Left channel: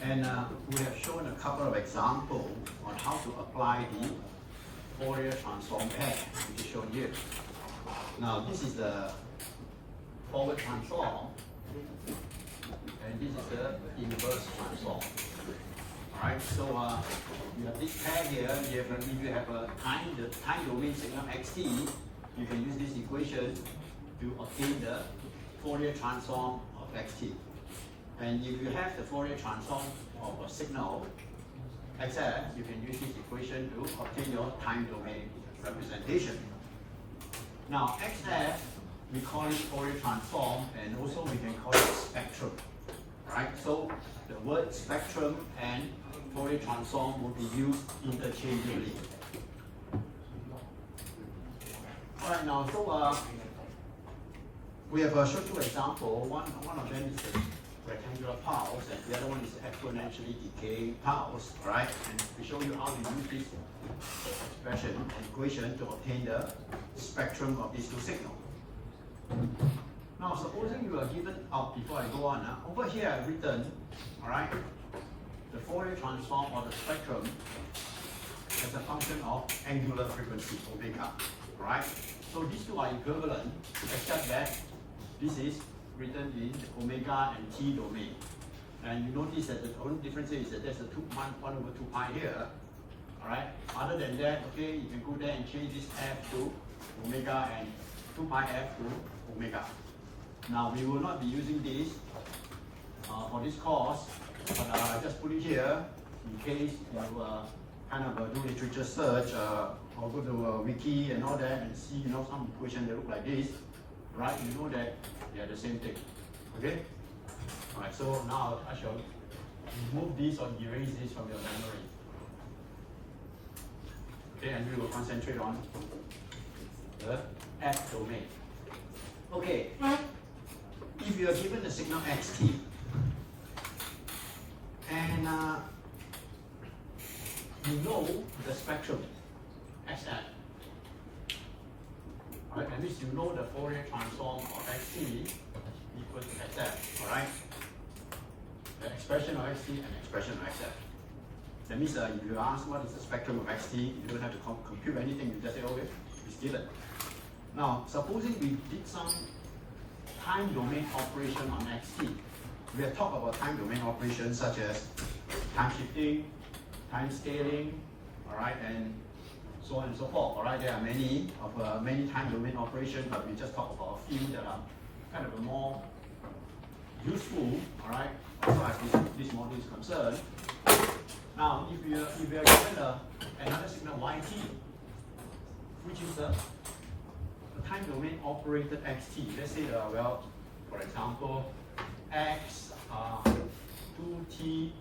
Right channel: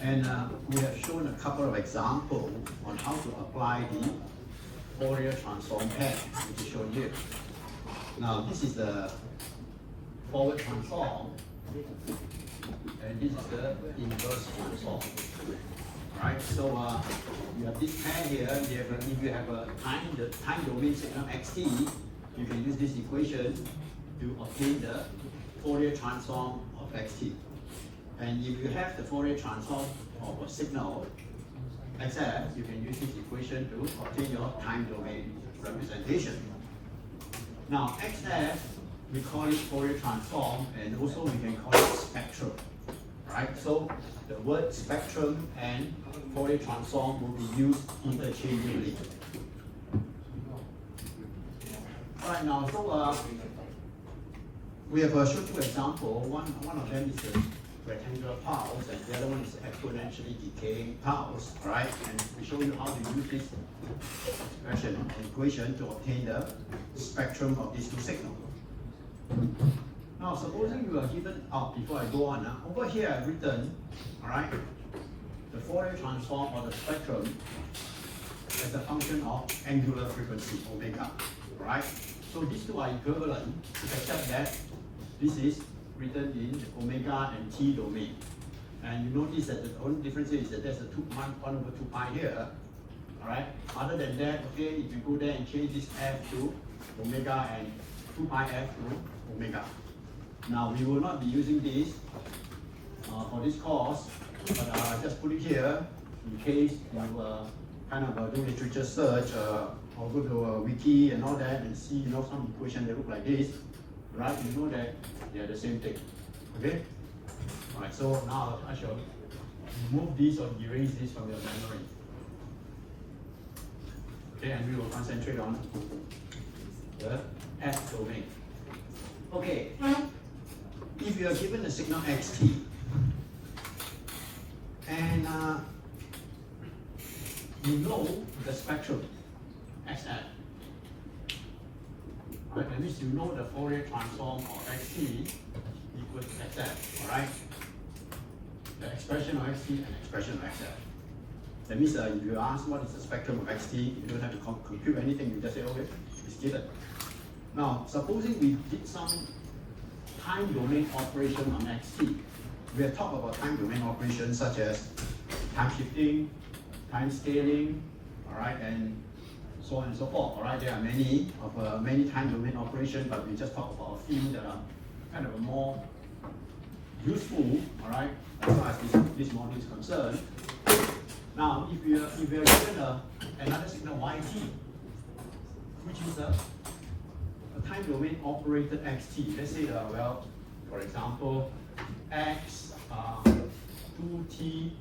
And we have shown a couple of examples on how to apply the Fourier transform pair, which is shown here. Now this is the forward transform, and this is the inverse transform. Alright, so you have this pair here. If you have a time domain signal xt, you can use this equation to obtain the Fourier transform of xt. And if you have the Fourier transform of a signal xf, you can use this equation to obtain your time domain representation. Now xf, we call it Fourier transform, and also we can call it spectrum. Alright, so the word spectrum and Fourier transform will be used interchangeably. Alright, now so we have shown two examples. One of them is the rectangular pulse, and the other one is exponentially decaying pulse, right? And we show you how to use this expression and equation to obtain the spectrum of these two signals. Now, supposing you are given, before I go on, over here I've written, all right, the Fourier transform or the spectrum as a function of angular frequency, omega, right? So these two are equivalent, except that this is written in omega and t domain. And you notice that the only difference is that there's a 1 over 2 pi here, all right? Other than that, okay, you can go there and change this f to omega and 2 pi f to omega. Now, we will not be using this for this course, but I just put it here in case you kind of do literature search or go to a wiki and all that and see, you know, some equation that look like this, right? You know that they're the same thing, okay? All right, so now I shall remove this or erase this from your memory. Okay, and we will concentrate on the f domain. Okay, if you are given a signal xt, and you know the spectrum xf, right? That means you know the Fourier transform of xt equals to xf, all right? The expression of xt and expression of xf. That means if you ask what is the spectrum of xt, you don't have to compute anything, you just say, okay, it's given. Now, supposing we did some time domain operation on xt. We have talked about time domain operations such as time shifting, time scaling, all right, and so on and so forth. All right, there are many time domain operations, but we just talk about a few that are kind of more useful, all right, as far as this module is concerned. Now, if you are given another signal yt, which is a time domain operated xt. Let's say, well, for example, x 2t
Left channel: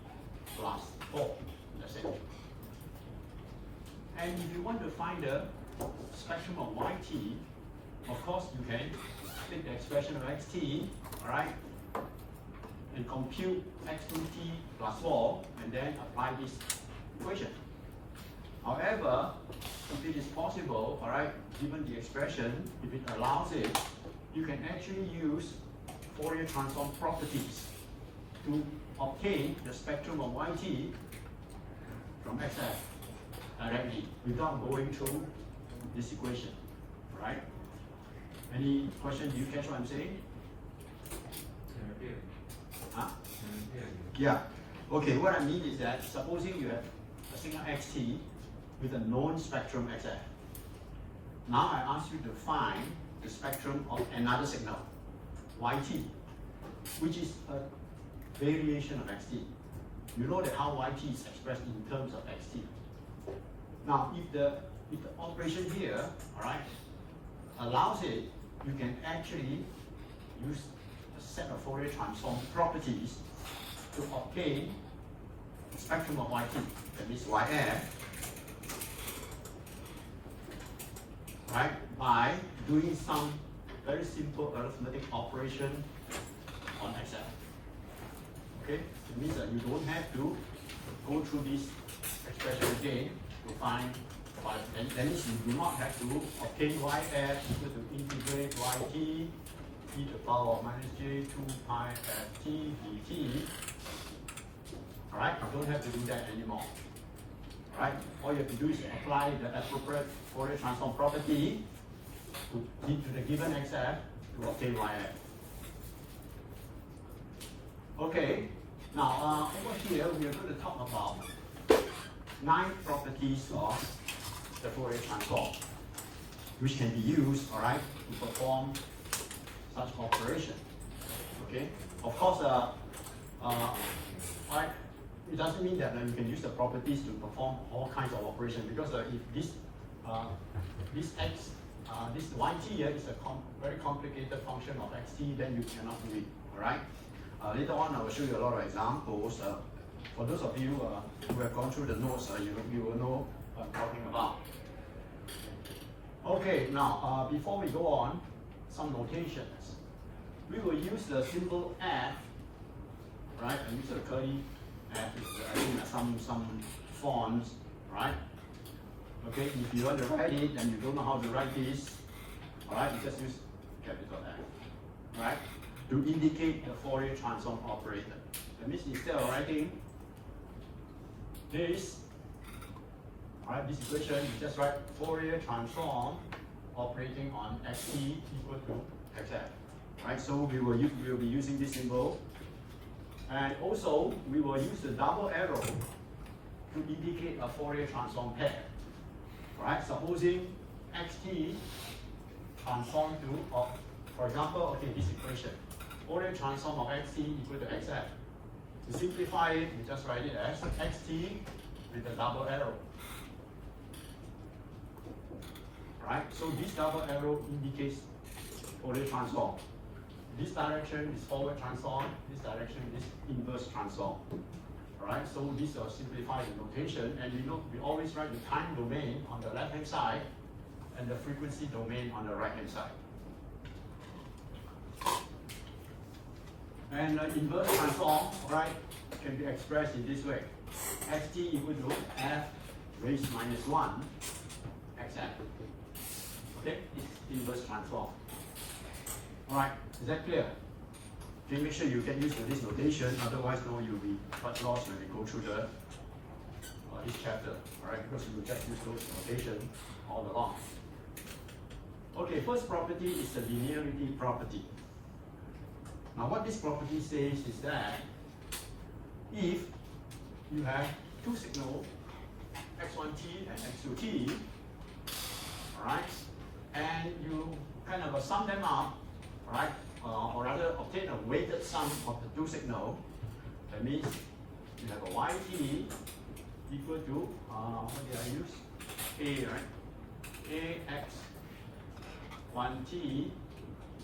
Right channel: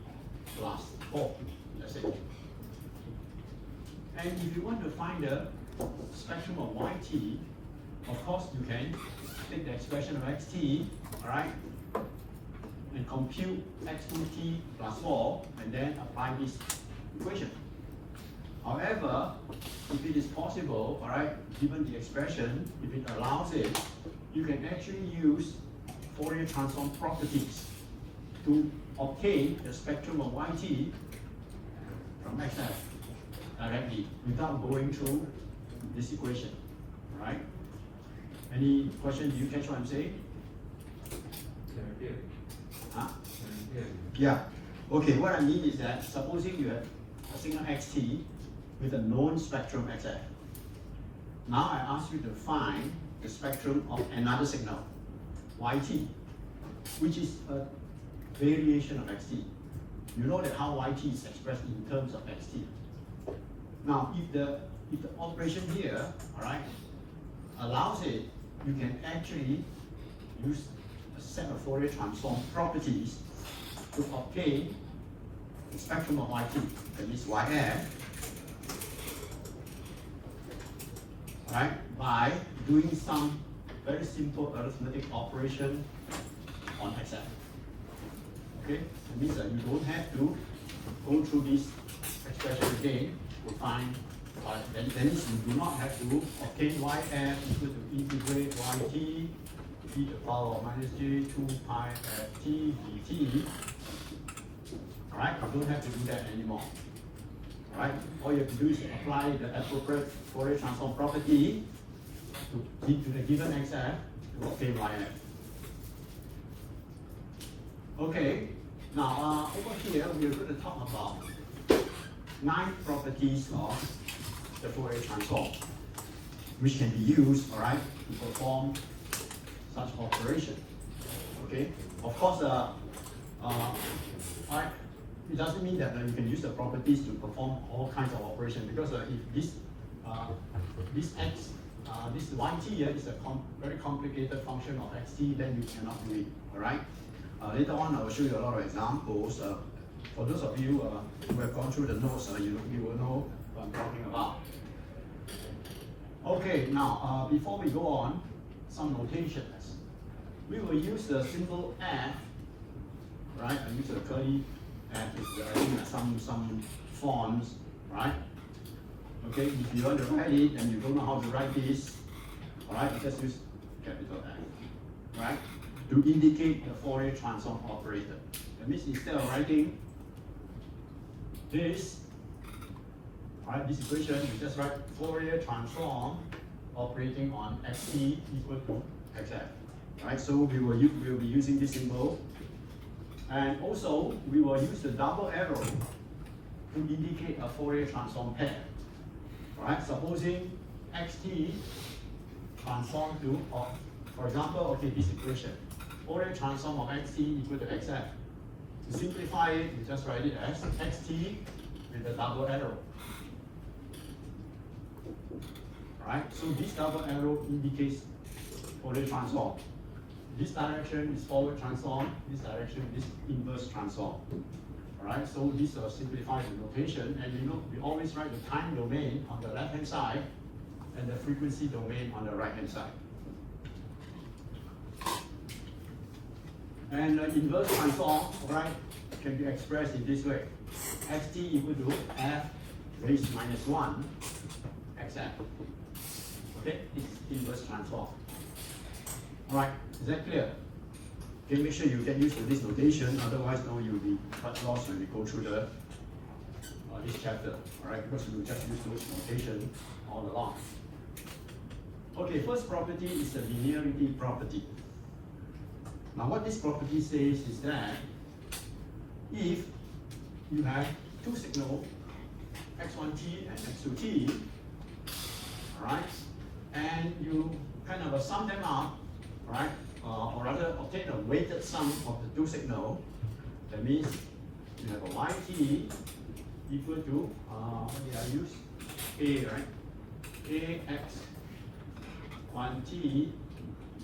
plus 4, let's say. And if you want to find the spectrum of yt, of course you can take the expression of xt, all right, and compute x2t plus 4, and then apply this equation. However, if it is possible, all right, given the expression, if it allows it, you can actually use Fourier transform properties to obtain the spectrum of yt from xf directly without going through this equation, right? Any question? Do you catch what I'm saying? Huh? Yeah. Okay, what I mean is that supposing you have a signal xt with a known spectrum xf. Now I ask you to find the spectrum of another signal, yt, which is a variation of xt. You know that how yt is expressed in terms of xt. Now, if the operation here, all right, allows it, you can actually use a set of Fourier transform properties to obtain the spectrum of yt, that is yf, right, by doing some very simple arithmetic operation on xf. Okay, it means that you don't have to go through this expression again to find y. That means you do not have to obtain yf equal to integrate yt e to the power of minus j 2 pi ft dt. Right, you don't have to do that anymore. right? All you have to do is apply the appropriate Fourier transform property to the given xf to obtain yf. Okay, now over here we are going to talk about 9 properties of the Fourier transform, which can be used, all right, to perform such operation. Okay, of course, alright, it doesn't mean that you can use the properties to perform all kinds of operations, because if this yt here is a very complicated function of xt, then you cannot do it. All right. Later on, I will show you a lot of examples. For those of you who have gone through the notes, you will know what I'm talking about. Okay, now before we go on, some notations. We will use the symbol f, right? I use a curly f with some fonts, right? Okay, if you want to write it and you don't know how to write this, all right, you just use capital F, right? To indicate the Fourier transform operator. That means instead of writing this, all right, this equation, you just write Fourier transform operating on xt equal to xf. Right, so we will be using this symbol, and also we will use the double arrow to indicate a Fourier transform pair. Right, supposing xt transform to, for example, okay, this equation, Fourier transform of xt equal to xf. To simplify it, we just write it as xt with a double arrow. Right, so this double arrow indicates Fourier transform. This direction is forward transform, this direction is inverse transform. Alright, so this will simplify the notation, and we always write the time domain on the left hand side and the frequency domain on the right hand side. And the inverse transform, right, can be expressed in this way. Xt equal to f raised minus 1 xf. Okay, it's inverse transform. Alright, is that clear? Okay, make sure you get used to this notation, otherwise you'll be quite lost when we go through this chapter, alright, because you just use this notation all along. Okay, first property is the linearity property. Now what this property says is that if you have two signals, x1t and x2t, alright, and you kind of sum them up, right? Or rather obtain a weighted sum of the two signals. That means you have a yt equal to, what did I use? A, right? ax1t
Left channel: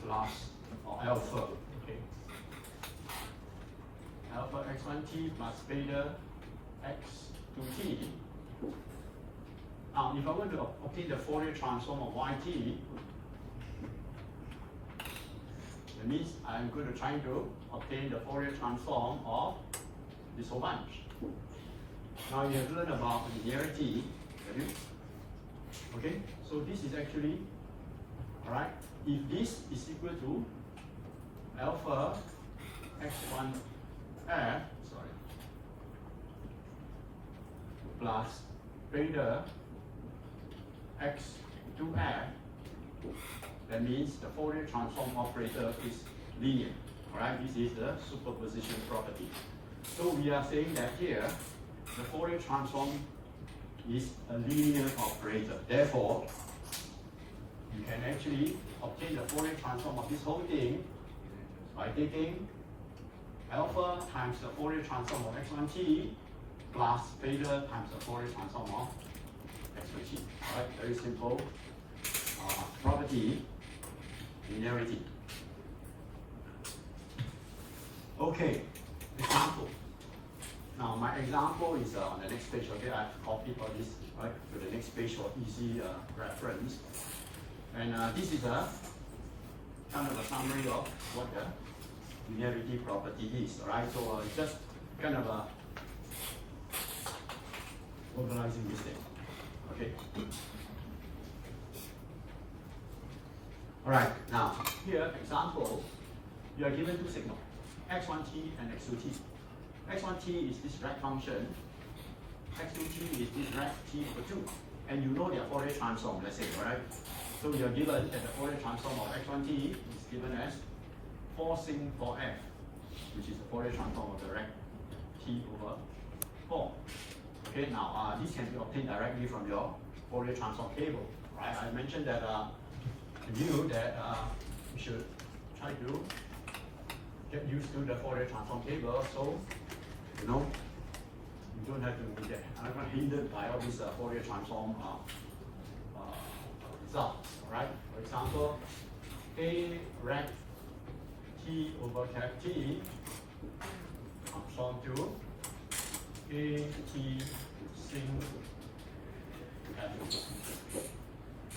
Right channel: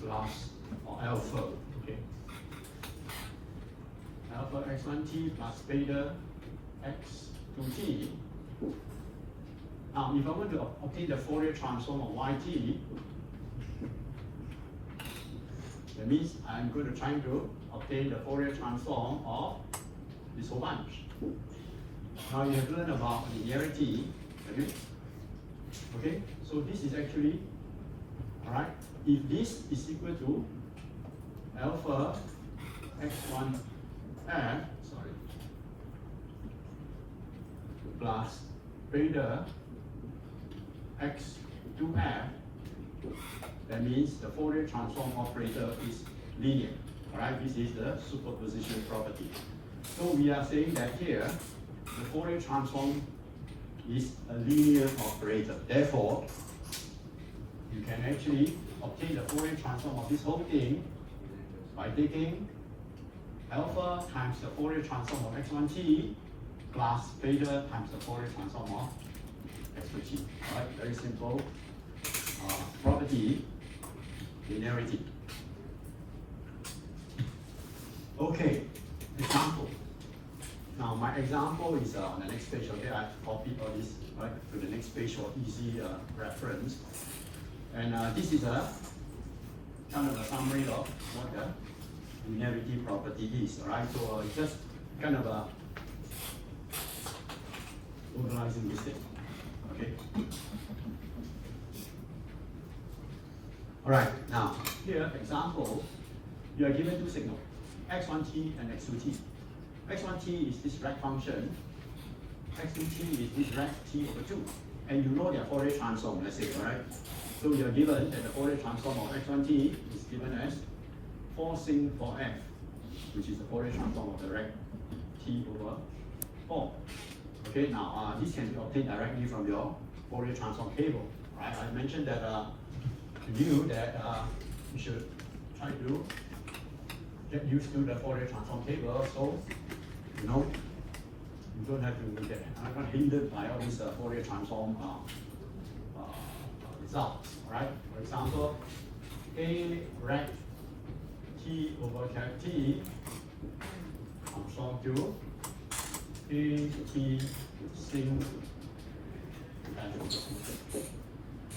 plus, or alpha, okay? Alpha x1t plus beta x2t. Now, if I were to obtain the Fourier transform of yt, that means I'm going to try to obtain the Fourier transform of this whole bunch. Now you have learned about linearity. Okay, so this is actually, all right, if this is equal to alpha x1f, plus beta x2f, that means the Fourier transform operator is linear. Alright, this is the superposition property. So we are saying that here, the Fourier transform is a linear operator. Therefore, you can actually obtain the Fourier transform of this whole thing by taking alpha times the Fourier transform of x1t plus beta times the Fourier transform of x2t. Alright, very simple property. Linearity. Okay, example. Now my example is on the next page. Okay, I copied all this right to the next page for easy reference. And this is a kind of a summary of what the linearity property is. Alright, so just kind of organizing this thing. Okay. Alright, now here, example, you are given two signals, x1t and x2t. x1t is this right function, x2t is this, right? T over 2. And you know their Fourier transform, let's say, alright? So you're given that the Fourier transform of x1t is given as 4 sin 4f, which is the Fourier transform of the rect t over 4. Okay, now this can be obtained directly from your Fourier transform table, right? I mentioned that you should try to get used to the Fourier transform table, so you know you don't have to get hindered by all these Fourier transform results. All right. For example, a rect t over cap t transform to a t sin.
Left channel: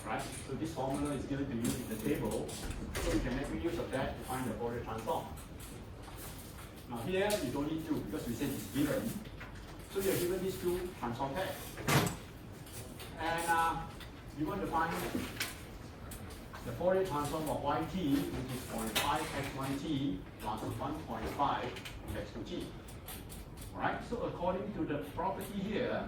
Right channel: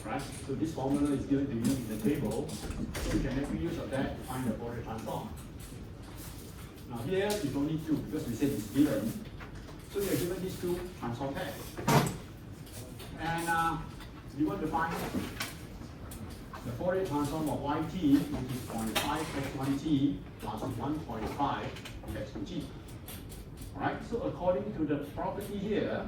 Right? So this formula is given to you in the table, so you can make use of that to find the Fourier transform. Now here is only 2 because we said it's given. So you're given these 2 transform pairs. And you want to find the Fourier transform of yt, which is 0.5 x1t plus 1.5 x2t. Alright, so according to the property here,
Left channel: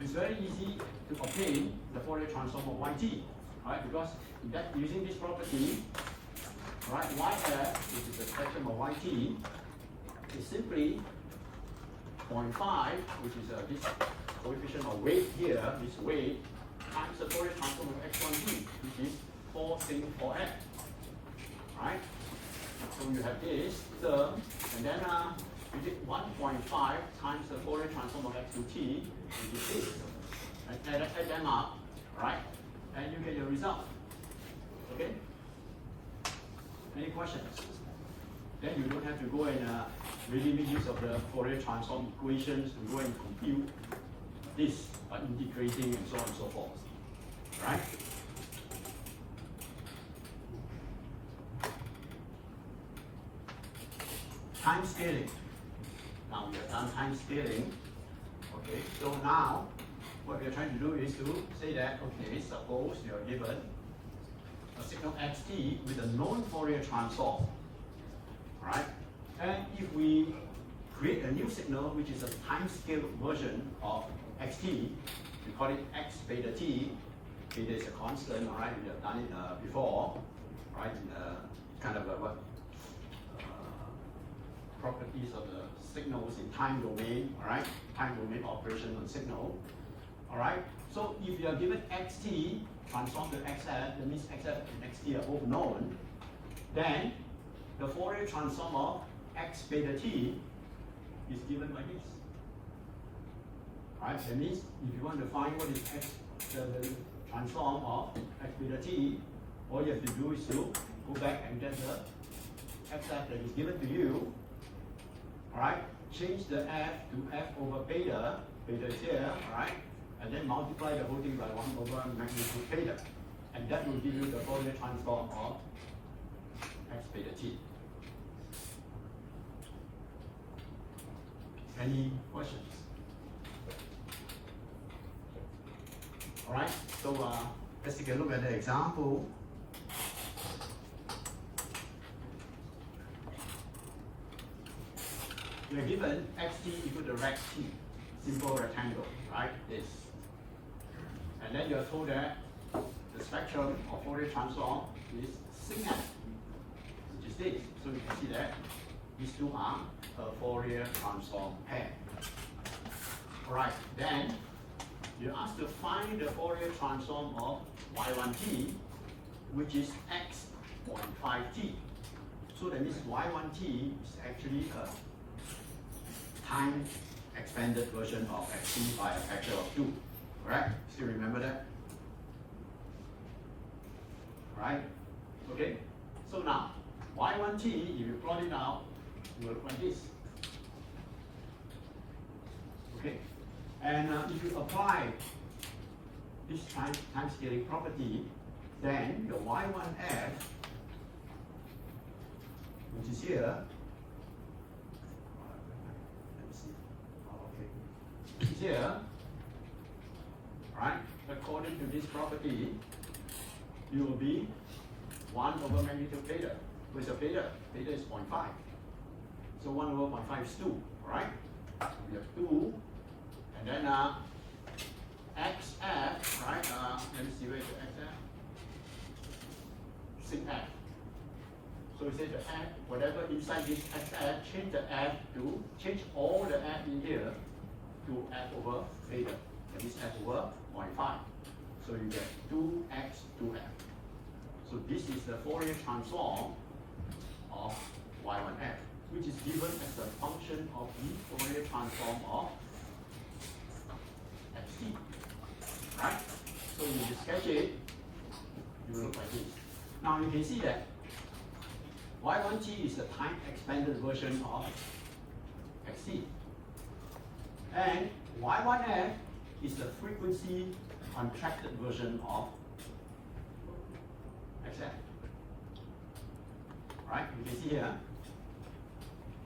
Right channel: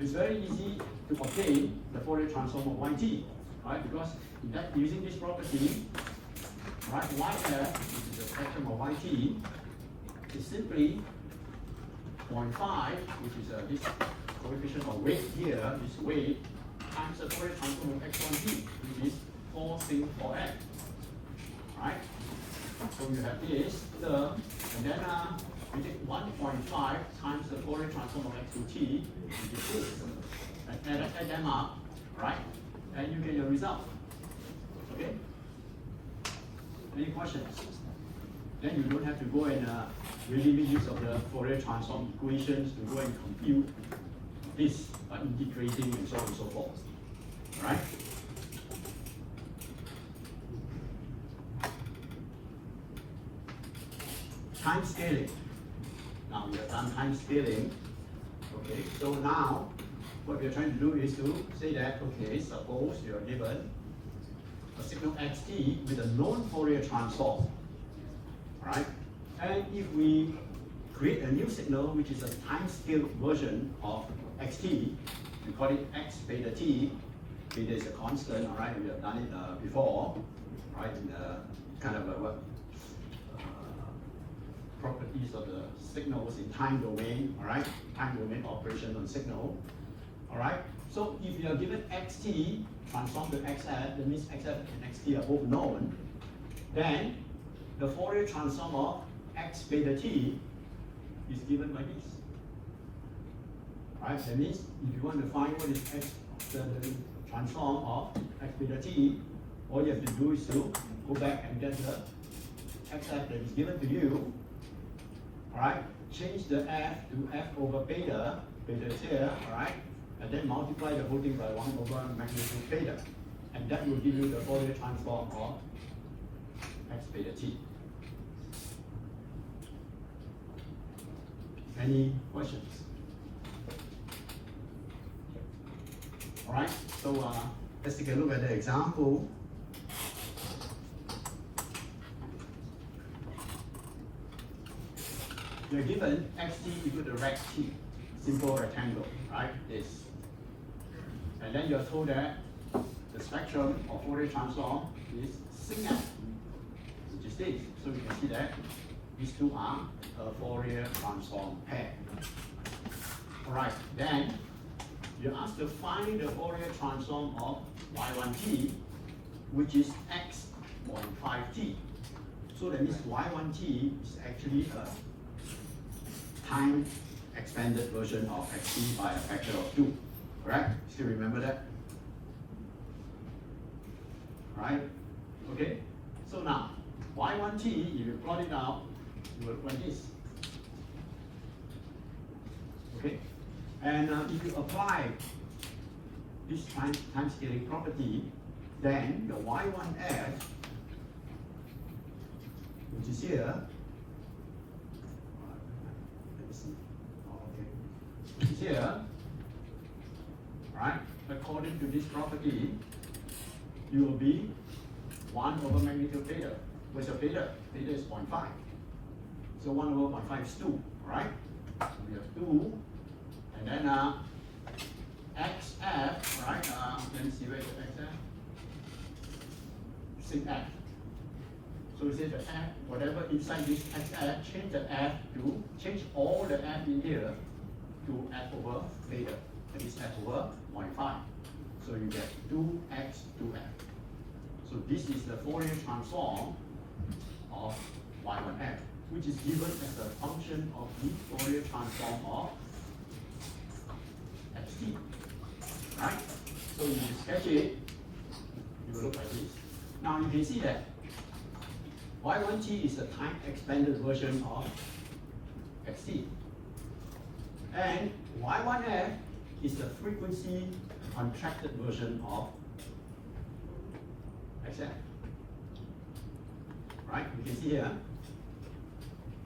it's very easy to obtain the Fourier transform of yt, right? Because that using this property, right, yf, which is the spectrum of yt, is simply 0.5, which is this coefficient of weight here, this weight, times the Fourier transform of x1t, which is 4 sin 4f, right? So you have this term, and then you take 1.5 times the Fourier transform of x2t, which is this, and add them up, right? And you get your result. Okay? Any questions? Then you don't have to go and really make use of the Fourier transform equations to go and compute this by integrating and so on and so forth. Right? Time scaling. Now we have done time scaling. Okay, so now what we're trying to do is to say that, okay, suppose you're given a signal xt with a known Fourier transform, right? And if we create a new signal which is a time scale version of xt, we call it x beta t. Beta is a constant, all right? We have done it before, right? Kind of properties of the signals in time domain, all right? Time domain operation on signal, all right? So if you are given xt transform to xf, that means xf and xt are both known, then the Fourier transform of x beta t is given like this. Right? That means if you want to find what is x, the transform of x beta t, all you have to do is to go back and get the xf that is given to you. Alright? Change the f to f over beta, beta is here, right? And then multiply the whole thing by 1 over magnitude beta. And that will give you the Fourier transform of x beta t. Any questions? Alright, so let's take a look at the example. We are given xt equal to rect t, simple rectangle, right? This. And then you are told that the spectrum of Fourier transform is sin f, which is this. So you can see that these two are a Fourier transform pair. Alright, then you're asked to find the Fourier transform of y1t, which is x 0.5t. So that means y1t is actually a time expanded version of xt by a factor of 2. Correct? Still remember that? Right? Okay? So now, y1t, if you plot it out, you will look like this. Okay? And if you apply this time scaling property, then the y1f, which is here, which is here, right? According to this property, you will be 1 over magnitude beta. What's your beta? Beta is 0.5. So 1 over 0.5 is 2, right? We have 2 And then XF, right? Let me see where the XF. Sig F. So we say the F, whatever inside this XF, change all the F in here to F over theta. That is F over 0.5. So you get 2x 2f. So this is the Fourier transform of y1f, which is given as a function of the Fourier transform of xt. Right? So you sketch it, you will look like this. Now you can see that y1t is the time expanded version of xt. And y1f is the frequency contracted version of xf. Right? You can see here,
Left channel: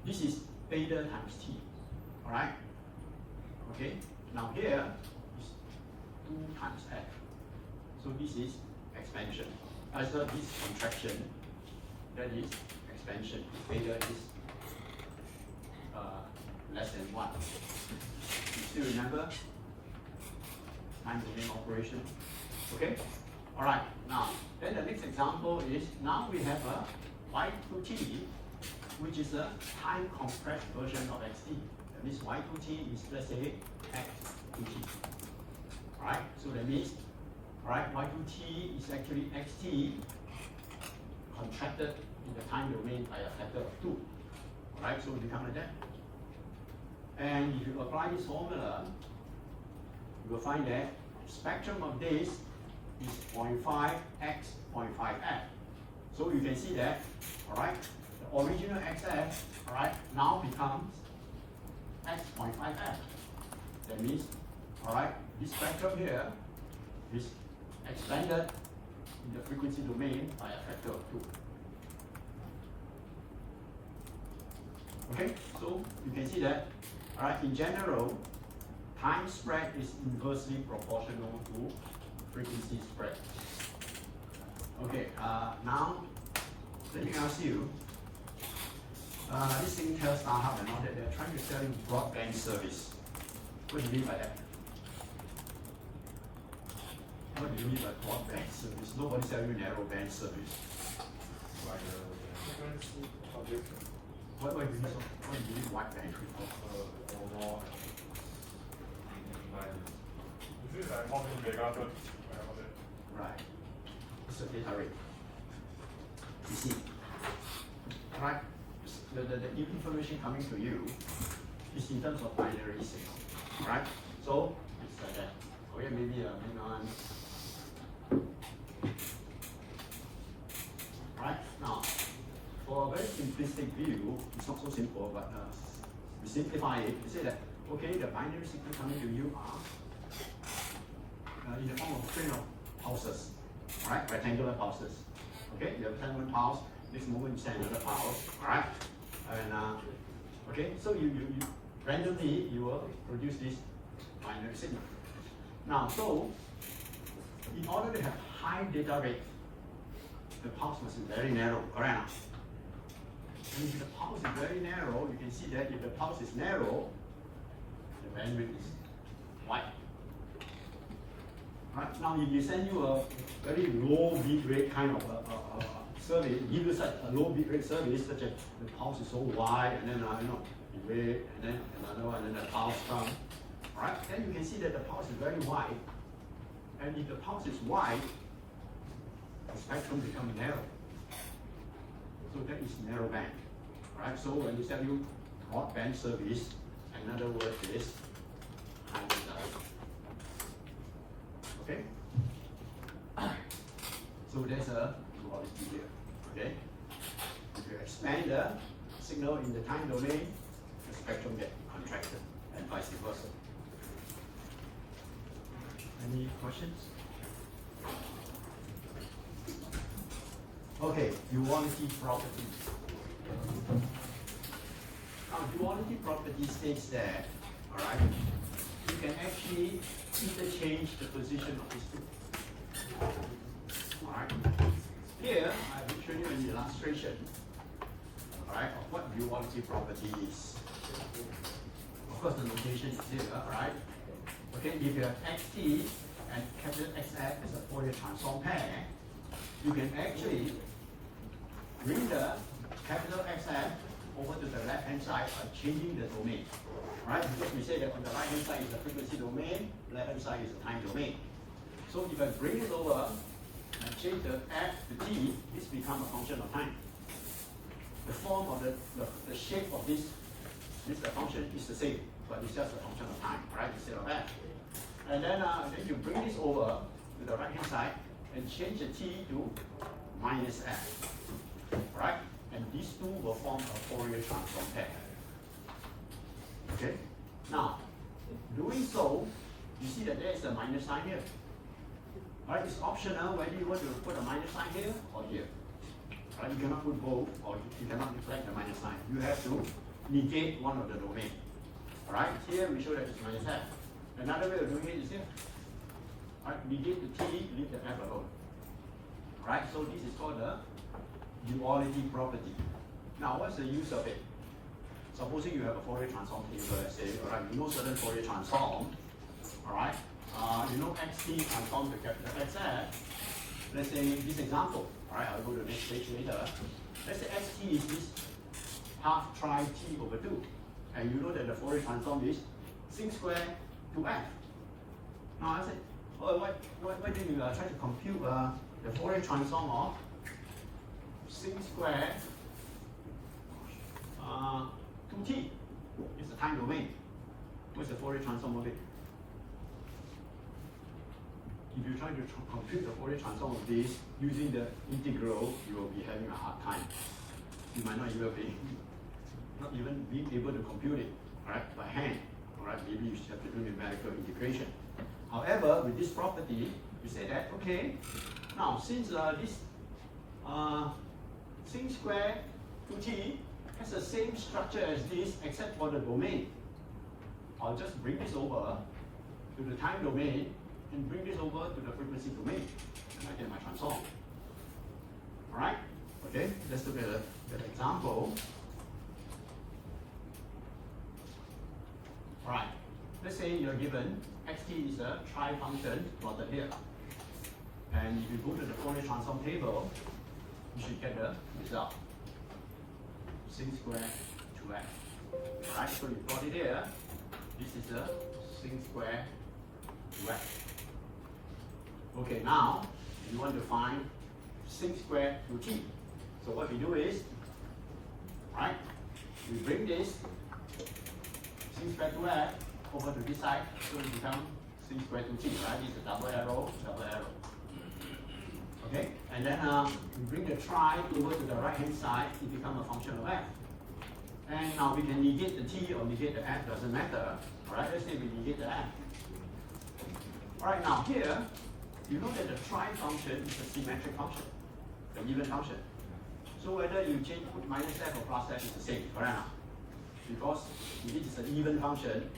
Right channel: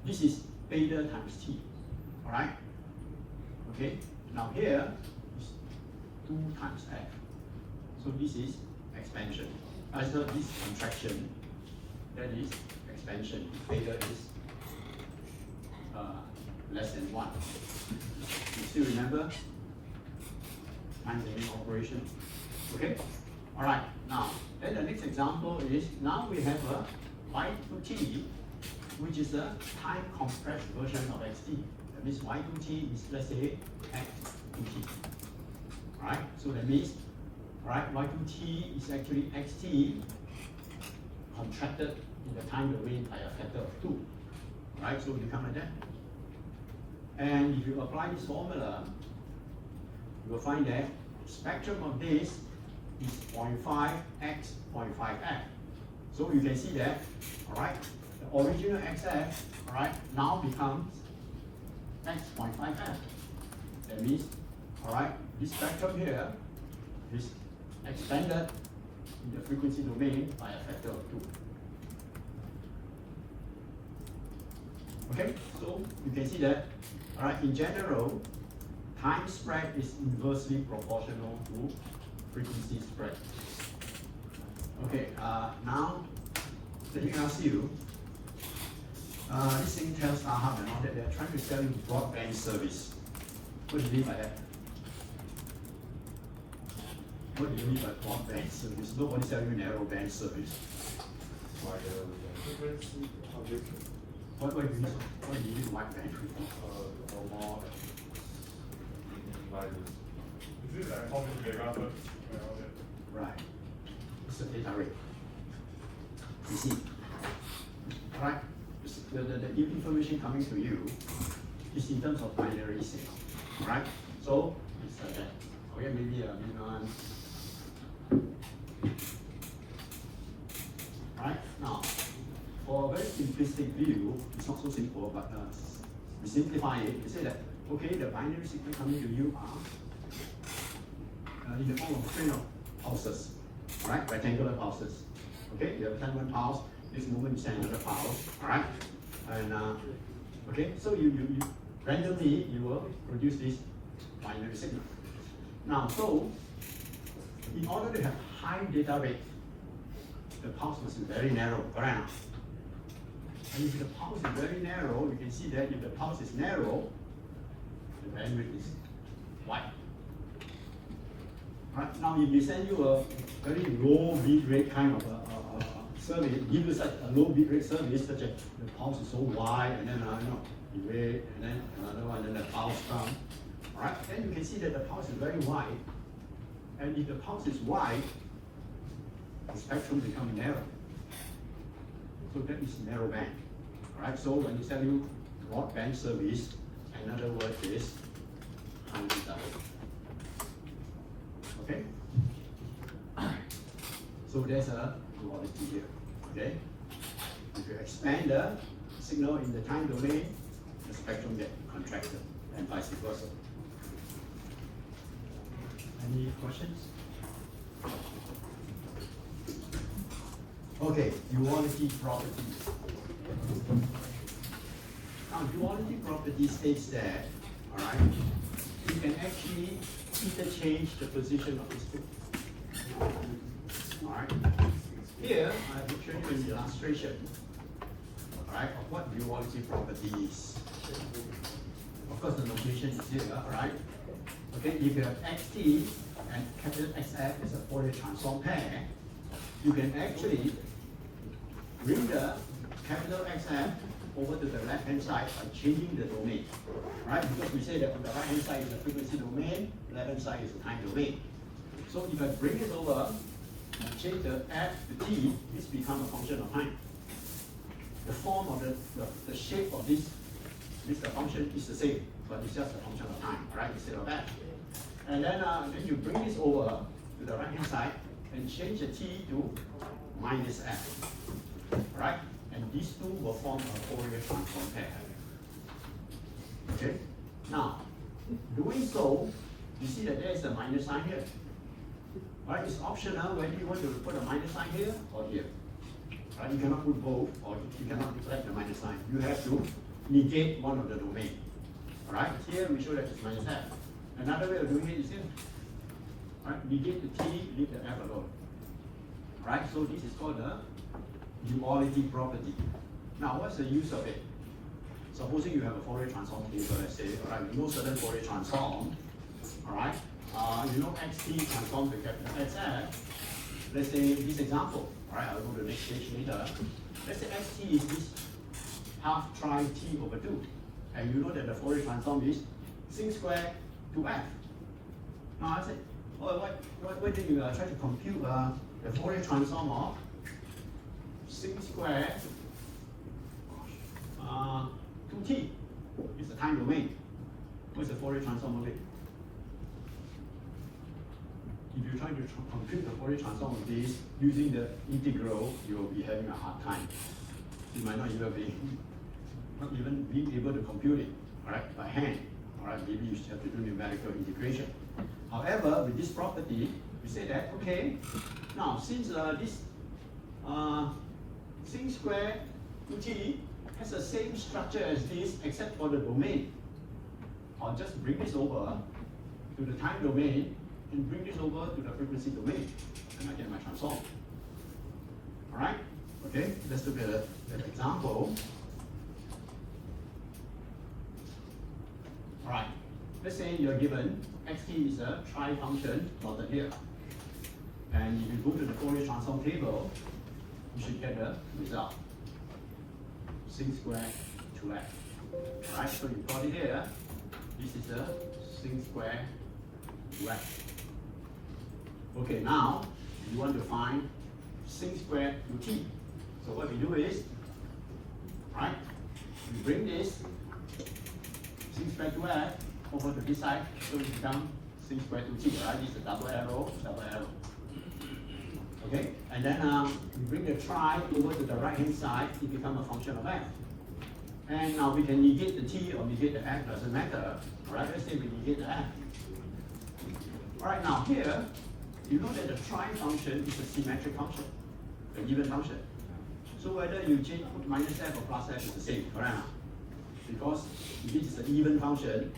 this is beta times t. Alright? Okay? Now here is 2 times f. So this is expansion. So this contraction, that is expansion. Beta is less than 1. You still remember? Time domain operation. Okay? Alright, now, then the next example is, now we have a y2t, which is a time compressed version of xt. That means y2t is, let's say, x2t. Alright, so that means, alright, y2t is actually xt contracted in the time domain by a factor of 2. Alright, so it becomes like that. And if you apply this formula, you will find that spectrum of this is 0.5x 0.5f. So you can see that, alright, the original xf, alright, now becomes x 0.5f. That means, alright, this spectrum here is expanded in the frequency domain by a factor of 2. Okay, so you can see that, alright, in general, time spread is inversely proportional to frequency spread. Okay, now let me ask you, this thing tells StarHub and all that they're trying to sell you broadband service. What do you mean by that? What do you mean by broadband service? Nobody sells you narrowband service. Why the frequency of it What do you mean? What do you mean wideband? or more devices? Is it like how many megahertz and all that? Right. It's a data rate. You see. Alright. The information coming to you is in terms of binary signal. Right? So it's like that. Okay, maybe a minimum. Right? Now, for a very simplistic view, it's not so simple, but we simplify it. We say that, okay, the binary signal coming to you are in the form of string of pulses, right? Rectangular pulses. Okay, you have 10 pulse, this movement is another pulse, right? And okay, so you randomly you will produce this binary signal. Now, so in order to have high data rate, the pulse must be very narrow, correct? And if the pulse is very narrow, you can see that if the pulse is narrow, the bandwidth is wide. Right? Now, if we send you a very low bit rate kind of a service, give you such a low bit rate service, such as the pulse is so wide, and then the rate, and then another one, and then the pulse comes. Right? Then you can see that the pulse is very wide, and if the pulse is wide, the spectrum becomes narrow. So that is narrow band. Right? So when you sell you broadband service, another word is high data rate. Okay? So there's a duality here. Okay? If you expand the signal in the time domain, the spectrum gets contracted, and vice versa. Any questions? Okay, duality property. Now, duality property states that, alright, you can actually interchange the position of these two. Alright. Here, I will show you an illustration, alright, of what duality property is. Of course, the notation is here, alright. Okay, if you have xt and capital XF is a Fourier transform pair, you can actually bring the capital XF over to the left hand side by changing the domain. Right? Because we say that on the right hand side is the frequency domain, left hand side is the time domain. So if I bring it over and change the f to t, this becomes a function of time. The form of the shape of this function is the same, but it's just a function of time, right? Instead of f. And then you bring this over to the right hand side and change the t to minus f, right? And these two will form a Fourier transform pair. Okay? Now, doing so, you see that there is a minus sign here. Right? It's optional whether you want to put a minus sign here or here. Right? You cannot put both, or you cannot reflect the minus sign. You have to negate one of the domain. Right? Here we show that it's minus f. Another way of doing it is here. Right? Negate the t, leave the f alone. Right? So this is called the duality property. Now, what's the use of it? Supposing you have a Fourier transform table, let's say, all right, you know certain Fourier transform, all right, you know xt transform to capital XF. Let's say this example, all right, I'll go to the next page later. Let's say xt is this half tri t over 2, and you know that the Fourier transform is sin squared to f. Now I say, oh, why didn't you try to compute the Fourier transform of sin squared 2t is the time domain. What's the Fourier transform of it? If you try to compute the Fourier transform of this using the integral, you will be having a hard time. You might not even be able to compute it, right, by hand. All right, maybe you have to do numerical integration. However, with this property, you say that okay, now since this sin squared 2t has the same structure as this except for the domain, I'll just bring this over to the time domain and bring this over to the frequency domain, and I get my transform. All right? Okay, let's look at an example. All right, let's say you're given xt is a tri-function plotted here. And if you go to the Fourier transform table, you should get the result. Sin squared 2f. Alright, so you plot it here. This is the sin squared 2f. Okay, now you want to find sin squared 2t. So what we do is, alright, we bring this sin squared 2f over to this side, so it becomes sin squared 2t, right? This is a double arrow, double arrow. Okay, and then we bring the tri over to the right hand side, it becomes a function of f. And now we can negate the t or negate the f, doesn't matter. Right? Let's say we negate the f. Alright, now here, you know that the tri function is a symmetric function, an even function. So whether you change minus f or plus f is the same, right? Because if this is an even function,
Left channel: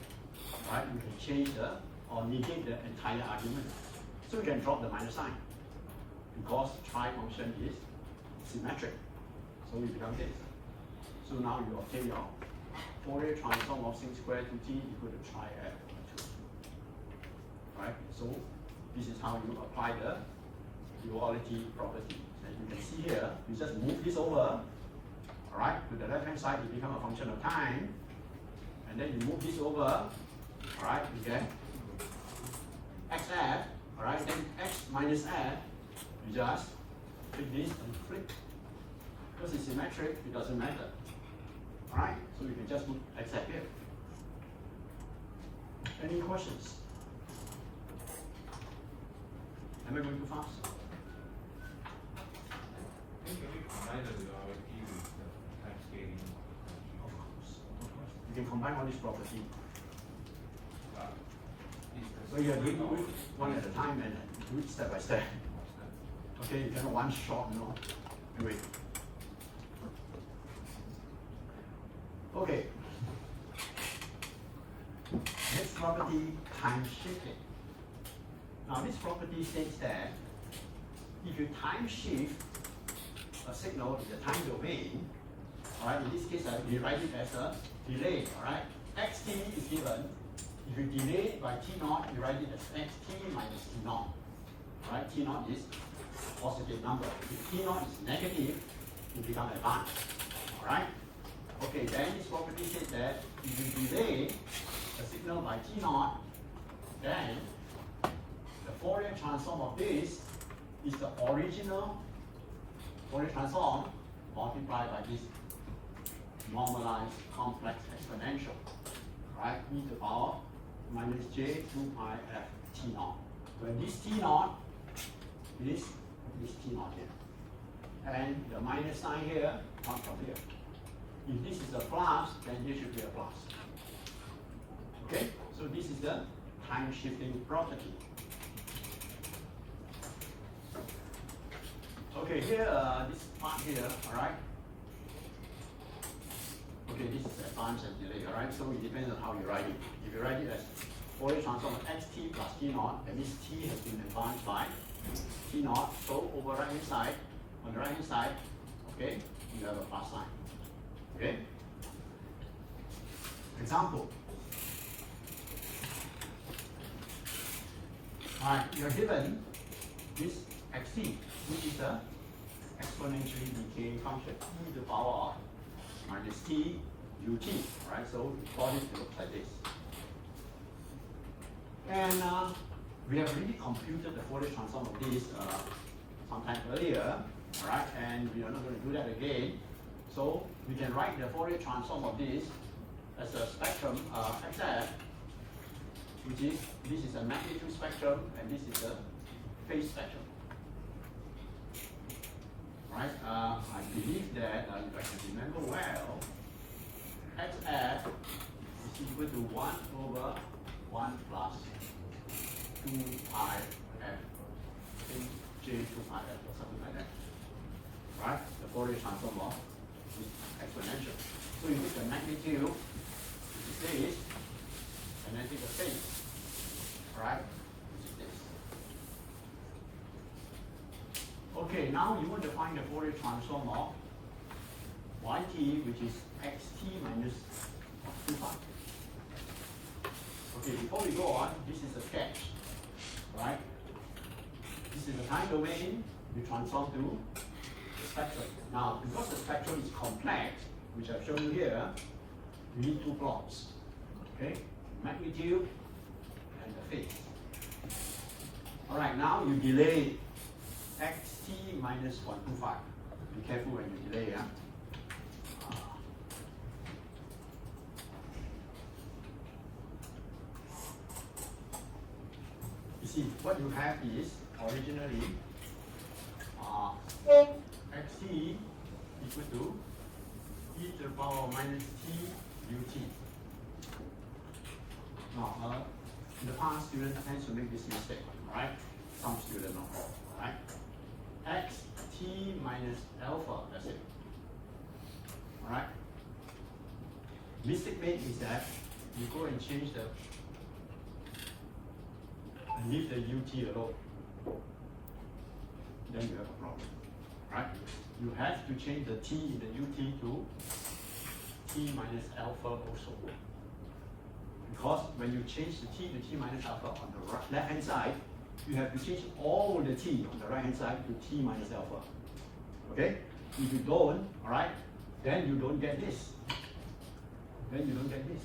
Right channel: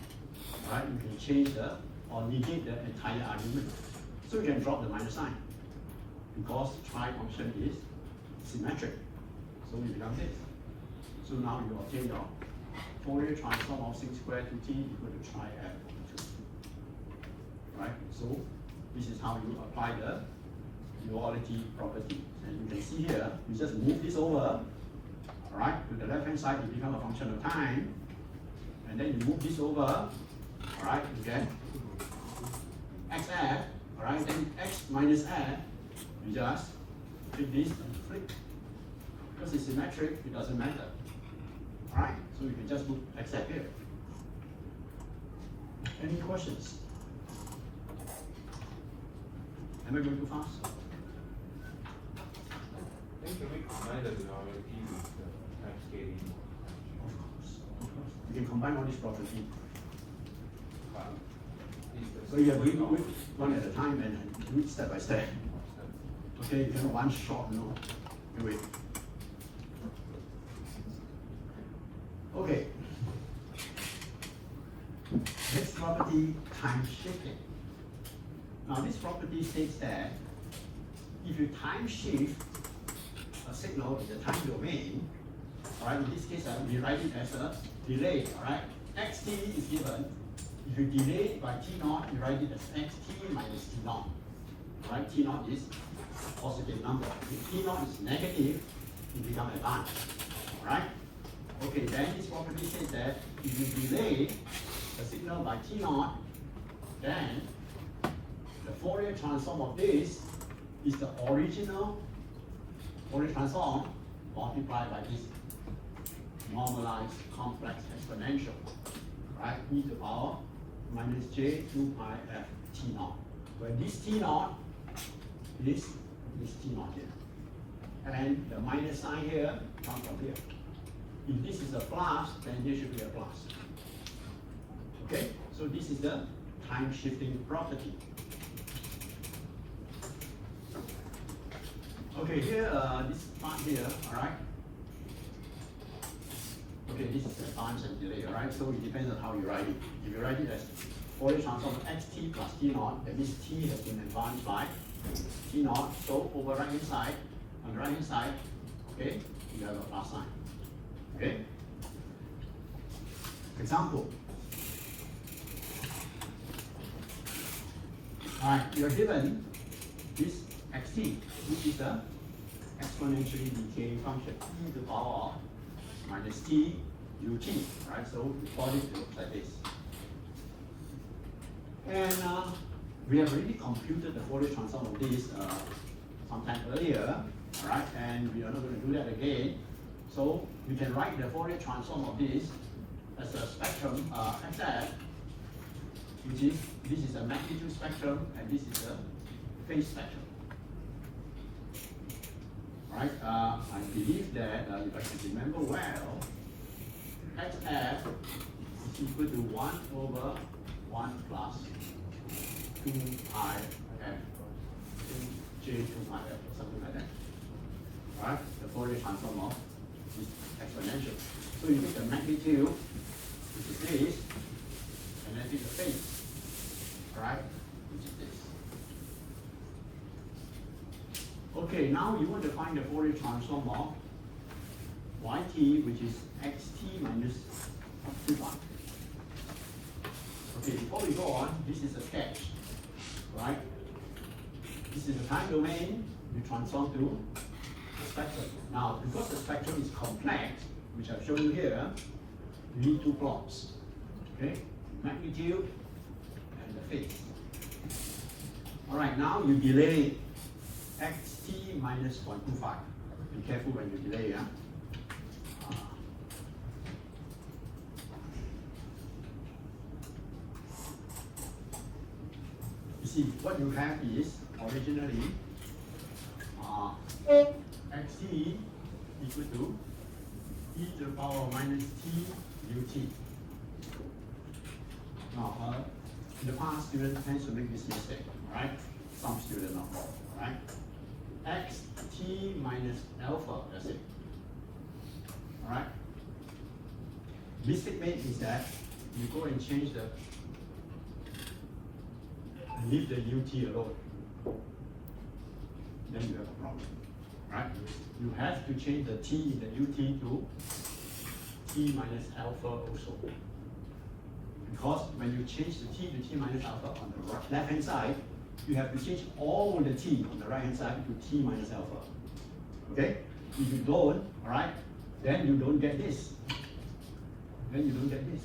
right, you can change or negate the entire argument. So you can drop the minus sign, because tri function is symmetric. So it becomes this. So now you obtain your Fourier transform of sin squared 2t equal to tri f over 2. Right? So this is how you apply the duality property. And you can see here, you just move this over, alright, to the left hand side it becomes a function of time. And then you move this over, alright, you get xf, alright, then x minus f, you just take this and flip. Because it's symmetric, it doesn't matter. Alright, so you can just put xf here. Any questions? Am I going too fast? Can we combine the duality with the time scaling? Of course. You can combine all these properties. So you have to do it one at a time and do it step by step. Okay, you cannot one shot, no. Wait. Okay. Next property, time shifting. Now this property states that if you time shift a signal in the time domain, alright, in this case I will write it as a delay, alright? Xt is given if you delay it by t naught, you write it as xt minus t naught. Right? T naught is a positive number. If t naught is negative, it becomes advanced. Alright? Okay, then this property says that if you delay a signal by t naught, then the Fourier transform of this is the original Fourier transform multiplied by this normalized complex exponential, right? E to the power minus j 2 pi f t naught. Where this t naught is this t naught here. And the minus sign here comes from here. If this is a plus, then this should be a plus. Okay? So this is the time shifting property. Okay, here, this part here, alright? Okay, this is advance and delay, alright? So it depends on how you write it. If you write it as Fourier transform of xt plus t naught, that means t has been advanced by t naught. So over right hand side, on the right hand side, okay, you have a plus sign. Okay? Example. Alright, you're given this xt, which is the exponentially decaying function, e to the power of minus t ut, right? So we plot it looks like this. And we have already computed the Fourier transform of this sometime earlier, right? And we are not going to do that again. So we can write the Fourier transform of this as a spectrum xf, which is, this is a magnitude spectrum and this is a phase spectrum. Right? I believe that if I can remember well, xf is equal to 1 over 1 plus 2 pi f, 2j 2 pi f, or something like that. Right? The Fourier transform of this exponential. So you take the magnitude, which is this, and then take the phase, right? Which is this. Okay, now you want to find the Fourier transform of yt, which is xt minus 2 pi. Okay, before we go on, this is a sketch, right? This is the time domain, we transform to the spectrum. Now, because the spectrum is complex, which I've shown you here, you need two plots, okay? Magnitude and the phase. All right, now you delay xt minus 125. Be careful when you delay, huh? You see, what you have is originally xt equal to e to the power minus t ut. Now, in the past, students tend to make this mistake, right? Some students, not all, right? xt minus alpha, that's it. All right? Mistake made is that you go and change the, and leave the ut alone. Then you have a problem, right? You have to change the t in the ut to t minus alpha also. Because when you change the t to t minus alpha on the left hand side, you have to change all the t on the right hand side to t minus alpha. Okay? If you don't, alright, then you don't get this. Then you don't get this.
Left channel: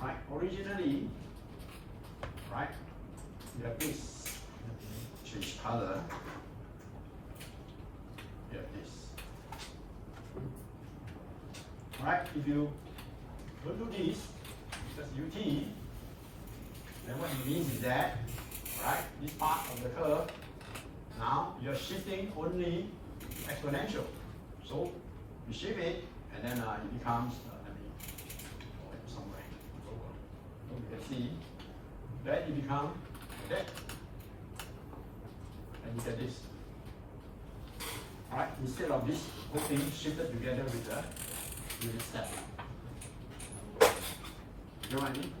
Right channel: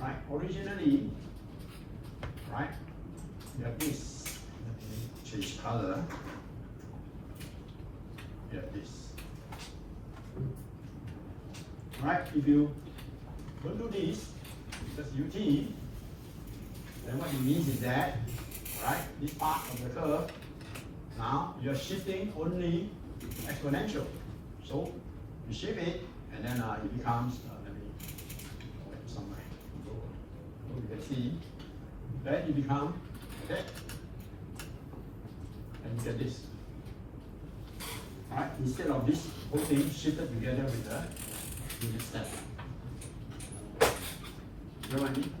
Right? Originally, right, you have this. Change color. You have this. Right? If you don't do this, because ut, then what it means is that, right, this part of the curve, now you're shifting only exponential. So you shift it, and then it becomes, let me hold it somewhere. So you can see that it becomes that, and you get this. Right? Instead of this whole thing shifted together with the unit step. You know what I mean?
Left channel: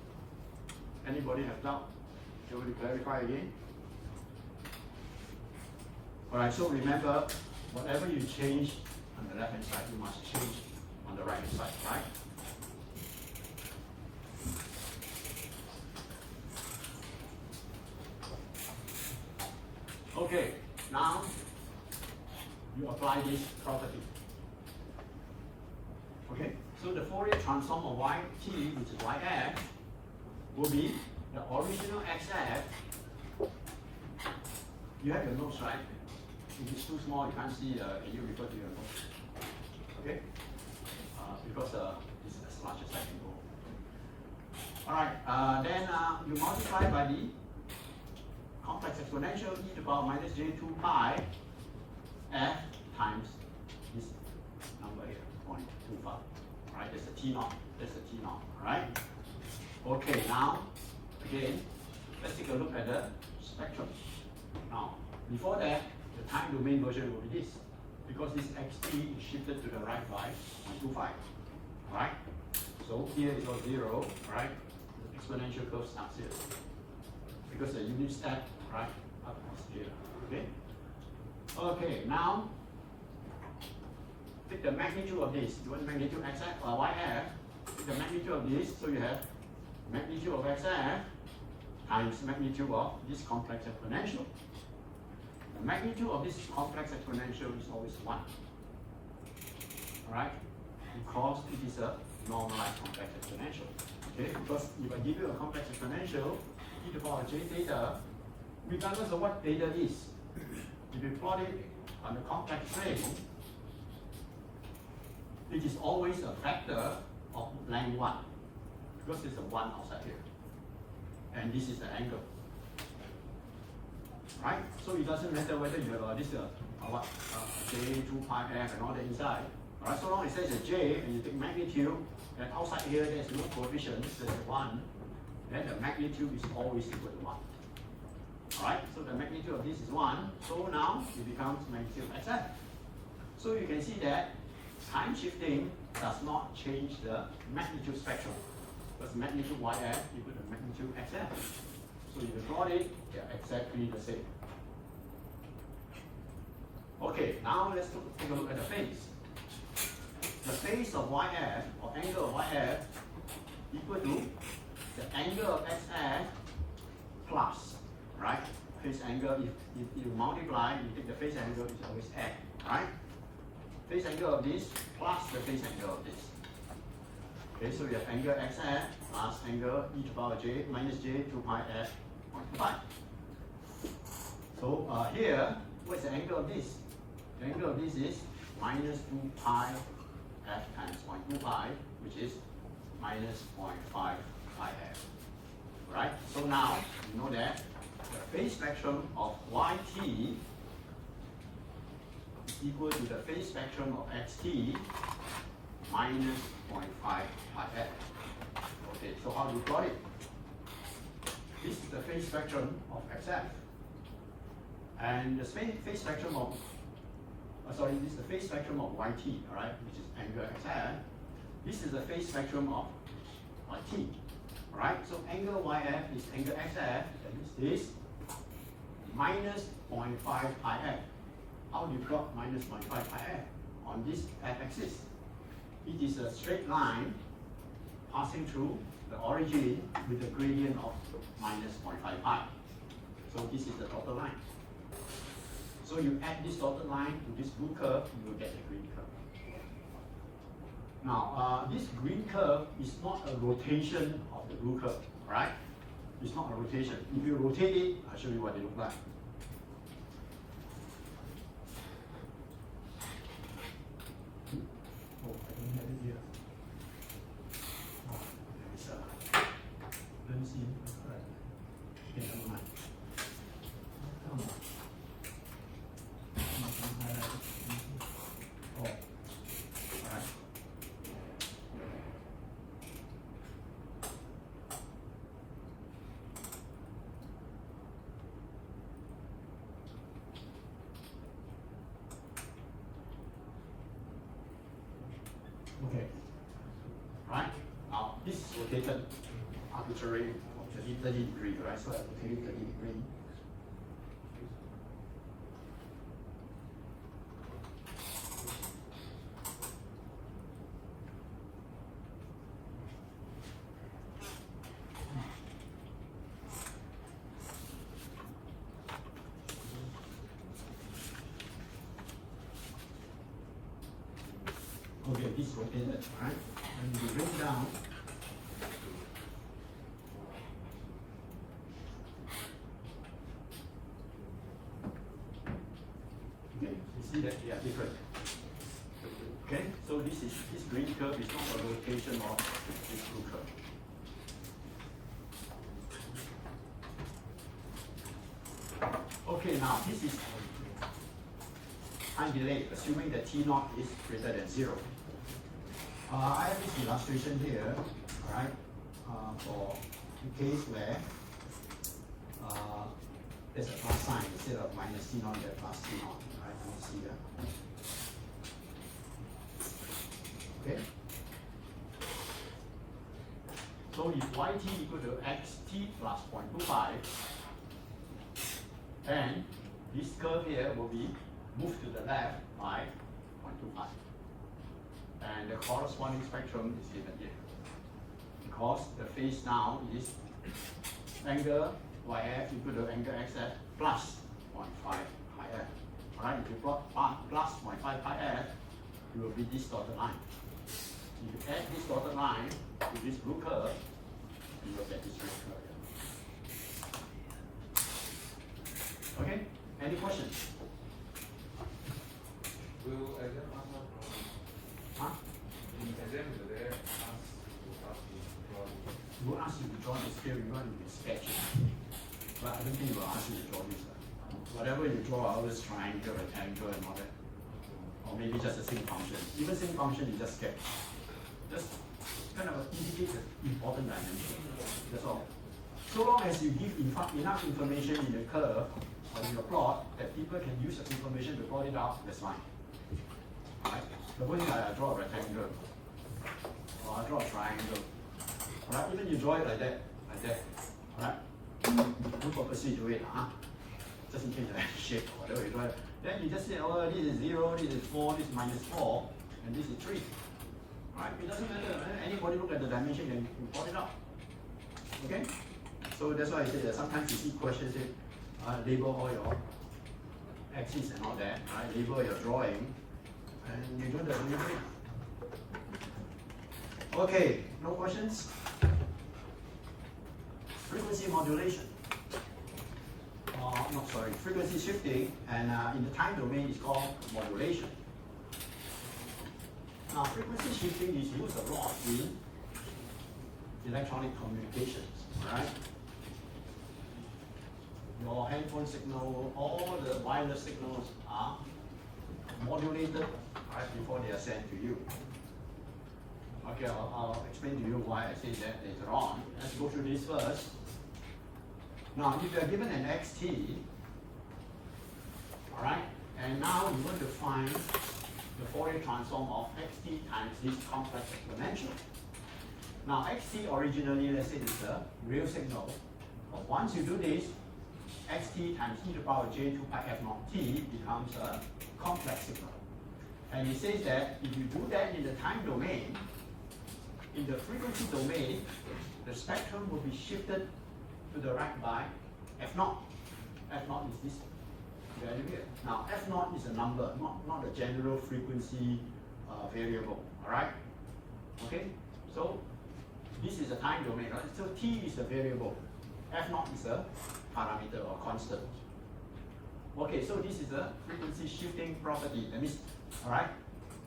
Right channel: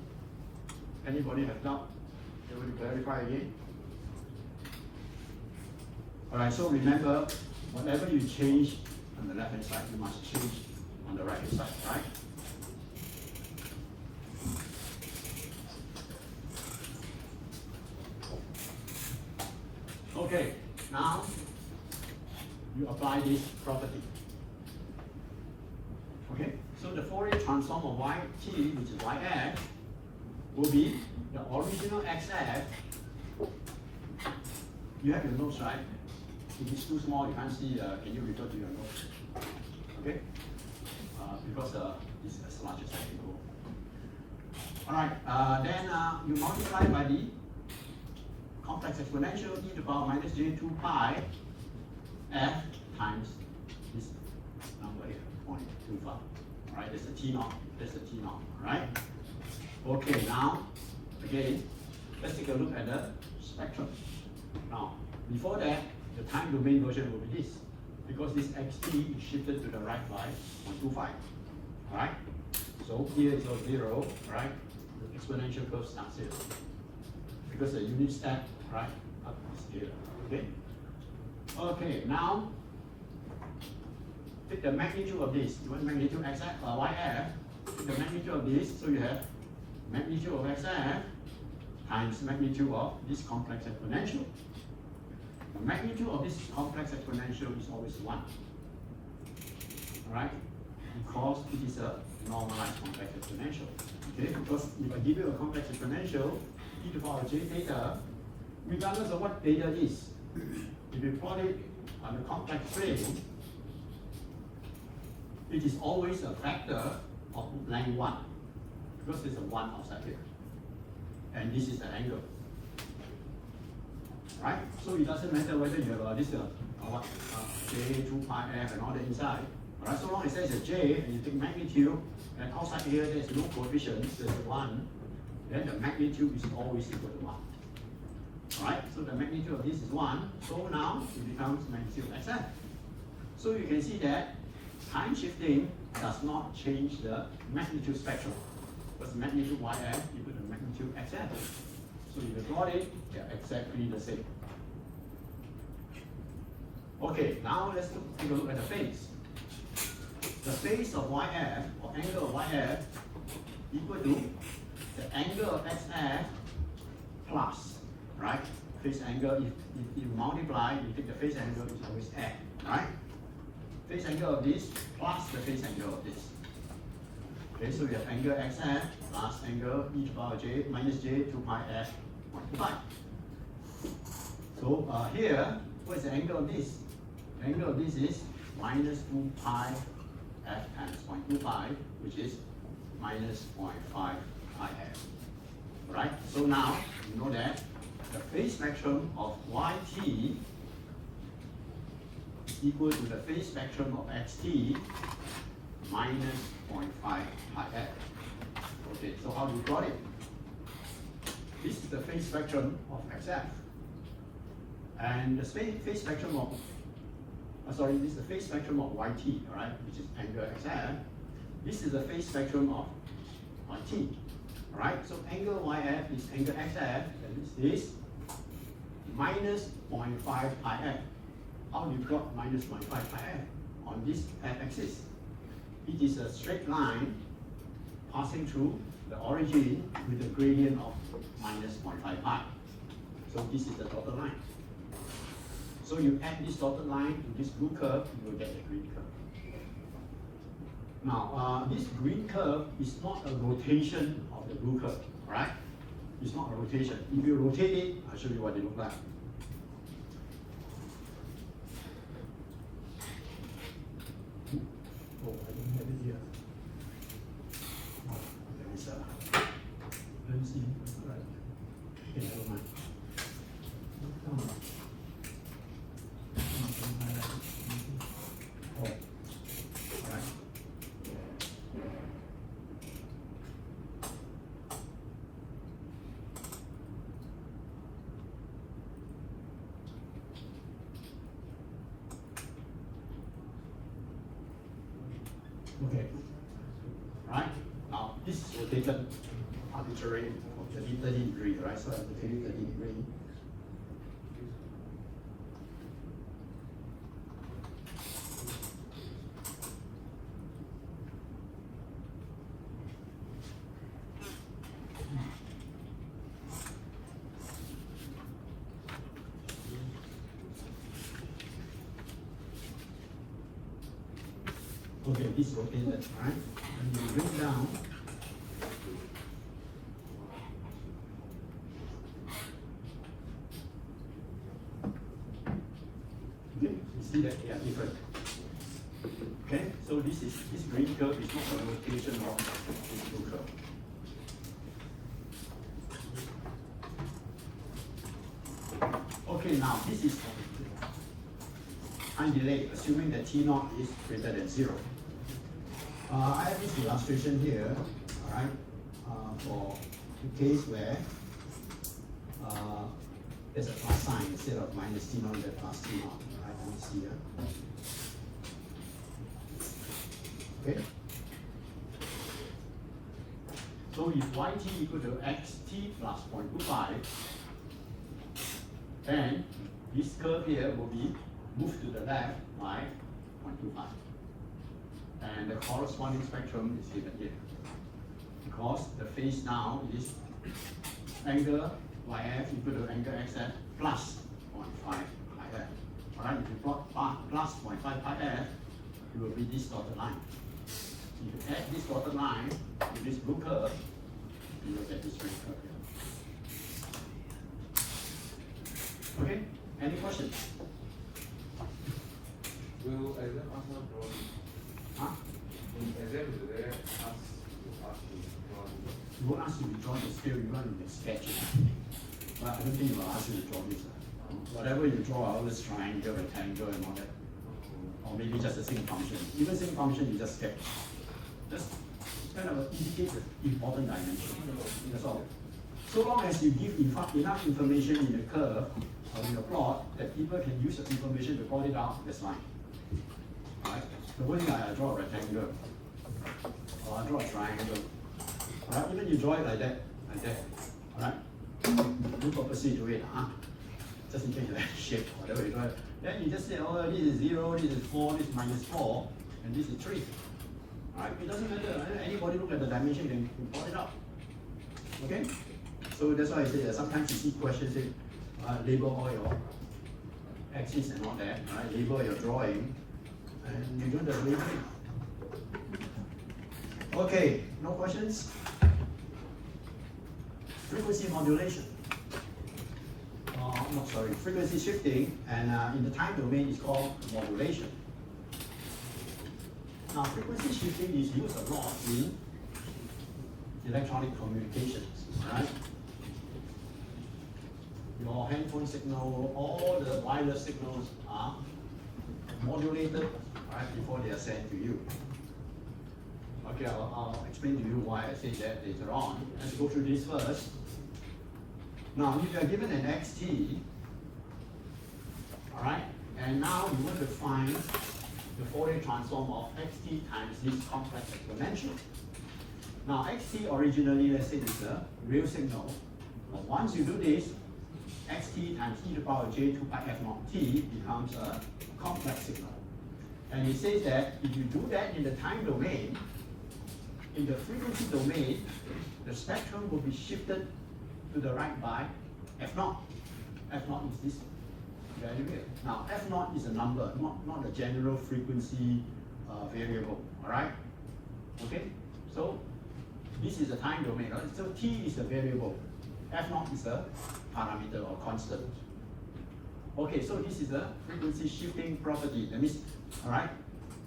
Anybody have doubt? You want to clarify again? Alright, so remember, whatever you change on the left hand side, you must change on the right hand side, right? Okay, now you apply this property. Okay, so the Fourier transform of yt, which is yf, will be the original xf. You have your notes, right? If it's too small, you can't see, can you refer to your notes? Okay? Because it's as large as I can go. Alright, then you multiply by the complex exponential e to the power minus j2 pi f times this number here, 0.25. Alright, that's the t naught. That's the t naught. Right? Okay, now, again, let's take a look at the spectrum. Now, before that, the time domain version will be this, because this xt is shifted to the right by 0.25. Alright? So here is your 0, right? The exponential curve starts here. Because the unit step, right, up is 0. Okay? Okay, now take the magnitude of this. You want magnitude xf or yf? Take the magnitude of this, so you have magnitude of xf times magnitude of this complex exponential. The magnitude of this complex exponential is always 1. Alright? Because it is a normalized complex exponential. Okay? Because if I give you a complex exponential, e to the power j theta, regardless of what theta is, if you plot it on the complex plane, it is always a factor of length 1. Because there's a 1 outside here. And this is the angle. Right? So it doesn't matter whether you have this j2 pi f and all that inside. Alright, so long as there's a j and you take magnitude, and outside here there's no coefficient, there's a 1, then the magnitude is always equal to 1. Alright, so the magnitude of this is 1, so now it becomes magnitude xf. So you can see that time shifting does not change the magnitude spectrum, because magnitude yf equal to magnitude xf. So you plot it, they're exactly the same. Okay, now let's take a look at the phase. The phase of yf, or angle of yf, equal to the angle of xf plus, right? Phase angle, if you multiply, you take the phase angle, it's always f, right? Phase angle of this plus the phase angle of this. Okay, so you have angle xf plus angle e to the power j minus j2 pi f 1 to pi. So here, what is the angle of this? The angle of this is minus 2 pi f times 0.2 pi, which is minus 0.5 pi f. Right? So now you know that the phase spectrum of yt is equal to the phase spectrum of xt minus 0.5 pi f. Okay, so how do we plot it? This is the phase spectrum of xf. And the phase spectrum of this is the phase spectrum of yt, alright, which is angle xf. This is the phase spectrum of yt. Alright, so angle yf is angle xf, that is this, minus 0.5 pi f. How do you plot minus 0.5 pi f? On this f-axis. It is a straight line passing through the origin with a gradient of minus 0.5 pi. So this is the dotted line. So you add this dotted line to this blue curve, you will get a green curve. Now, this green curve is not a rotation of the blue curve, right? It's not a rotation. If you rotate it, I'll show you what they look like. Oh, I don't have it here. Oh, okay, it's, let me see. Right. Okay, never mind. Come on. Oh, all right. Okay. Right? Now, this is rotated arbitrarily of 30 degrees, right? So I rotate it 30 degrees. Okay, this is rotated, right? And you bring down. Okay, you see that they are different. Okay, so this green curve is not a rotation of this blue curve. Okay, now this is time delay, assuming that T0 is greater than 0. I have this illustration here, alright, for the case where there's a plus sign instead of minus T0, there's plus T0, right? You see here. Okay. So if yt equal to xt plus 0.25, then this curve here will be moved to the left by 0.25. And the corresponding spectrum is given here. Because the phase now is angle yf equal to angle xf plus 0.5 pi f. Alright, if you plot plus 0.5 pi f, it will be this dotted line. If you add this dotted line to this blue curve, you will get this blue curve here. Okay? Any questions? Will exam ask what drawing? Huh? In exam, will they ask you drawing? You won't ask you to draw the scale, you want to sketch it. But I don't think you will ask you to draw this. Whatever you draw, always triangle, rectangle, and all that. Or maybe just a single function. Even single function, you just sketch. Just kind of indicate the important dimension. That's all. So long as you give enough information in the curve or in the plot that people can use the information to plot it out, that's fine. Right? The one thing I draw a rectangle, or I draw a triangle. Right? Even you draw it like that. Right? Don't purposely do it, just in case of that shape, whatever you draw. Then you just say, oh, this is 0, this is 4, this is minus 4, and this is 3. Right? It doesn't matter. Anybody look at the dimension and plot it out. Okay? So that's why I say that sometimes you see questions that label all your axes and all that, right? Label your drawing, and you don't have to do anything. Okay, no questions? Frequency modulation. No, sorry, frequency shifting, and in the time domain it's called modulation. Now, frequency shifting is used a lot in electronic communications, right? Your handphone signal, all the wireless signals are modulated right before they are sent to you. Okay, I'll explain to you why I say that later on. Let's go through this first. Now, if you are given an xt, all right, and now you want to find the Fourier transform of xt times this complex exponential. Now, xt originally, let's say, is a real signal. But once you do this, xt times e to the power j 2 pi f naught t becomes a complex signal. And it says that if you do that in the time domain, in the frequency domain, the spectrum will be shifted to the right by f naught. F naught is this value here. Now, f naught is a number, not a general frequency variable, all right? Okay, so this is a time domain, right? So t is a variable, f naught is a parameter or constant. Okay, so this is a frequency shifting property. That means, all right,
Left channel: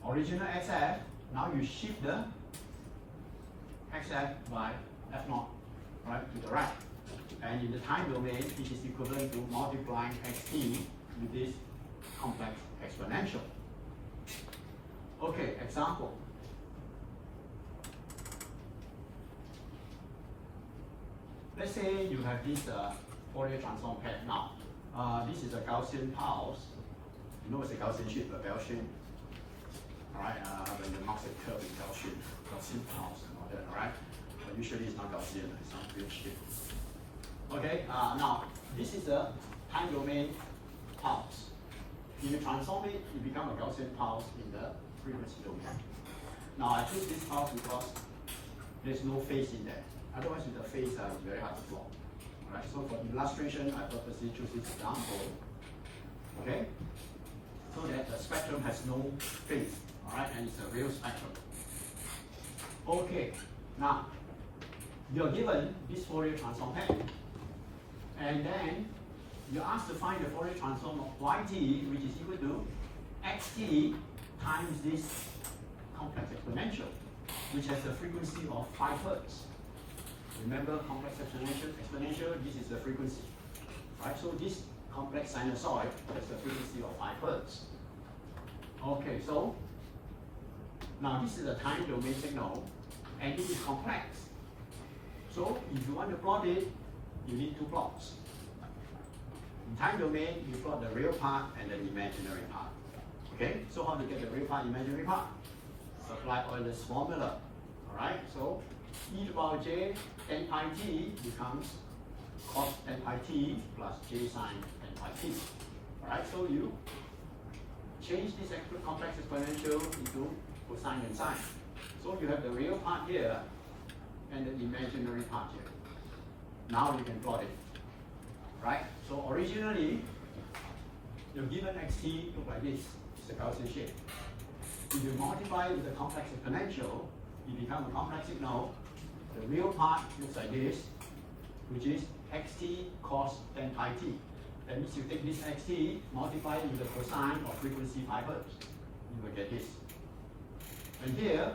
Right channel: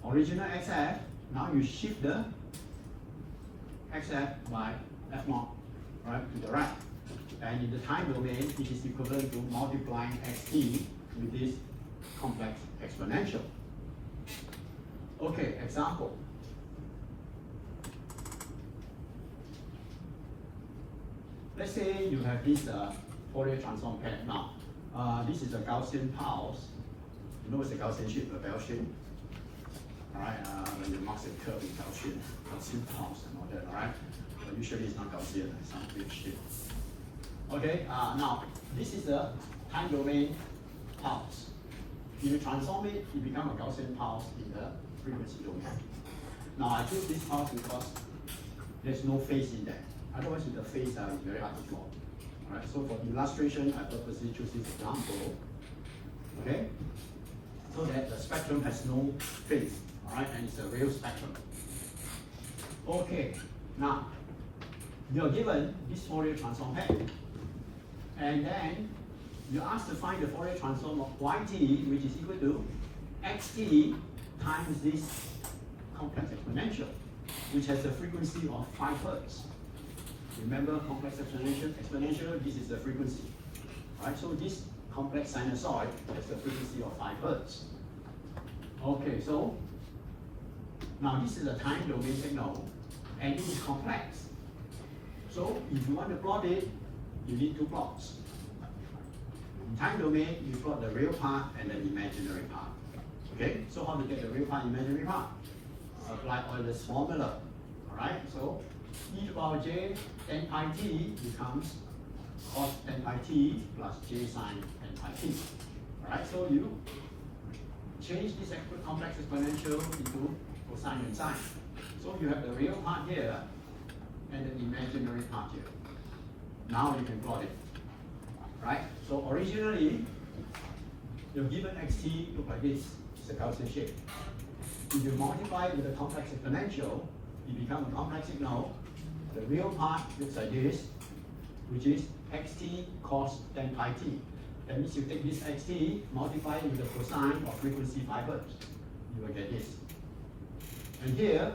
original xf, now you shift the xf by f naught, right, to the right. And in the time domain, it is equivalent to multiplying xt with this complex exponential. Okay, example. Let's say you have this Fourier transform pair. Now, this is a Gaussian pulse. You know it's a Gaussian shape, a bell shape. Alright, when you mark the curve in Gaussian pulse and all that, alright? But usually it's not Gaussian, it's not big shape. Okay, now this is a time domain pulse. If you transform it, it becomes a Gaussian pulse in the frequency domain. Now I choose this pulse because there's no phase in there. Otherwise with the phase it's very hard to plot. Alright, so for illustration, I purposely choose this example. Okay? So that the spectrum has no phase. Alright, and it's a real spectrum. Okay, now you're given this Fourier transform pair, and then you're asked to find the Fourier transform of yt, which is equal to xt times this complex exponential, which has a frequency of 5 Hz. Remember, complex exponential, this is the frequency. Right, so this complex sinusoid has a frequency of 5 Hz. Okay, so now this is a time domain signal, and it is complex. So if you want to plot it, you need two plots. In time domain, you plot the real part and the imaginary part. Okay, so how to get the real part, imaginary part? Apply Euler's formula. Alright, so e to the power j 10 pi t becomes cos 10 pi t plus j sine 10 pi t. Alright, so you change this complex exponential into cosine and sine. So you have the real part here and the imaginary part here. Now you can plot it. Right? So originally, the given xt look like this. It's a Gaussian shape. If you multiply it with the complex exponential, it becomes a complex signal. The real part looks like this, which is xt cos 10 pi t. That means you take this xt, multiply it with the cosine of frequency 5 Hz. You will get this. And here,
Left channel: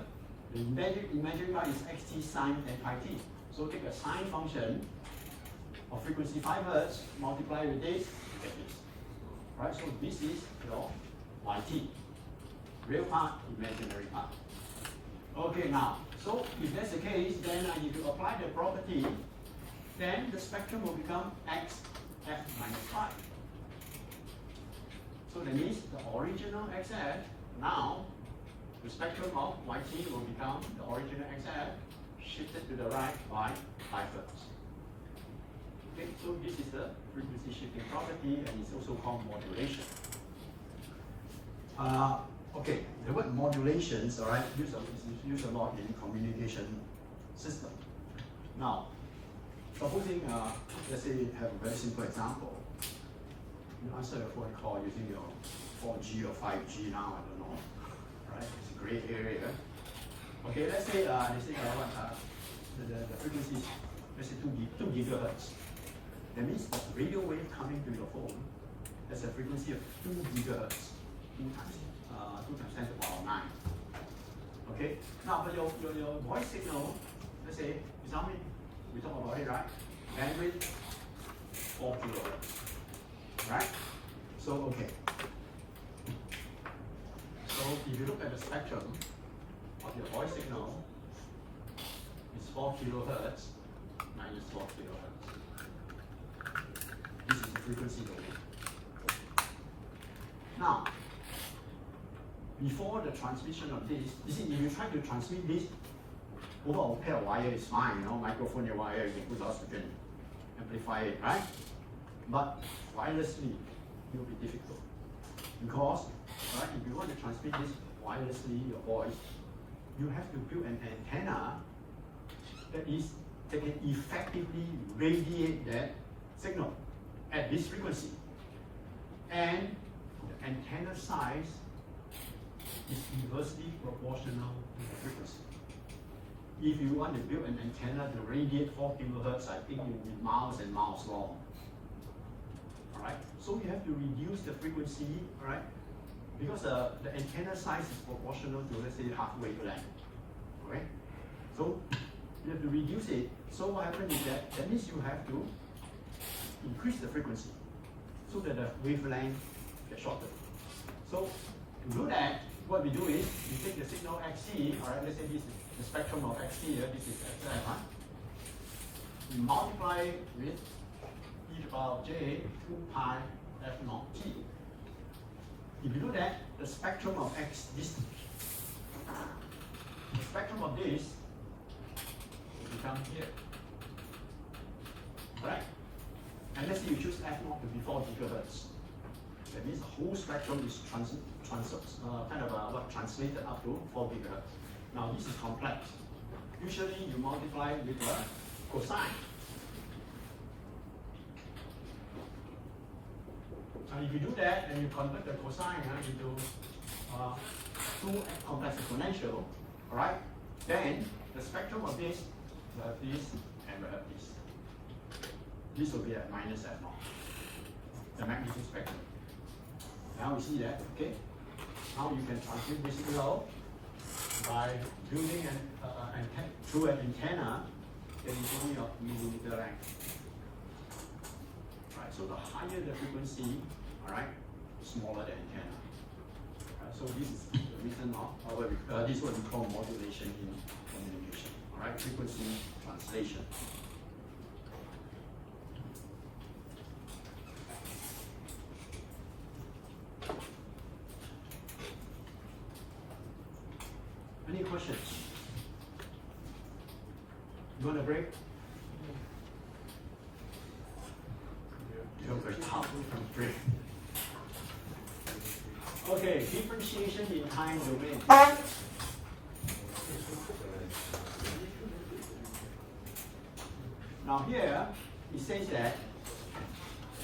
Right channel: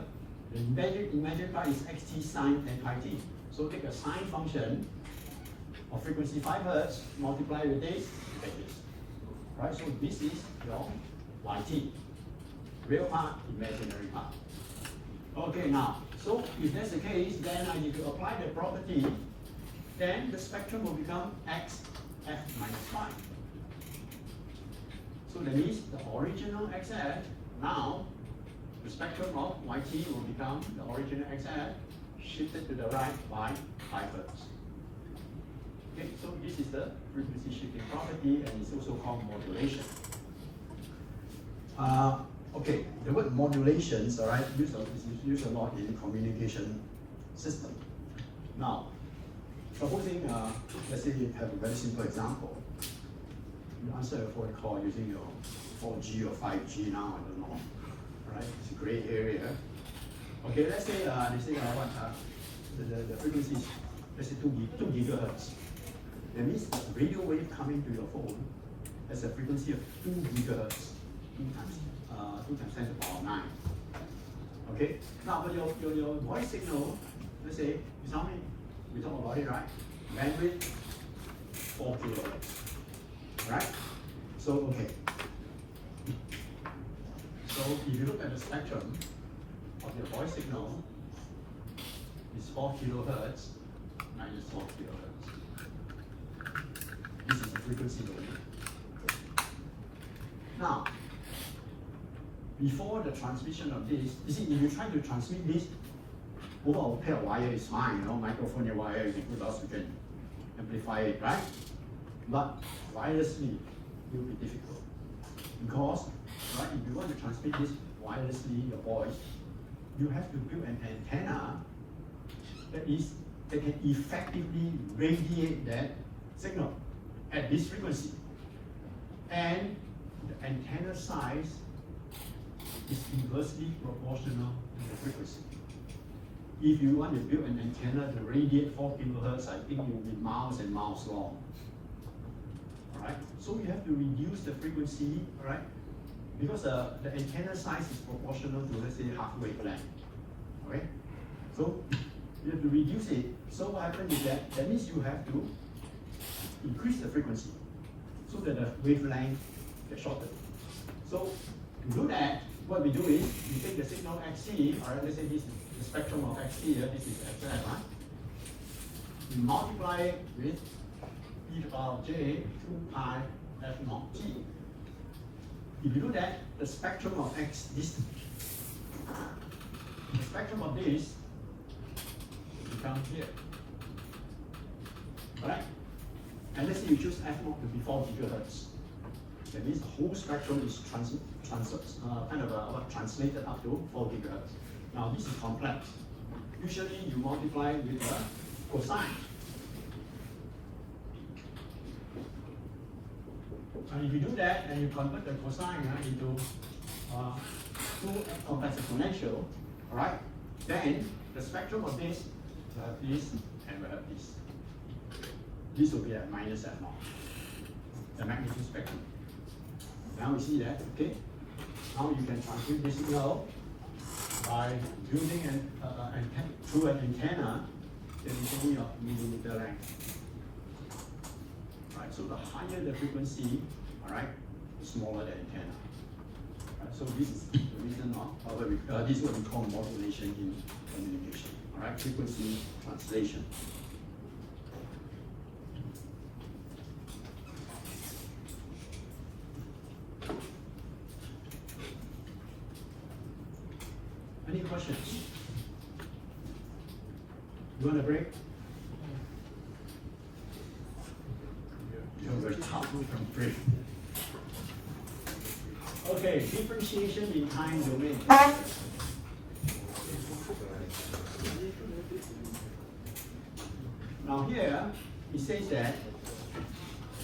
the imaginary part is xt sine 10 pi t. So take a sine function of frequency 5 Hz, multiply with this, you get this. Right, so this is your yt. Real part, imaginary part. Okay, now, so if that's the case, then I need to apply the property, then the spectrum will become x f minus 5. So that means the original xf, now the spectrum of yt will become the original xf shifted to the right by 5 Hz. Okay, so this is the frequency shifting property, and it's also called modulation. Okay, the word modulations, all right, is used a lot in communication system. Now, supposing, let's say you have a very simple example. You answer a phone call using your 4G or 5G now, I don't know. Right? It's a gray area. Okay, let's say I want the frequency is, let's say 2 gigahertz. That means the radio wave coming to your phone has a frequency of 2 gigahertz, 2 times 10 to the power 9. Okay, now but your voice signal, let's say, we talk about it, right? Bandwidth 4 kilohertz. Right? So okay. So if you look at the spectrum of your voice signal, it's 4 kilohertz minus 4 kilohertz. This is the frequency domain. Now, before the transmission of this, you see, if you try to transmit this over a pair of wire, it's fine, you know, microphone and wire, you can put oxygen, amplify it, right? But wirelessly, it will be difficult. Because, right, if you want to transmit this wirelessly, your voice, you have to build an antenna that can effectively radiate that signal at this frequency. And the antenna size is inversely proportional to the frequency. If you want to build an antenna to radiate 4 kilohertz, I think it will be miles and miles long. Alright, so you have to reduce the frequency, alright, because the antenna size is proportional to, let's say, half wavelength. Okay, so you have to reduce it. So what happens is that means you have to increase the frequency so that the wavelength gets shorter. So to do that, what we do is we take the signal xt, alright, let's say this is the spectrum of xt here, this is xf, right? We multiply it with e to the power j 2 pi f naught t. If you look at the spectrum of the spectrum of this becomes here. Right? And let's say you choose f naught to be 4 gigahertz. That means the whole spectrum is translated up to 4 gigahertz. Now this is complex. Usually you multiply with the cosine. And if you do that, and you convert the cosine into two complex exponential, all right, then the spectrum of this will have this and will have this. This will be at minus at naught, the magnitude spectrum. Now we see that, okay? Now you can transmit this signal by using through an antenna that is only of millimeter length. Right, so the higher the frequency, all right, the smaller the antenna. So this is the reason this is what we call modulation in communication. All right, frequency translation. Any questions? You want a break? You're very tough from break. Okay, differentiation in time domain. Now here, it says that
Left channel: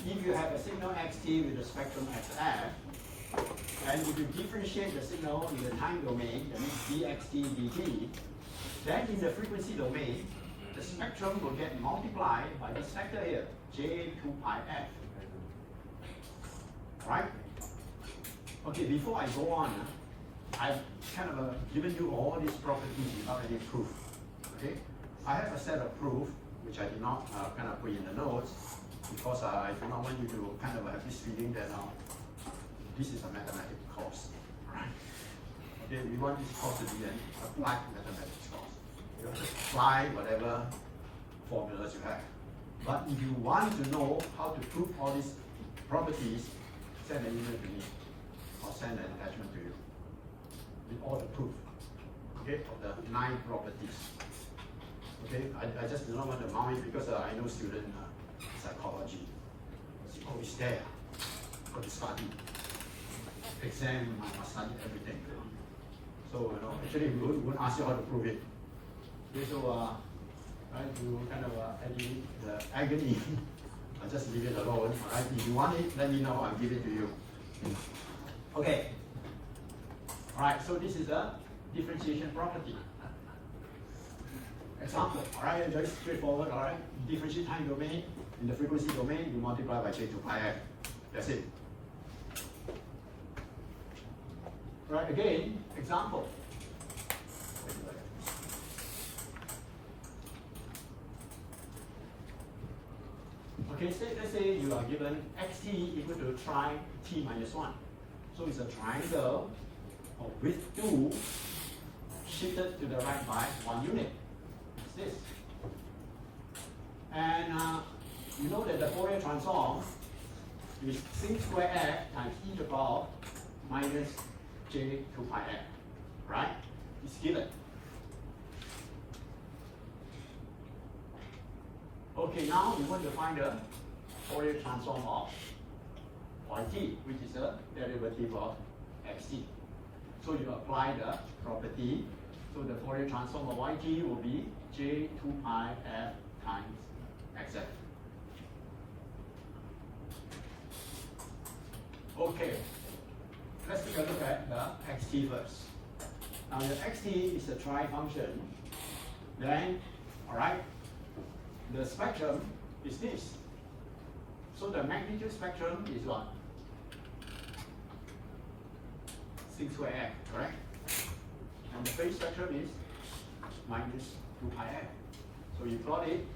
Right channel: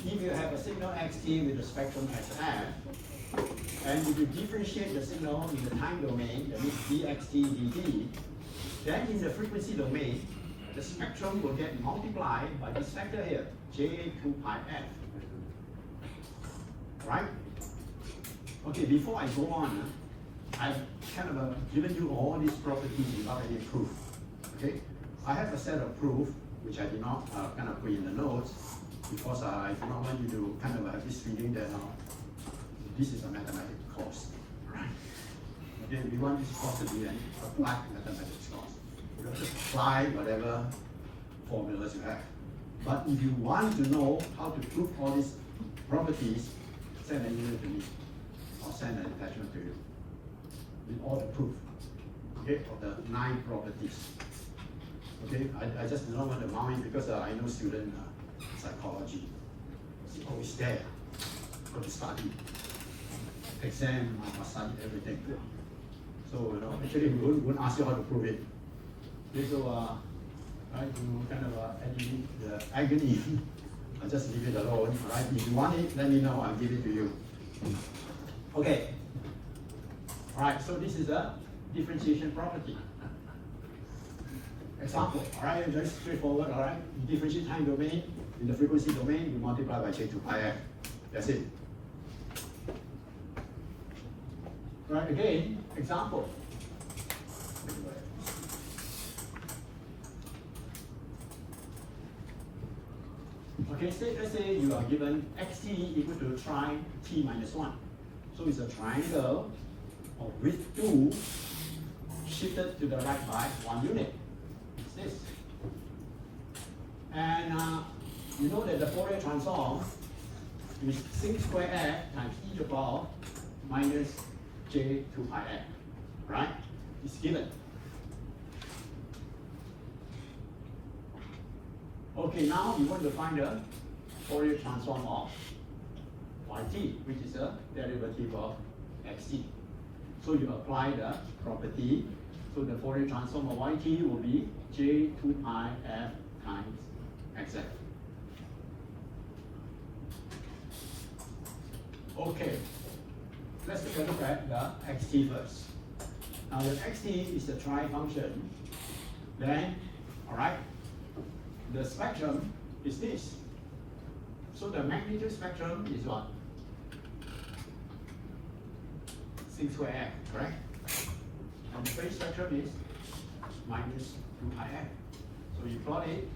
if you have a signal xt with a spectrum xf, and if you differentiate the signal in the time domain, that means dxt dt, then in the frequency domain, the spectrum will get multiplied by this factor here, j2 pi f. Right? Okay, before I go on, I've kind of given you all these properties without any proof. Okay? I have a set of proof, which I did not kind of put in the notes, because I do not want you to kind of have this feeling that this is a mathematics course. Right? Okay, we want this course to be an applied mathematics course. You have to apply whatever formulas you have. But if you want to know how to prove all these properties, send an email to me. I'll send an attachment to you with all the proof, okay, of the 9 properties. Okay, I just do not want to mind because I know student psychology. See, oh, it's there. Got to study. Exam, I must study everything. So, actually, we won't ask you how to prove it. Okay, so, right, you kind of the agony. I just leave it alone. Right? If you want it, let me know. I'll give it to you. Okay. All right. So this is the differentiation property. Example. All right. Very straightforward. All right. You differentiate time domain in the frequency domain. You multiply by j2 pi f. That's it. Right. Again. Example. Okay, let's say you are given xt equal to tri t minus 1. So it's a triangle of width 2 shifted to the right by 1 unit. It's this. And you know that the Fourier transform is sin square f times e to the power minus j2 pi f. Right? It's given. Okay, now we want to find the Fourier transform of yt, which is a derivative of xt. So you apply the property. So the Fourier transform of yt will be j2 pi f times xf. Okay, let's take a look at the xt first. Now the xt is the tri function. Then, all right, the spectrum is this. So the magnitude spectrum is what? Sin square f, correct? And the phase spectrum is minus 2 pi f. So you plot it,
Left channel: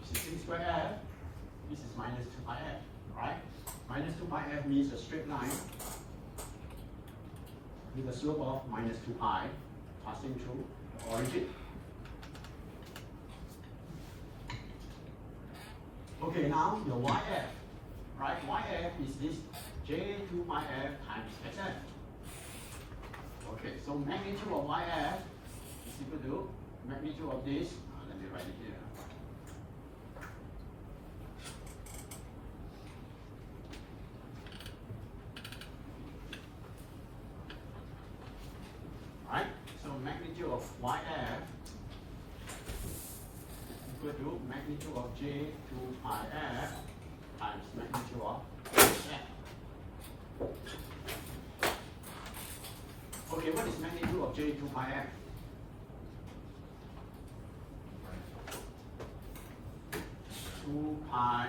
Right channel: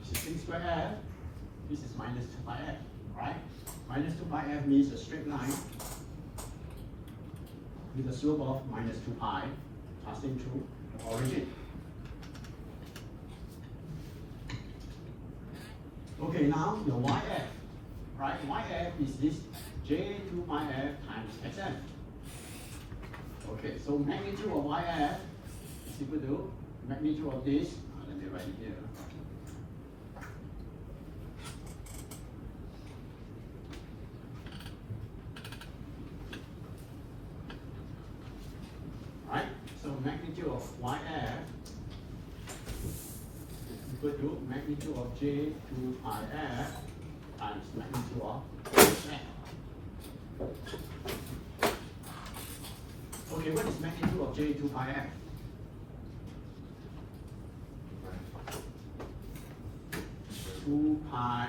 this is sin square f, this is minus 2 pi f, right? Minus 2 pi f means a straight line with a slope of minus 2 pi passing through the origin. Okay, now the yf, right? Yf is this j2 pi f times xf. Okay, so magnitude of yf is equal to magnitude of this. Let me write it here. Right? So magnitude of yf equal to magnitude of j2 pi f times magnitude of f. Okay, Okay, what is magnitude of J2 pi f? Two pi,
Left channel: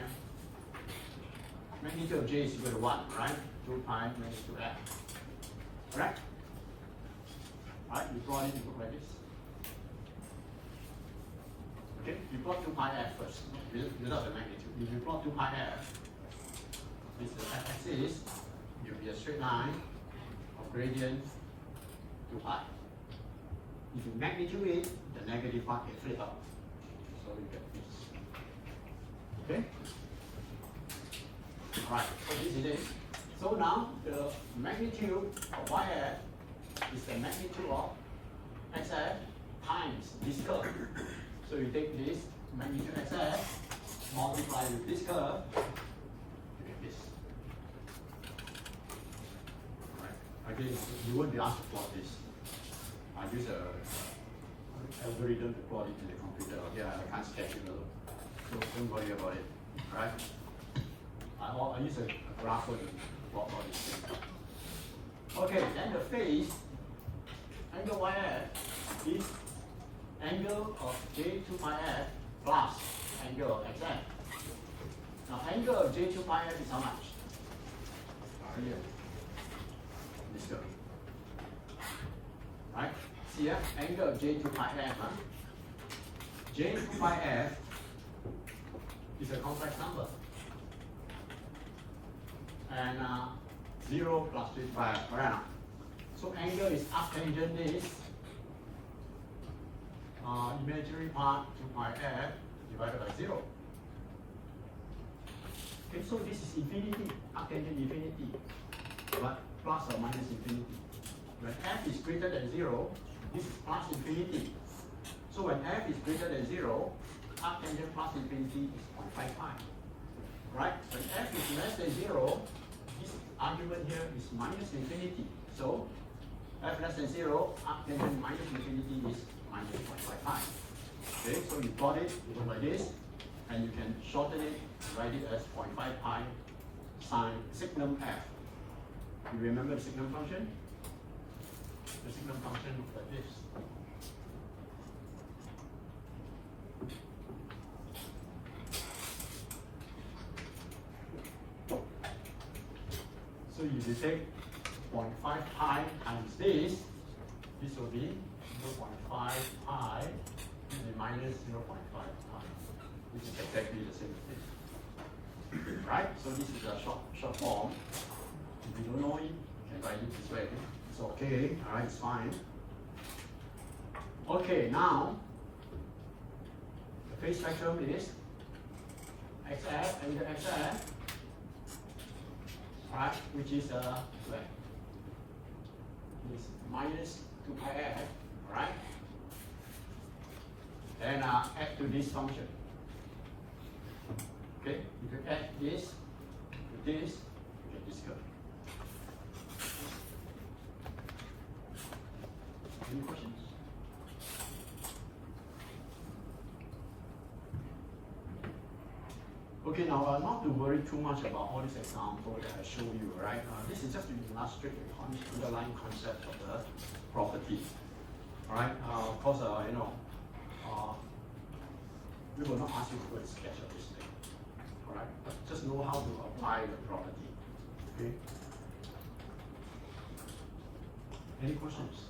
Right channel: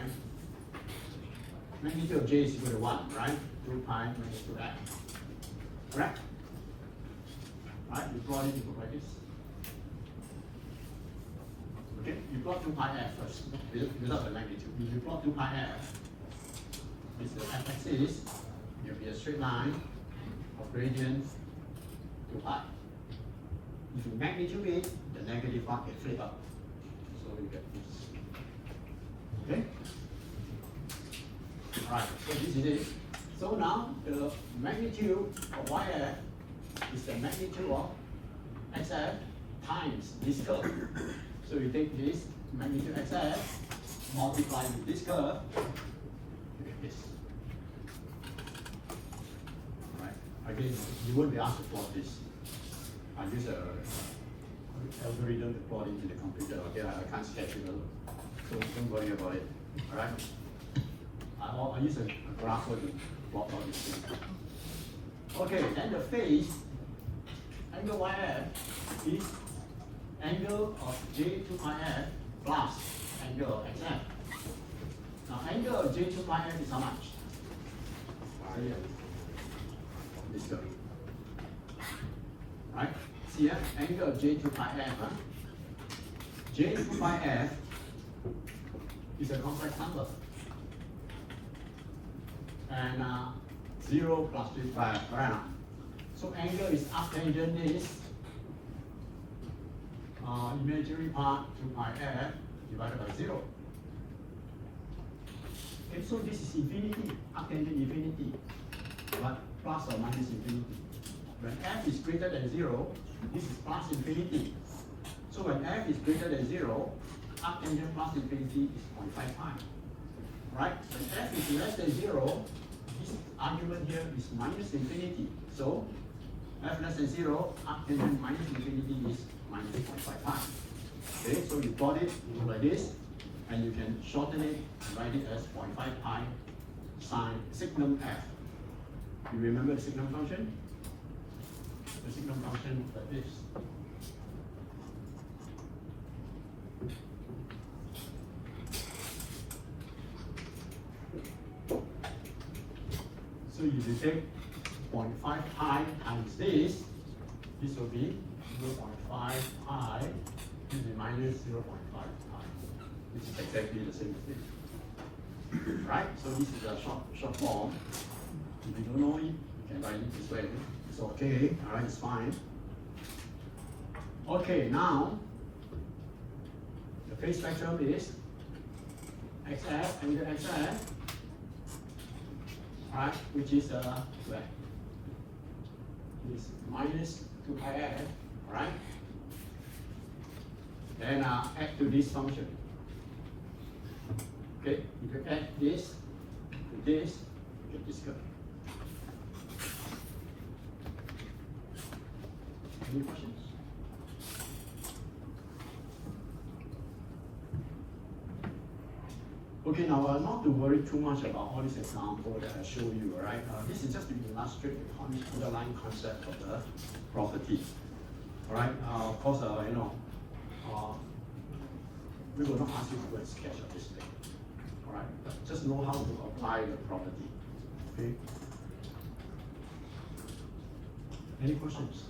magnitude of J is equal to 1, right? 2 pi magnitude f. Correct? Right, you plot it into like this. Okay, you plot 2 pi f first, without the magnitude. If you plot 2 pi f, this is the x-axis, you'll be a straight line of gradient 2 pi. If you magnitude it, the negative part gets flip out. So you get this. Okay? Alright, so this is it. So now the magnitude of YF is the magnitude of XF times this curve. So you take this magnitude XF, multiply with this curve, you get this. Alright, again, you won't be asked to plot this. I use a algorithm to plot it in the computer. Okay, I can't sketch it alone. So don't worry about it. Alright? I use a grapher to plot all these things. Okay, then the phase, angle YF is angle of J2 pi f plus angle of XF. Now angle of J2 pi f is how much? This curve. Right? See here, angle of J2 pi f. Huh? J2 pi f is a complex number. And 0 plus 3 pi around. So angle is arctangent is imaginary part 2 pi f divided by 0. Okay, so this is infinity, arctangent infinity, but plus or minus infinity. When f is greater than 0, this is plus infinity. So when f is greater than 0, arctangent plus infinity is 0.5 pi. Right? When f is less than 0, this argument here is minus infinity. So f less than 0, arctangent minus infinity is minus 0.5 pi. Okay, so you plot it like this, and you can shorten it, write it as 0.5 pi sine signum f. You remember the signum function? The signum function is like this. So if you take 0.5 pi times this will be 0.5 pi minus 0.5 pi. This is exactly the same thing. Right? So this is a short form. If you don't know it, you can write it this way. It's okay, alright, it's fine. Okay, now the phase spectrum is XF and the XF, right, which is like is minus 2 pi f, right? Then add to this function. Okay, if you add this to this, you get this curve. Any questions? Okay, now not to worry too much about all this example that I show you, right? This is just to illustrate the underlying concept of the property. All right. Of course, we will not ask you to go and sketch this thing. All right. But just know how to apply the property. Okay. Any questions?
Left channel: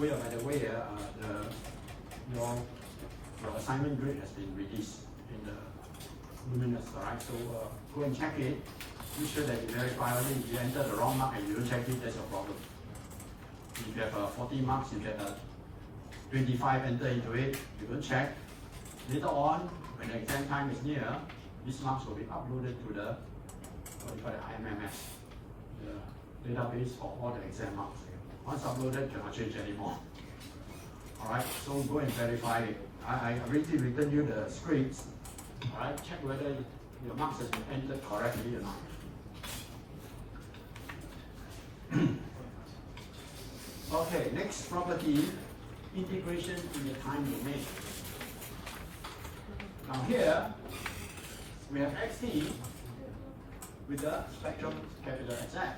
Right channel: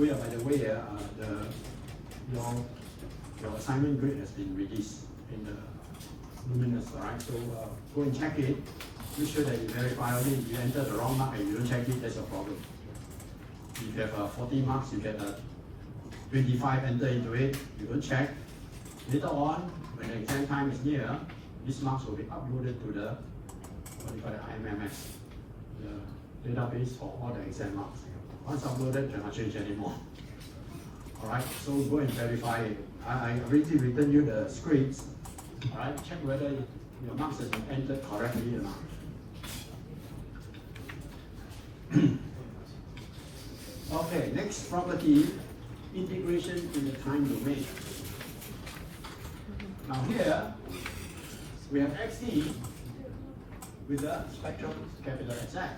Oh yeah, by the way, your assignment grade has been released in the Luminous, right? So go and check it. Make sure that you verify only. If you enter the wrong mark and you don't check it, that's your problem. If you have 40 marks, you get 25 enter into it. You don't check. Later on, when the exam time is near, these marks will be uploaded to the what you call the IMMS, the database for all the exam marks. Once uploaded, cannot change anymore. Alright, so go and verify it. I already written you the scripts. Alright, check whether your marks has been entered correctly or not. Okay, next property, integration in the time domain. Now here, we have xt with the spectrum capital Xf.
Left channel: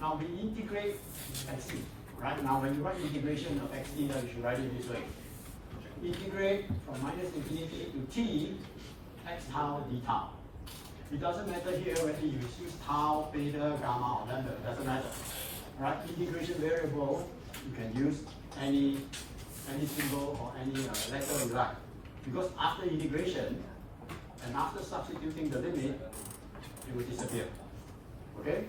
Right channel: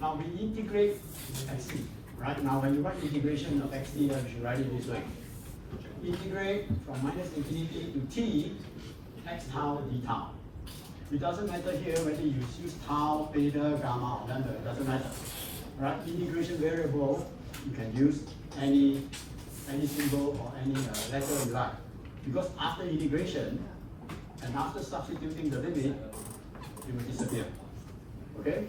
Now we integrate xt, right? Now when you write integration of xt, you should write it this way. Integrate from minus infinity to t, x tau d tau. It doesn't matter here whether you use tau, beta, gamma, or lambda, it doesn't matter. Right? Integration variable, you can use any symbol or any letter you like. Because after integration, and after substituting the limit, it will disappear. Okay?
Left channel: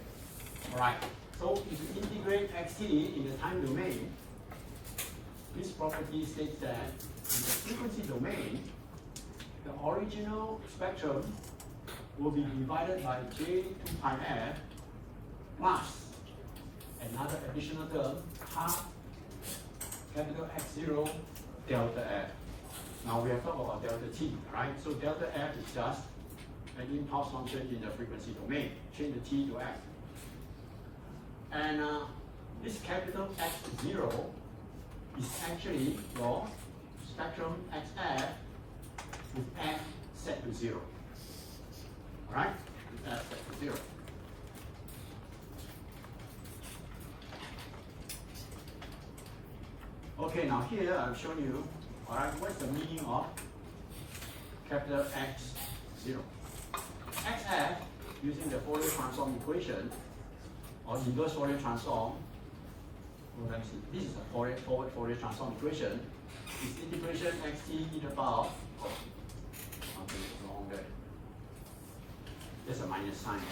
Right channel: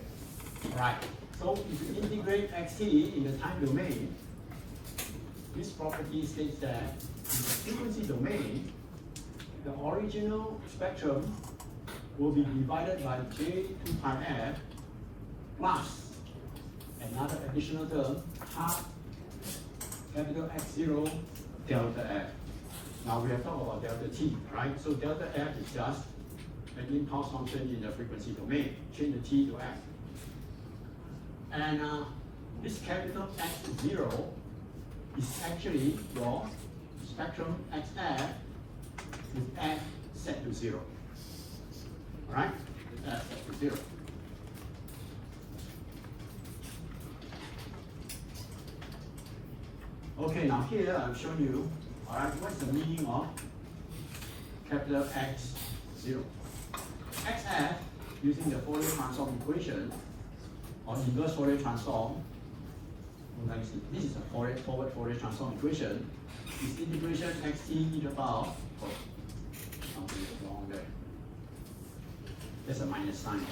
Alright. So if you integrate xt in the time domain, this property states that in the frequency domain, the original spectrum will be divided by j 2 pi f plus another additional term, half capital X0 delta f. Now we have talked about delta t, right? So delta f is just an impulse function in the frequency domain. Change the t to f. And this capital X0 is actually your spectrum xf with f set to 0. Right? With f set to 0. Okay, now here I'm showing you, alright, what's the meaning of capital X0? Xf, using the Fourier transform equation, or inverse Fourier transform, this is a forward Fourier transform equation, is integration xt e to the power, oh, something is wrong there. There's a minus sign.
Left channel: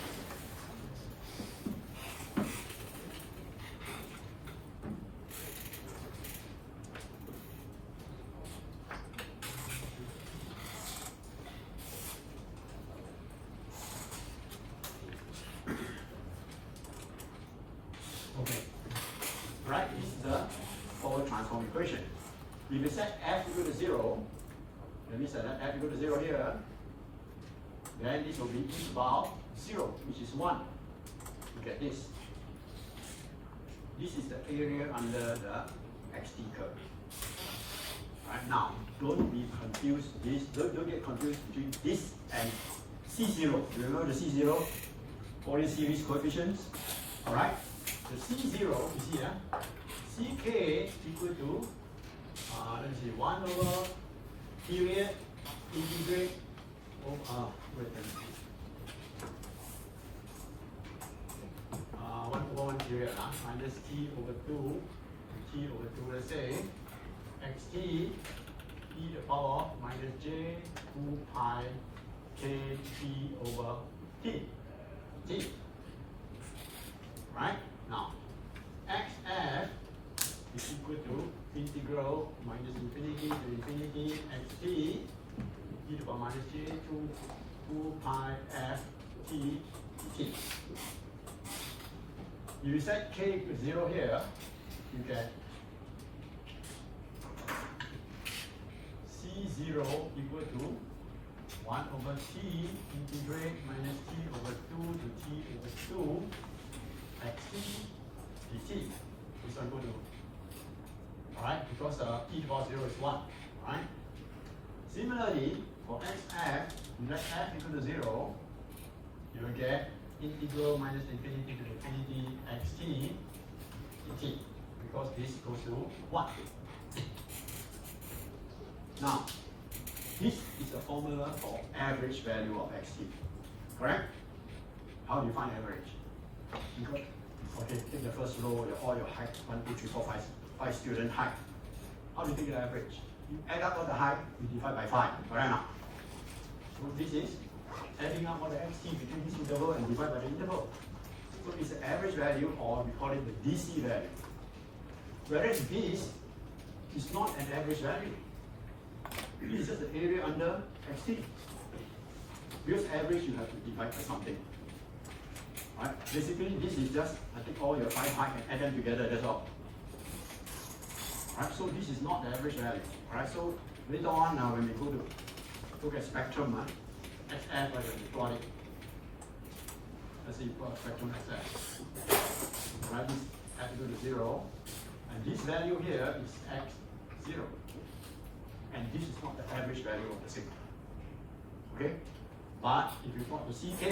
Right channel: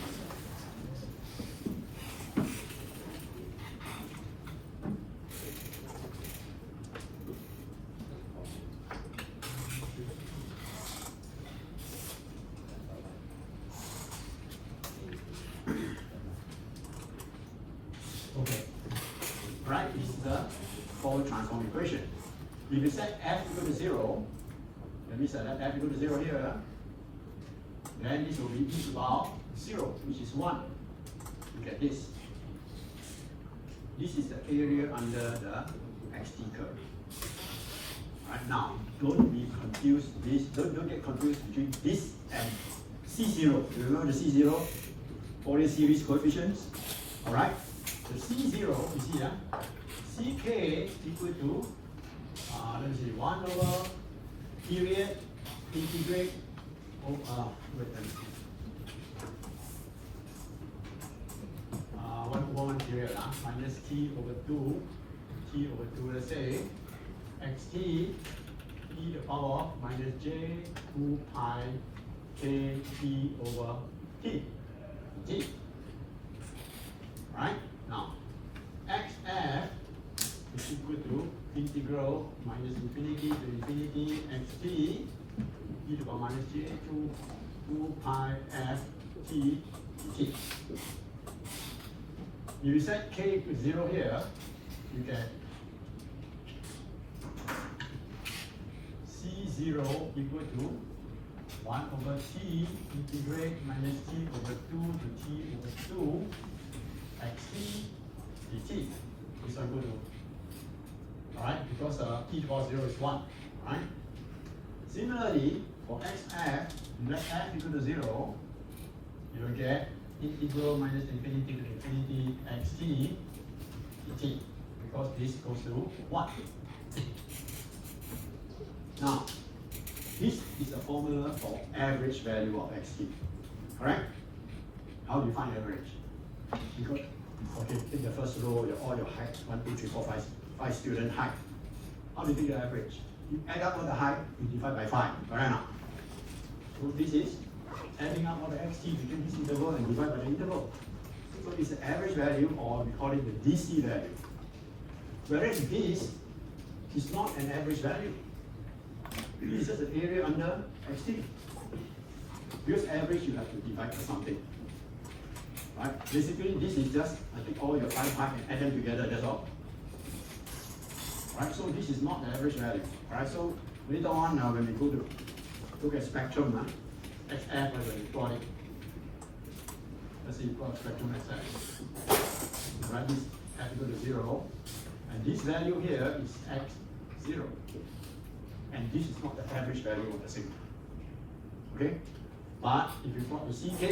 Okay, right, this is the Fourier transform equation. If you set f equal to 0, let me set f equal to 0 here, then this will be e to the power 0, which is 1. Look at this. This is the area under the xt curve. Right now, don't be confused. Don't get confused between this and C0. You remember the C0? Fourier series coefficients. Alright? The C0 is here. Ck equal to, let me see, 1 over period integrate over, wait, let me see. 1 over 1 period, minus t over 2, t over 2, let's say, xt e to the power minus j 2 pi k t over t. Right? Now, xf is equal to integral minus infinity to infinity xt e to the power minus j 2 pi f t t. You set k to 0 here, you get C0 equal to 1 over t integrate minus t over 2 to t over 2 xt dt. This one go to, alright, because t to the power 0 is 1, right? Similarly, for xf, let f equal to 0, you will get integral minus infinity to infinity xt dt, because this goes to 1. Now, this is a formula for average value of xt, correct? How do you find average? Because, okay, take the first row, all your height, 1, 2, 3, 4, 5 student height. How do you take the average? You add up all the height, you divide by 5, correct now? So this is adding up all the xt between this interval and divide by the interval. So it's the average value, or we call it the DC value. Whereas this is not an average value. This is just the area under xt. Because average, you have to divide by something. Right? Basically, this is just, I take all your 5 height and add them together, that's all. Right? So this is not the average value. Right? So later on, when we go to look at spectrum, xf, I will plot it. Let's say you plot spectrum xf. Right? This f equal to 0, and this value here is x0. And this is not the average value of the signal. Okay? But if you plot the CK,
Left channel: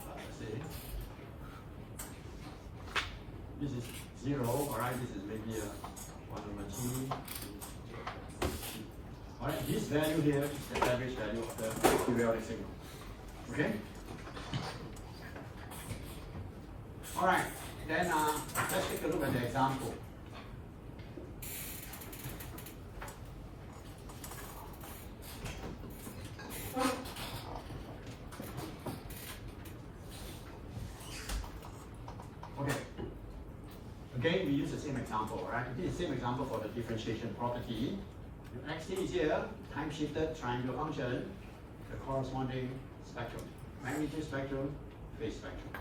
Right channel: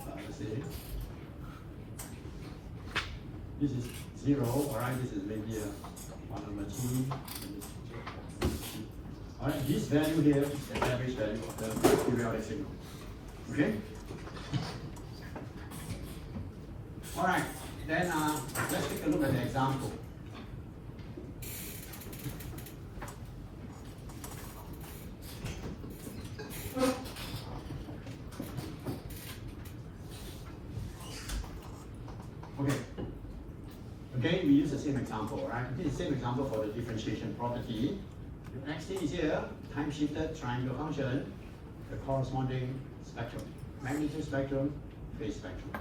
let's say, this is 0, alright, this is maybe 1 over t. Alright, this value here is the average value of the periodic signal. Okay? Alright, then let's take a look at the example. Okay. Again, we use the same example, right? This is the same example for the differentiation property. Xt is here, time shifted triangle function, the corresponding spectrum, magnitude spectrum, phase spectrum.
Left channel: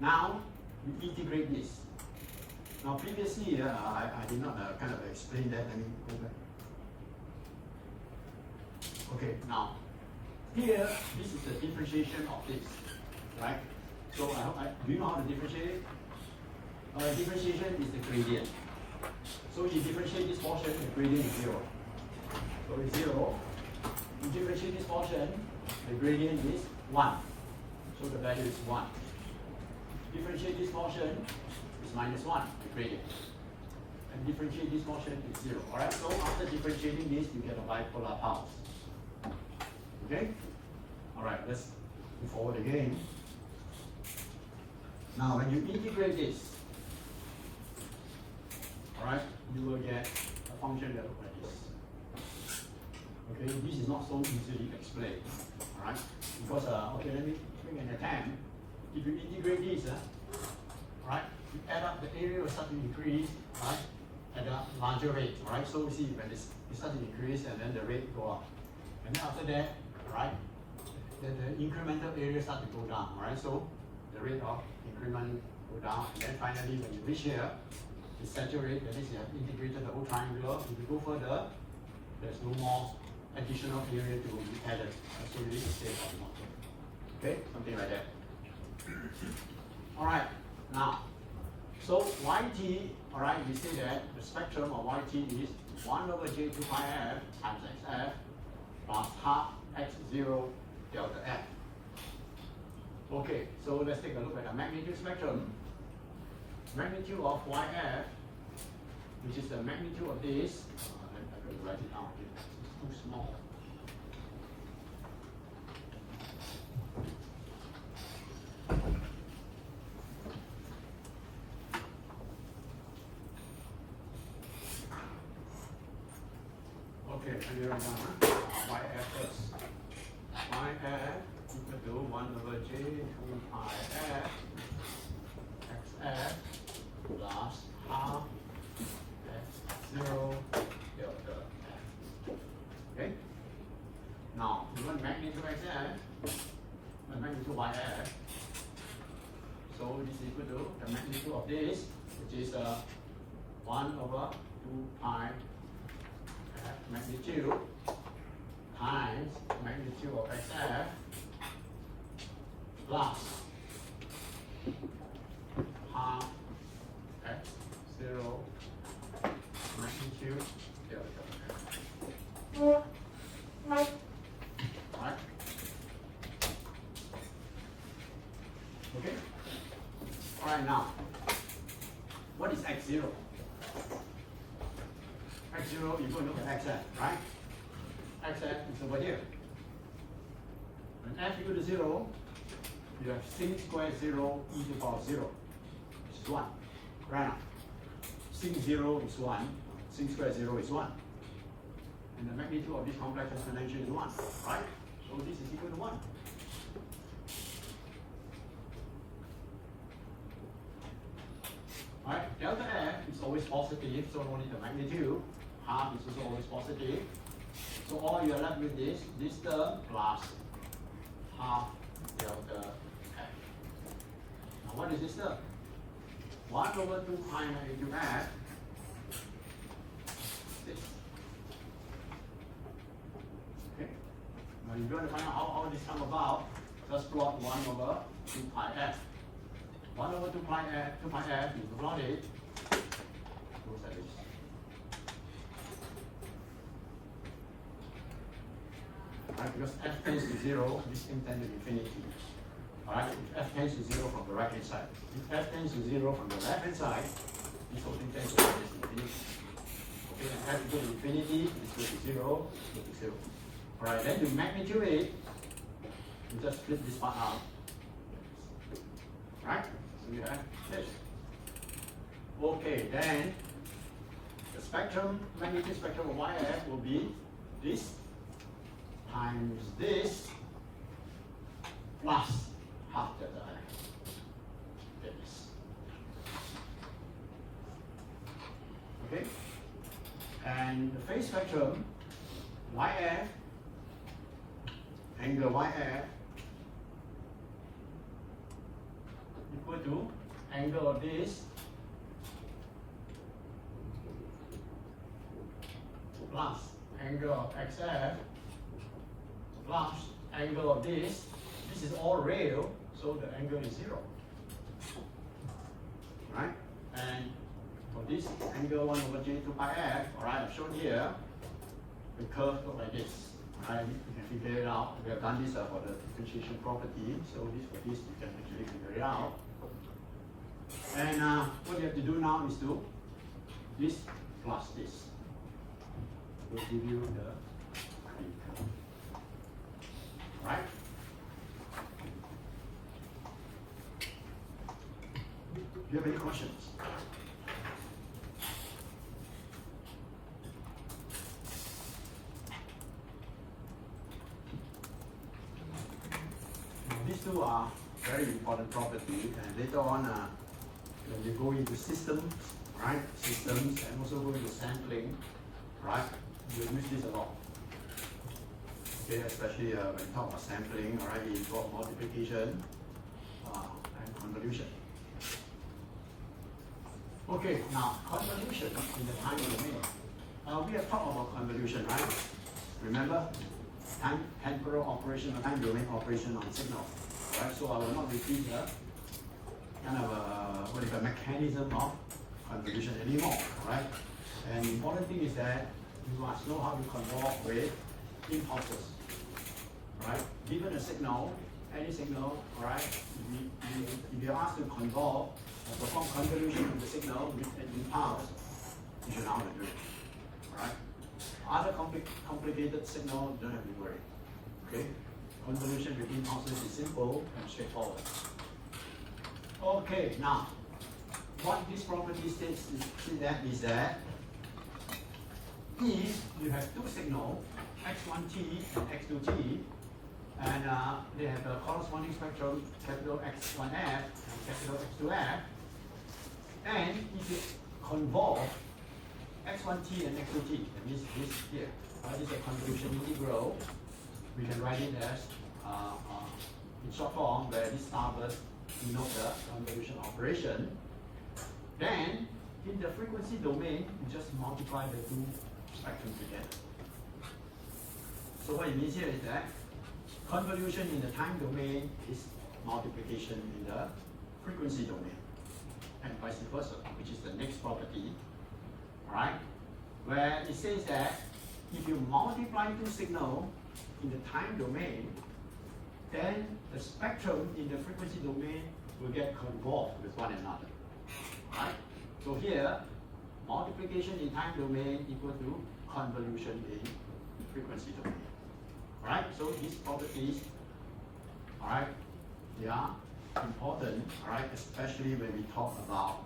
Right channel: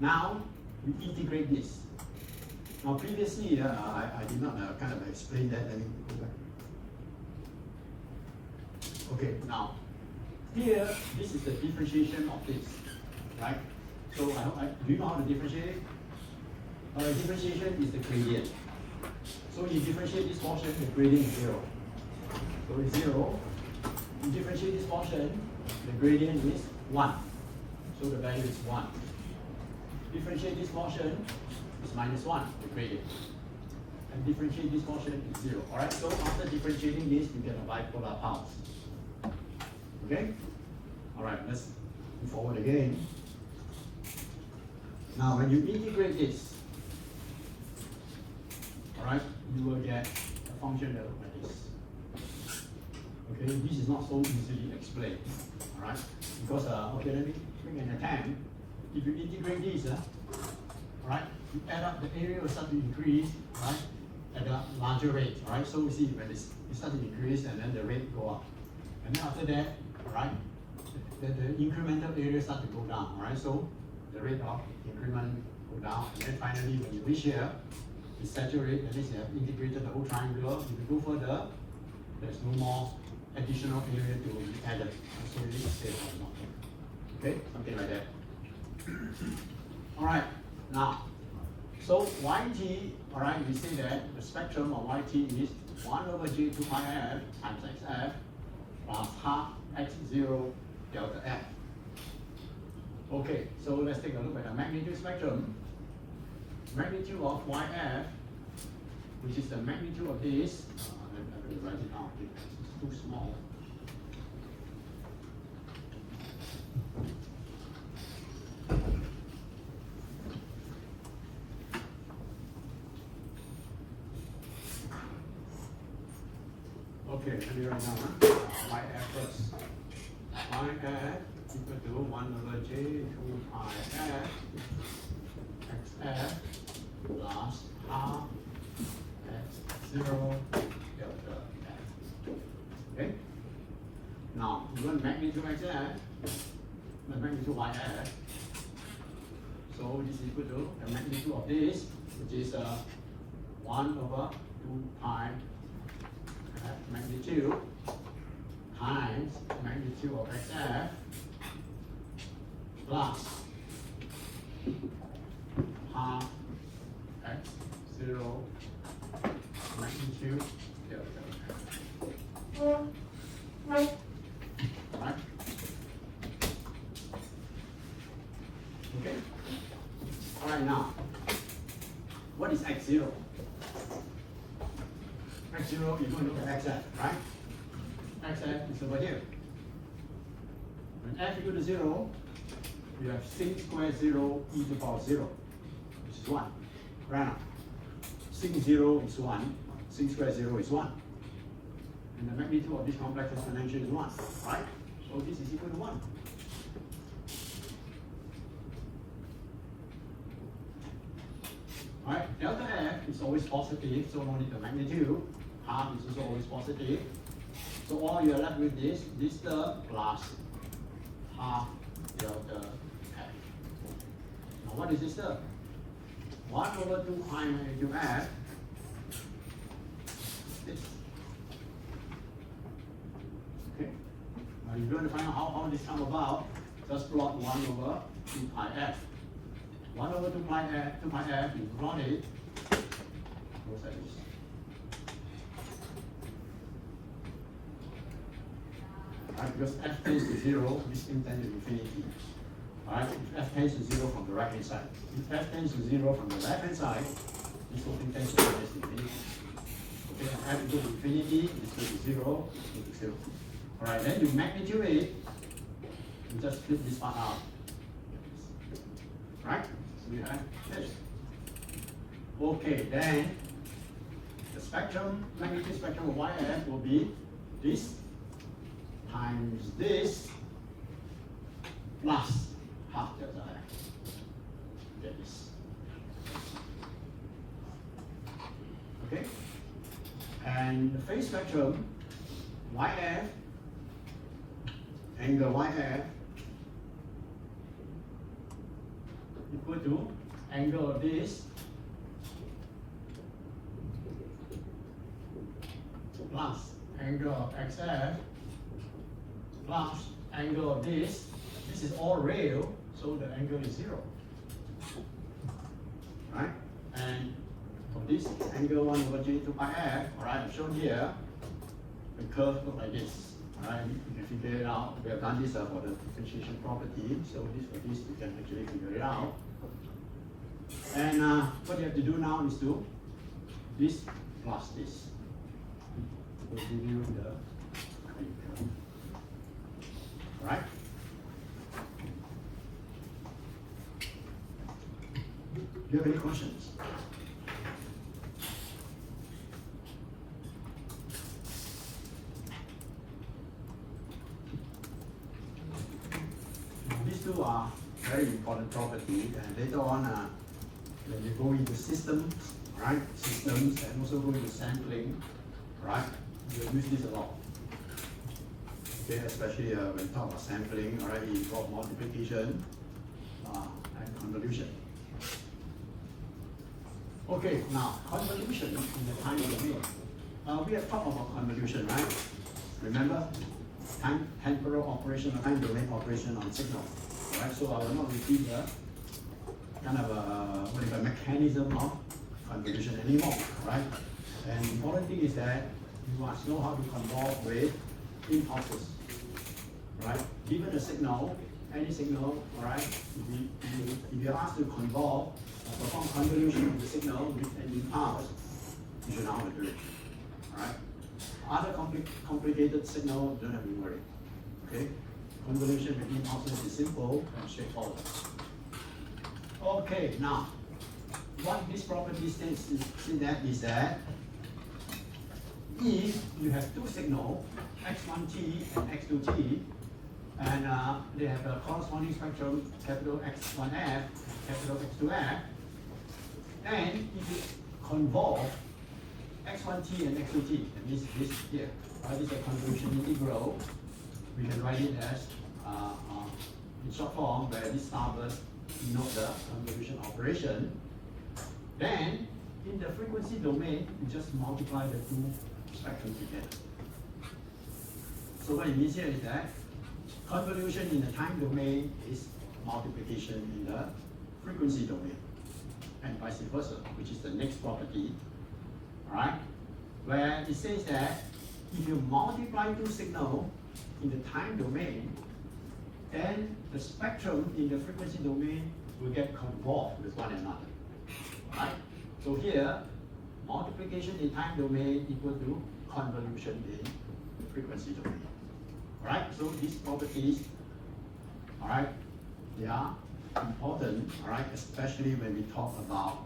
Now, we integrate this. Now, previously, I did not kind of explain that. Let me go back. Okay, now, here, this is the differentiation of this, right? So, do you know how to differentiate it? Differentiation is the gradient. So, you differentiate this portion, the gradient is 0. So, it's 0. You differentiate this portion, the gradient is 1. So, the value is 1. Differentiate this portion is minus 1, the gradient. And differentiate this portion is 0. Alright, so after differentiating this, we get a bipolar pulse. Okay? Alright, let's move forward again. Now, when you integrate this, alright, you will get a function that looks like this. Okay, this is not so easily explained. Alright, because, okay, let me make an attempt. If you integrate this, right, you add up the area will start to increase, right, at a larger rate, right? So you see when it starts to increase and then the rate go up. And then after that, right, the incremental area starts to go down, right? So the rate of increment go down. And then finally, when you reach here, it saturates, that means you have integrated the whole triangular. If you go further, there's no more additional area to be added. So you stay horizontal. Okay, something like that. Alright, now, so yt, alright, we say that the spectrum of yt is 1 over j2 pi f times xf plus half x0 delta f. Okay, so let's take a look at the magnitude spectrum. Magnitude of yf, which is the magnitude of this, I'm going to write it down, it's too small. Okay, clear now. Yf first. Yf equal to 1 over j2 pi f xf plus half x0 delta f. Okay? Now, we want magnitude xf, the magnitude of f. So this is equal to the magnitude of this, which is 1 over 2 pi magnitude times magnitude of xf plus half x0 magnitude delta f. Right? Okay? Alright, now, what is x0? X0, you don't look at xf, right? Xf is over here. When f equal to 0, you have sin square 0 e to the power 0, which is 1. Right? Sin 0 is 1, sin square 0 is 1. And the magnitude of this complex exponential is 1, right? So this is equal to 1. Right? Delta f is always positive, so only the magnitude. Half is also always positive. So all you are left with is this term plus half delta f. Now what is this term? 1 over 2 pi magnitude f. This. Okay. Now if you want to find out how this come about, just plot 1 over 2 pi f. 1 over 2 pi f, 2 pi f, if you plot it, looks like this. Right, because f tends to 0, this thing tends to infinity. Alright, if f tends to 0 from the right hand side. If f tends to 0 from the left hand side, this whole thing tends to infinity. Okay, and f equal to infinity is equal to 0, equal to 0. Alright, then you magnitude it, you just split this part out. Right? So we have this. Okay, then the spectrum, magnitude spectrum of YF will be this times this plus half delta F. This. Okay? And the phase spectrum, YF, angle YF equal to angle of this plus angle of XF plus angle of this. This is all real, so the angle is 0. Right? And for this angle 1 over J 2 pi F, alright, I've shown here, the curve looks like this. Alright, you can figure it out. We have done this for the differentiation property, so this for this you can actually figure it out. And what you have to do now is to this plus this. Will give you the curve. Right? Do you have any questions? These two are very important properties, and later on, when you go into systems, right? Systems, and also go into sampling, right? You'll use this a lot. Okay, especially when you talk about sampling, alright, it involves multiplication and convolution. Okay, now convolution in the time domain. We have talked about convolution, right? Remember, temporal operation or time domain operation on signal. Right? So I will not repeat the kind of mechanism of convolution anymore, right? And the important thing is that you must know how to convolve with impulses, right? Given a signal, any signal, alright, if you're asked to convolve or perform convolution of the signal with an impulse, you should know how to do it, right? Other complicated signal, don't have to worry, okay? Convolution with impulses is simple and straightforward. Okay, now, what this property states is that if you have two signals, x1t and x2t, and they have a corresponding spectrum, capital X1f and capital X2f, and if you convolve x1t and x2t, that means this here, right? This is a convolution integral. We can write it as in short form, where this starburst denotes the convolution operation. Then, in the frequency domain, you just multiply the two spectrums together. So what it means here is that convolution in the time domain is multiplication in the frequency domain, and vice versa, which is the next property, alright? Where it says that if you multiply two signals in the time domain, then the spectrum in the frequency domain will get convolved with one another, right? So here, multiplication in time domain equal to convolution in frequency domain. Alright, so these properties, alright, they are important, alright, especially when we talk about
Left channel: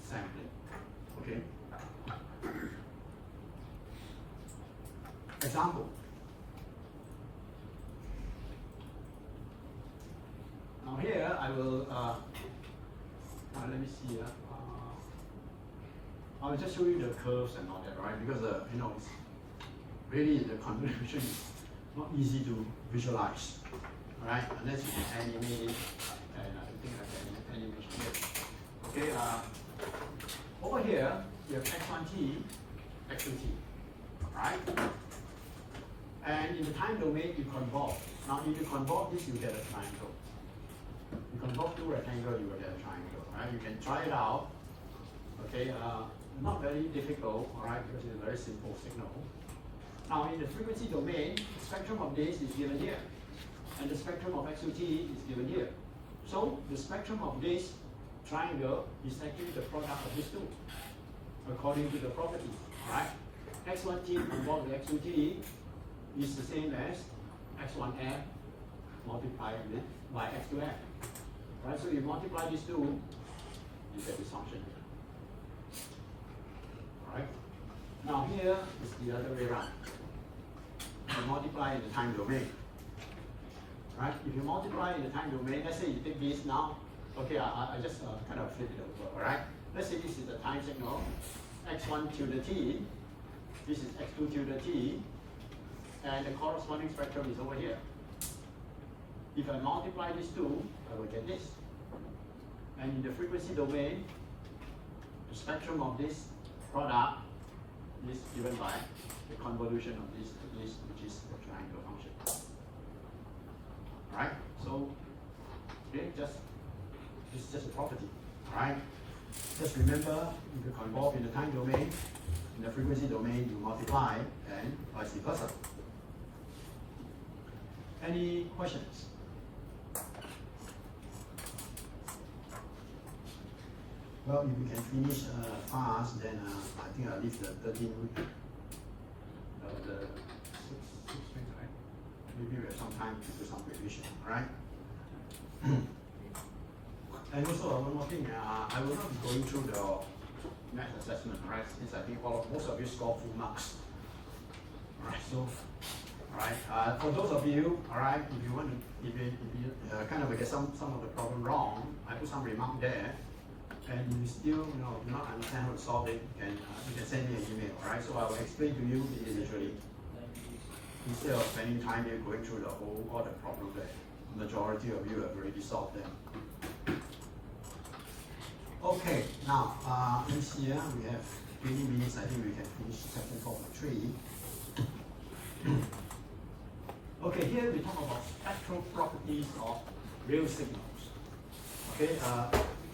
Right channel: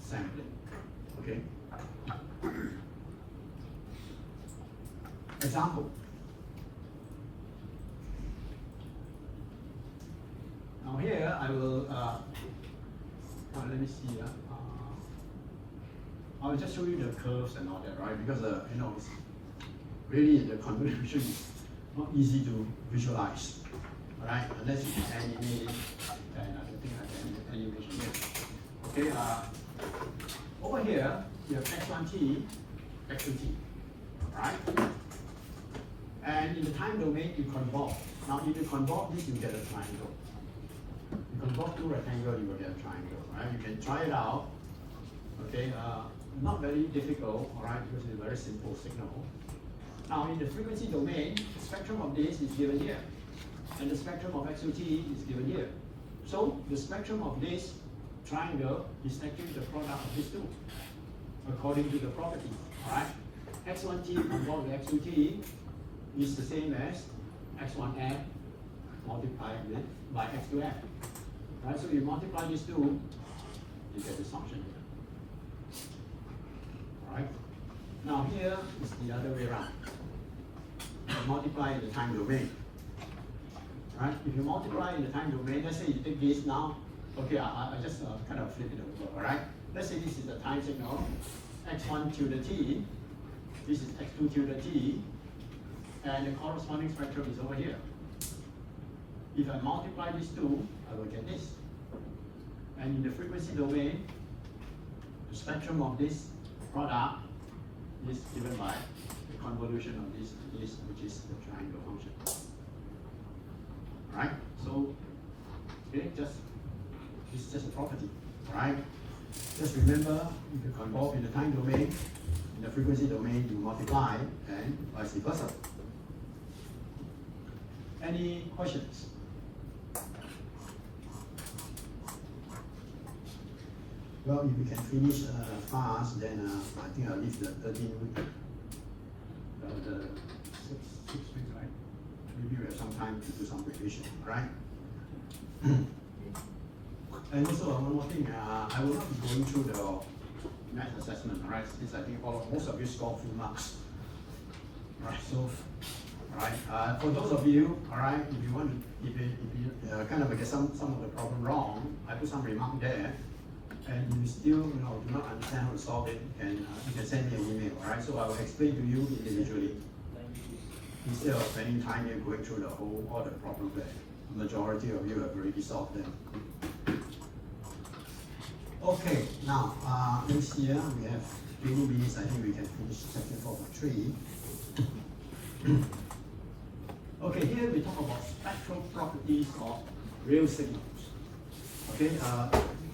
sampling. Okay? Example. Now here I will let me see. I will just show you the curves and all that, right? Because you know, it's really the convolution is not easy to visualize, right? Unless you can animate it, and I think I can animation here. Okay, over here we have x1t, x2t, right? And in the time domain you convolve. Now if you convolve this, you get a triangle. You convolve two rectangle, you will get a triangle, right? You can try it out. Okay, not very difficult, all right, because it's a very simple signal. Now in the frequency domain, the spectrum of this is given here, and the spectrum of XUT is given here. So the spectrum of this triangle is actually the product of these two, according to the property, all right? X1T convolved with X2T is the same as X1F multiplied with by X2F. Right? So you multiply these two, you get this function here. Alright? Now here is the other way around. You multiply in the time domain. Right? If you multiply in the time domain, let's say you take this now. Okay, I just kind of flip it over, alright? Let's say this is the time signal, X1 to the T, this is X2 to the T, and the corresponding spectrum is over here. If I multiply these two, I will get this. And in the frequency domain, the spectrum of this product is given by the convolution of this to this, which is the triangle function. Alright? So, okay, this is just a property. Alright? Just remember, if you convolve in the time domain, in the frequency domain, you multiply, and vice versa. Any questions? Well, if you can finish fast, then I think I'll leave the 13, the 6 weeks, right? Maybe we have some time to do some revision, right? And also one more thing, I will not be going through the math assessment, right? Since I think most of you score full marks. Alright, so, alright, for those of you, alright, if you want, if you kind of get some of the problem wrong, I put some remark there, and you still do not understand how to solve it, then you can send me an email, alright? So I will explain to you individually, instead of spending time here going through all the problems that the majority of you have already solved them. Okay, now this here we have these. I think we can finish section 4.3. Okay, here we talk about spectral properties of real signals. Okay,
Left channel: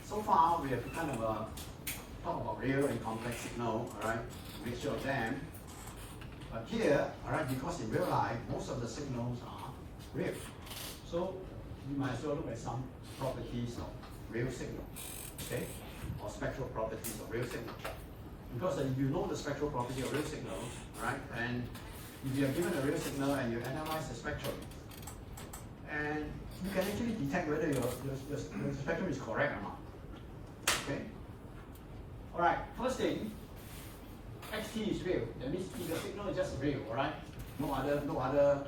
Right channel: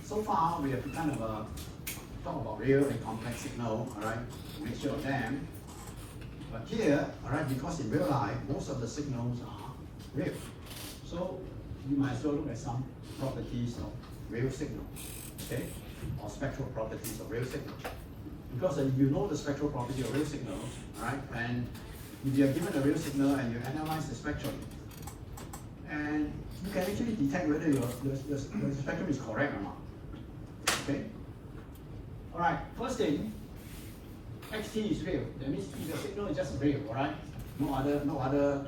so far we have kind of talk about real and complex signal, alright, mixture of them. But here, alright, because in real life most of the signals are real, so you might as well look at some properties of real signal. Okay, or spectral properties of real signal. Because if you know the spectral property of real signal, right, and if you are given a real signal and you analyze the spectrum, and you can actually detect whether your spectrum is correct or not. Okay? Alright, first thing, xt is real. That means the signal is just real, alright? No other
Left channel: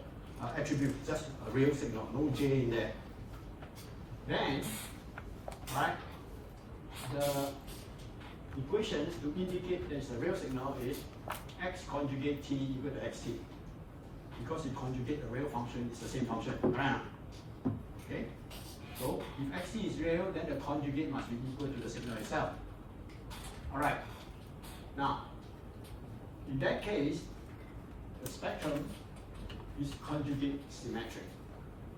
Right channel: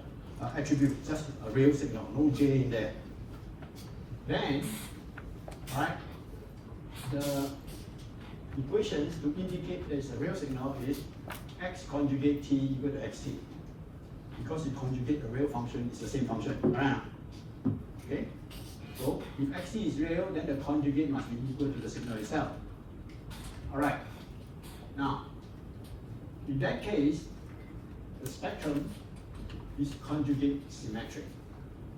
attribute, just a real signal, no j in there. Then, alright, the equations to indicate there's a real signal is x conjugate t equal to xt. Because you conjugate the real function, it's the same function. Okay? So if xt is real, then the conjugate must be equal to the signal itself. Alright. Now, in that case, the spectrum is conjugate symmetric.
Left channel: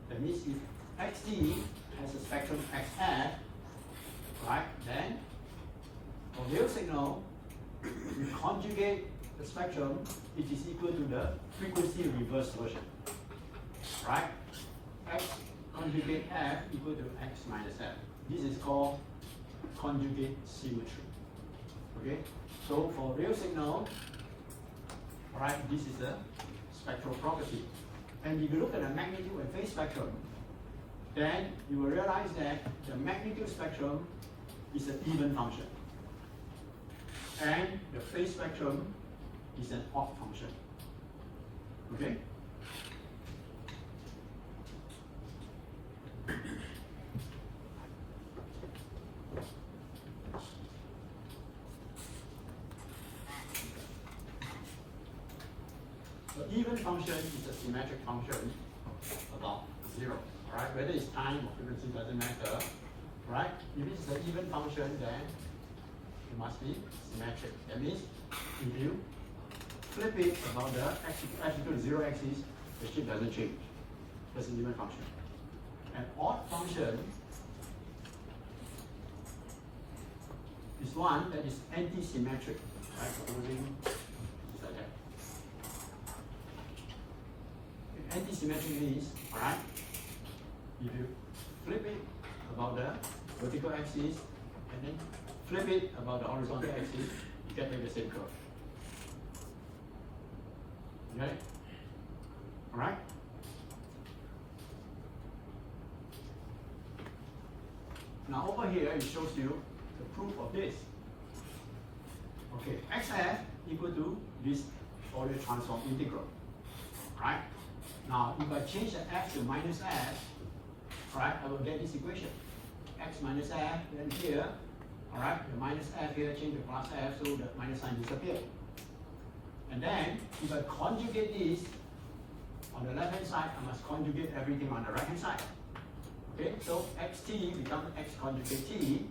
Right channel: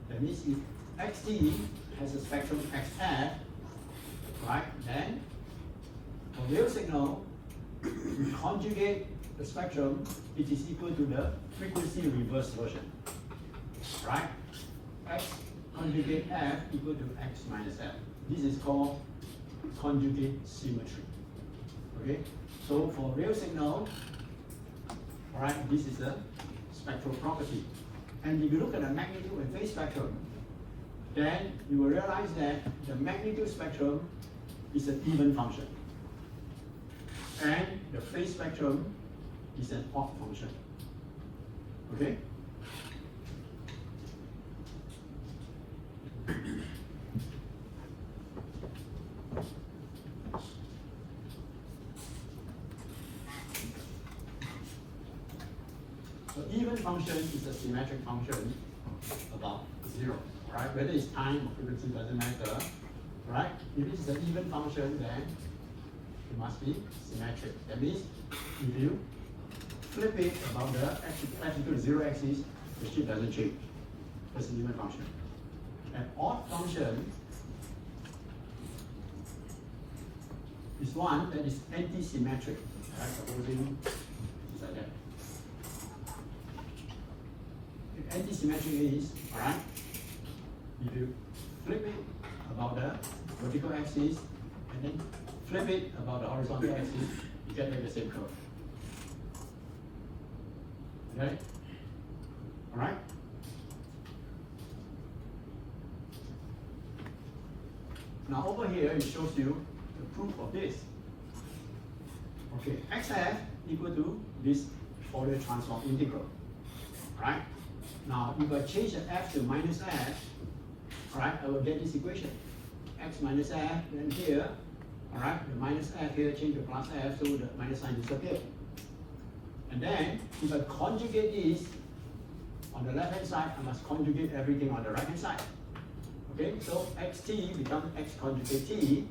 That means if xt has a spectrum xf, right, then a real signal, we conjugate the spectrum, it is equal to the frequency reverse version. Right? X conjugate f equal to x minus f. This is called conjugate symmetry. Okay? So for real signal, alright, this is the spectral property. And if you look at the magnitude and phase spectrum, then you will realize that the magnitude spectrum is an even function. And the phase spectrum is an odd function. Okay? The even function is a symmetric function about 0. Right? Whether it's time or frequency doesn't matter. Right? If it's an even function, then it must be symmetric. That means if you flip it about the x equal to 0 axis, the shape doesn't change. That's an even function. An odd function is one that is anti-symmetric, right? Supposing it's like that. If anti-symmetric is, alright, if you flip it about the vertical axis and then flip it about the horizontal axis, you get the same curve. Okay? Alright? Now over here it shows you the proof of this. Okay, xf equal to this Fourier transform integral. Right? Now if I change the f to minus f, right, I will get this equation. X minus f, then here, alright, the minus f here change to plus f, so the minus sign disappears. And then if I conjugate this on the left hand side, I must conjugate everything on the right hand side. Okay, so xt becomes x conjugate t,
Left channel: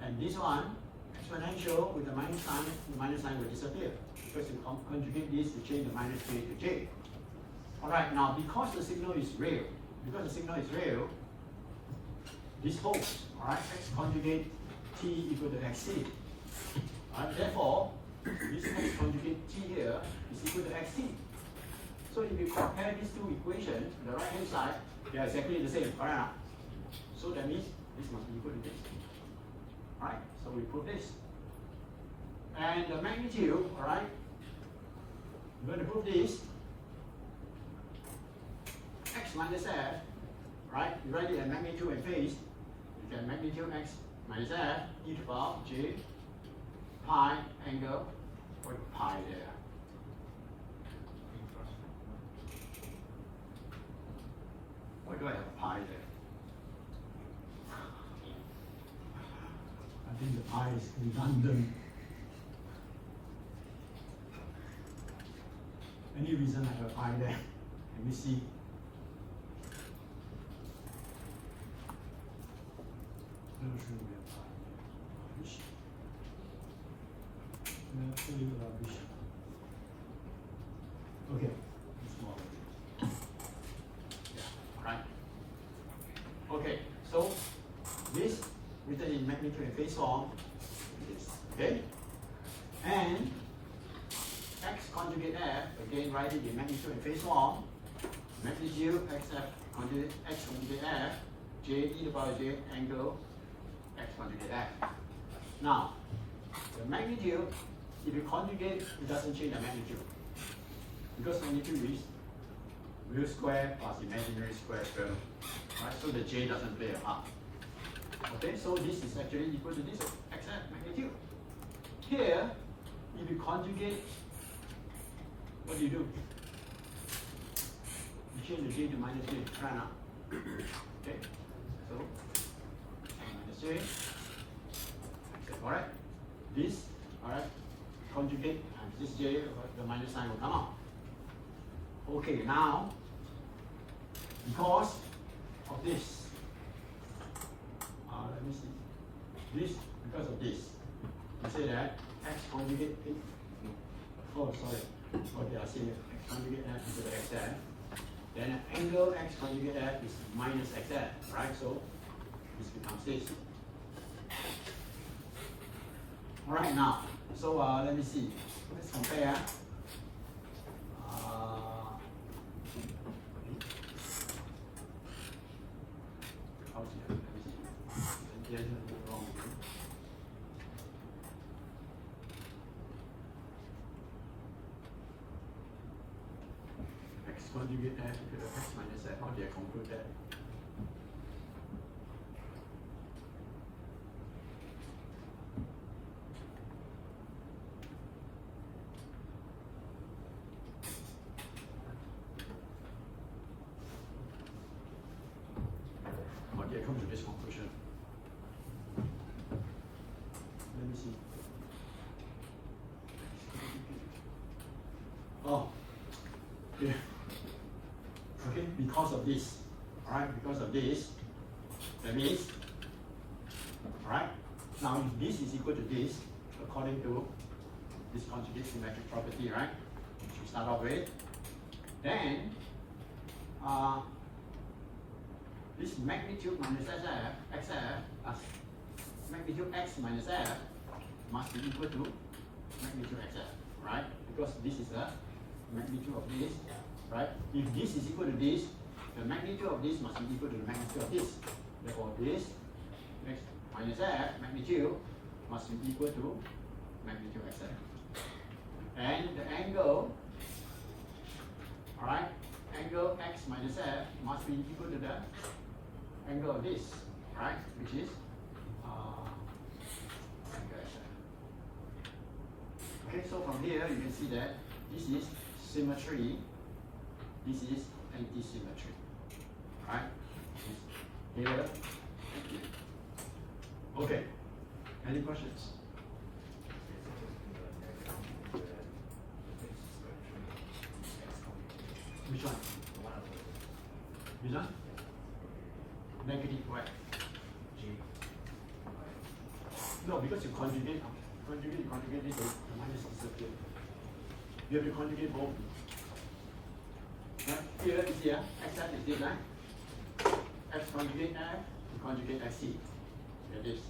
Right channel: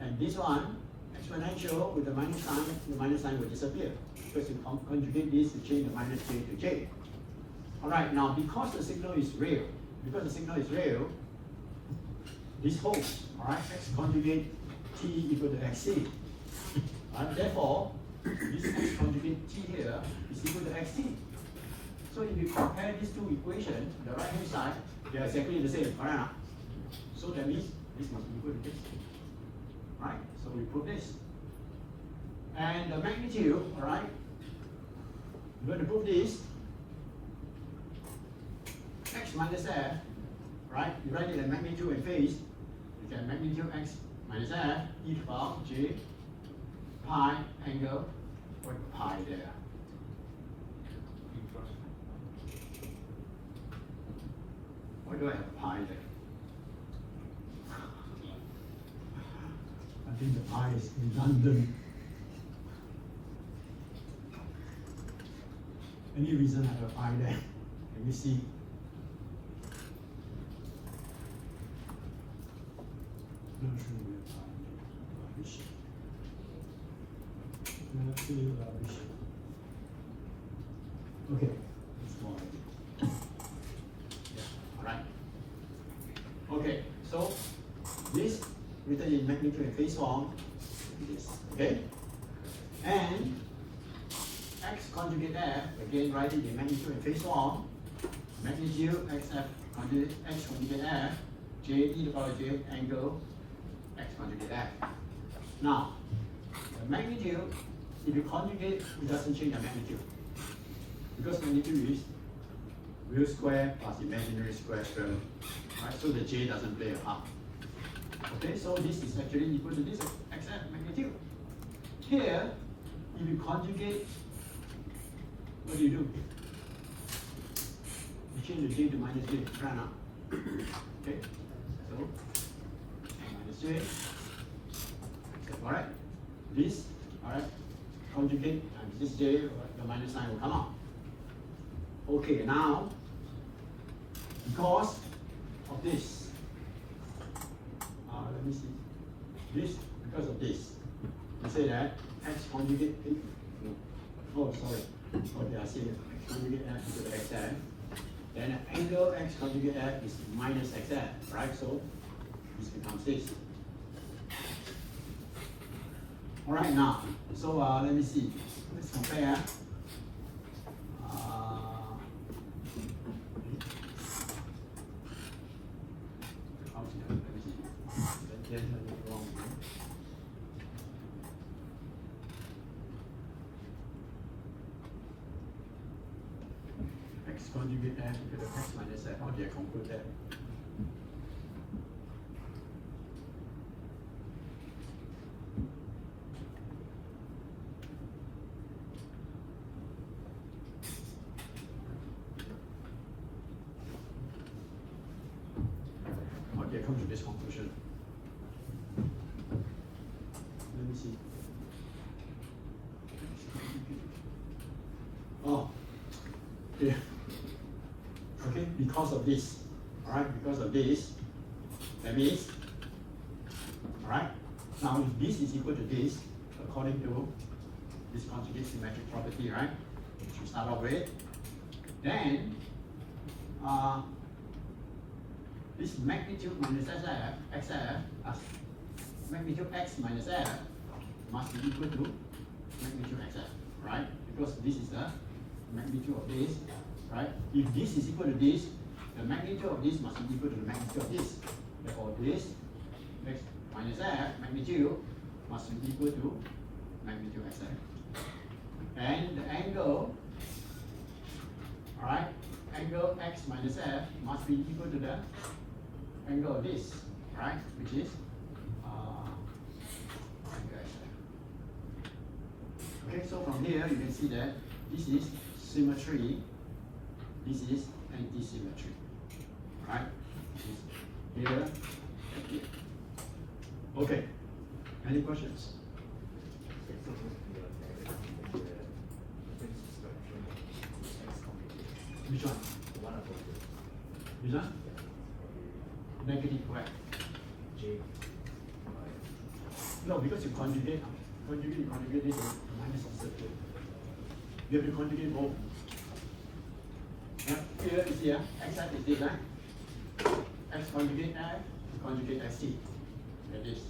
and this one, exponential with the minus sign will disappear. Because you conjugate this to change the minus j to j. Alright, now because the signal is real, this holds, alright, x conjugate t equal to xt. Therefore, this x conjugate t here is equal to xt. So if you compare these two equations, the right hand side, they are exactly the same, right? So that means this must be equal to this. Right? So we put this. And the magnitude, alright, we're going to prove this. X minus f, right? You write it as magnitude and phase. You can magnitude x minus f e to the power j pi angle, put pi there. Why do I have pi there? I think the pi is redundant. Any reason I have pi there? Can we see? Okay, let's go on. Alright. Okay, so this written in magnitude and phase form is this. Okay? And x conjugate f, again write it in magnitude and phase form. Magnitude xf conjugate x conjugate f, j e to the power j angle x conjugate f. Now, the magnitude, if you conjugate, it doesn't change the magnitude. Because magnitude is real square plus imaginary square term. Right? So the j doesn't play a part. Okay, so this is actually equal to this xf magnitude. Here, if you conjugate, what do? You change the j to minus j, right now. Okay, so minus j. Alright, this, alright, conjugate, and this j, the minus sign will come out. Okay, now, because of this, let me see, this, because of this, you say that x conjugate, oh, sorry, okay, I see x conjugate f equal to xf, then angle x conjugate f is minus xf, right? So, this becomes this. Alright, now, so let me see, let's compare. X conjugate f equal to x minus f, how do I conclude that? Okay, come to this conclusion. Let me see. Oh, okay. Okay, because of this. Alright, because of this, that means, alright, now if this is equal to this, according to this conjugate symmetric property, right, which we start off with, then this magnitude minus xf plus magnitude x minus f must be equal to magnitude xf, right? Because this is the magnitude of this, right? If this is equal to this, the magnitude of this must be equal to the magnitude of this. Therefore, this x minus f magnitude must be equal to magnitude xf. And the angle, alright, angle x minus f must be equal to the angle of this, right? Which is angle xf. Okay, so from here you can see that this is symmetry, this is anti-symmetry, right? Here and here. Okay, any questions? Which one? Which one? Negative y. No, because you conjugate this, the minus disappear. You have to conjugate both. Here is here, x is this, right? X conjugate f, you conjugate xt. Like this.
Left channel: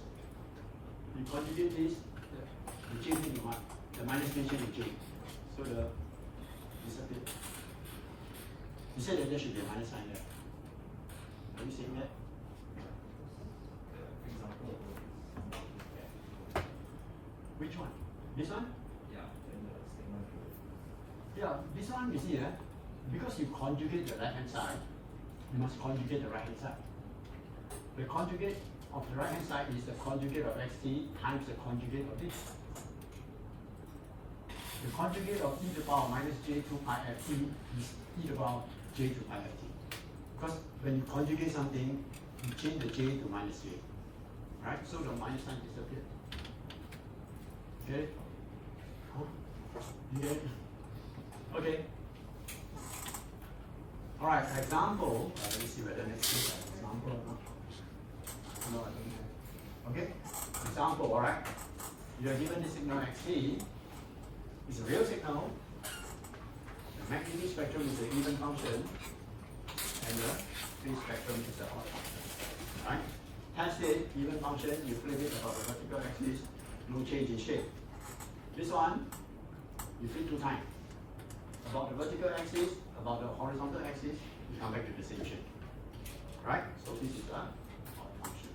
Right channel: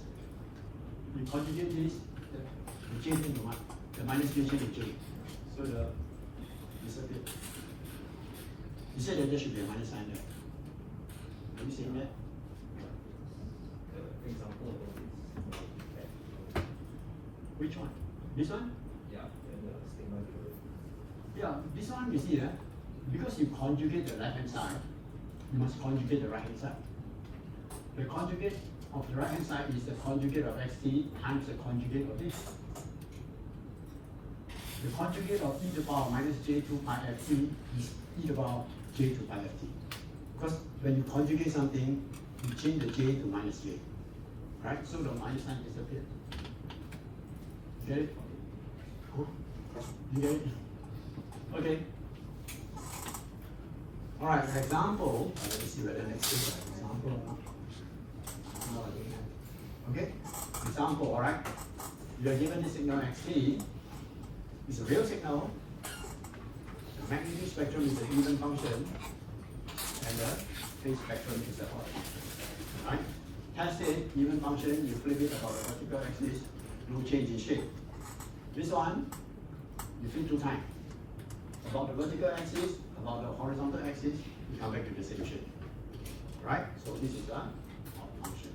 You conjugate this, you change into what? The minus change into j. So the disappear. You said that there should be a minus sign there. Are you seeing that? Which one? This one? Yeah, this one you see, because you conjugate the left hand side, you must conjugate the right hand side. The conjugate of the right hand side is the conjugate of xt times the conjugate of this. The conjugate of e to the power minus j2 pi ft is e to the power j2 pi ft. Because when you conjugate something, you change the j to minus j. Right? So the minus sign disappears. Okay? Huh? You get it? Okay. Alright, for example, let me see whether next is an example or not. Okay? Example, alright? You are given the signal xt. It's a real signal. The magnitude spectrum is an even function. And the phase spectrum is the odd function. Right? Test it, even function, you flip it about the vertical axis, no change in shape. This one, you flip 2 times. About the vertical axis, about the horizontal axis, you come back to the same shape. Right? So this is the odd function.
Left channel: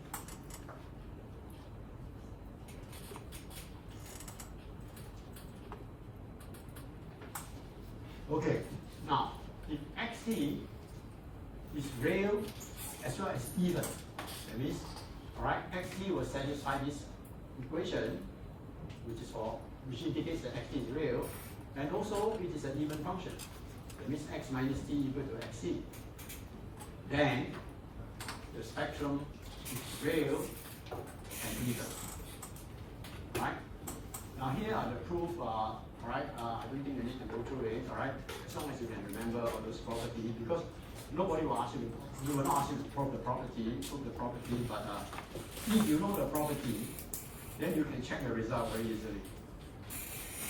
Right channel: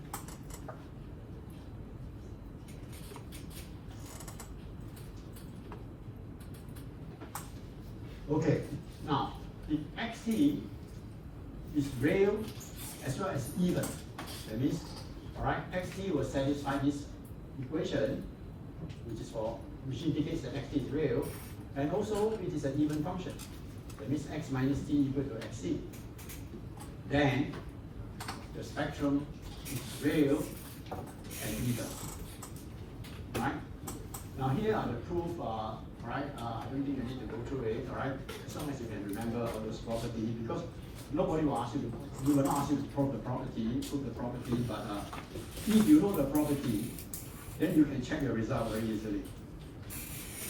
Okay, now if xt is real as well as even, that means, alright, xt will satisfy this equation, which indicates that xt is real, and also it is an even function. That means x minus t equal to xc. Then the spectrum is real and even. Right? Now here are the proof. Right? I don't think you need to go through it. Alright? As long as you can remember all those properties, because nobody will ask you. You will not ask you to prove the property, but if you know the property, then you can check the result very easily.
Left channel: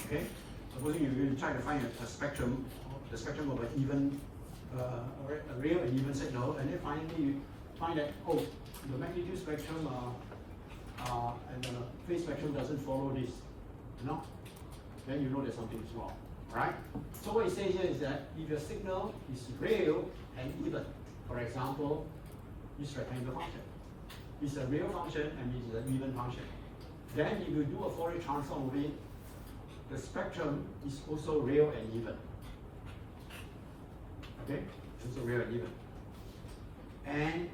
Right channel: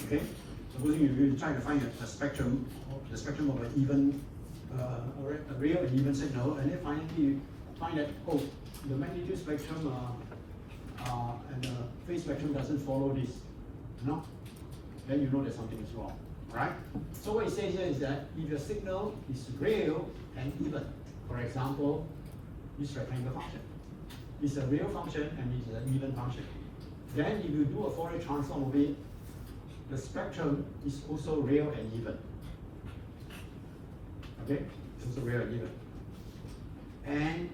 Okay? Suppose you try to find a spectrum, the spectrum of an even, a real and even signal, and then finally you find that, oh, the magnitude spectrum and the phase spectrum doesn't follow this. No? Then you know that something is wrong. Right? So what it says here is that if the signal is real and even, for example, this rectangle function is a real function and is an even function. Then if you do a Fourier transform of it, the spectrum is also real and even. Okay? It's also real and even. And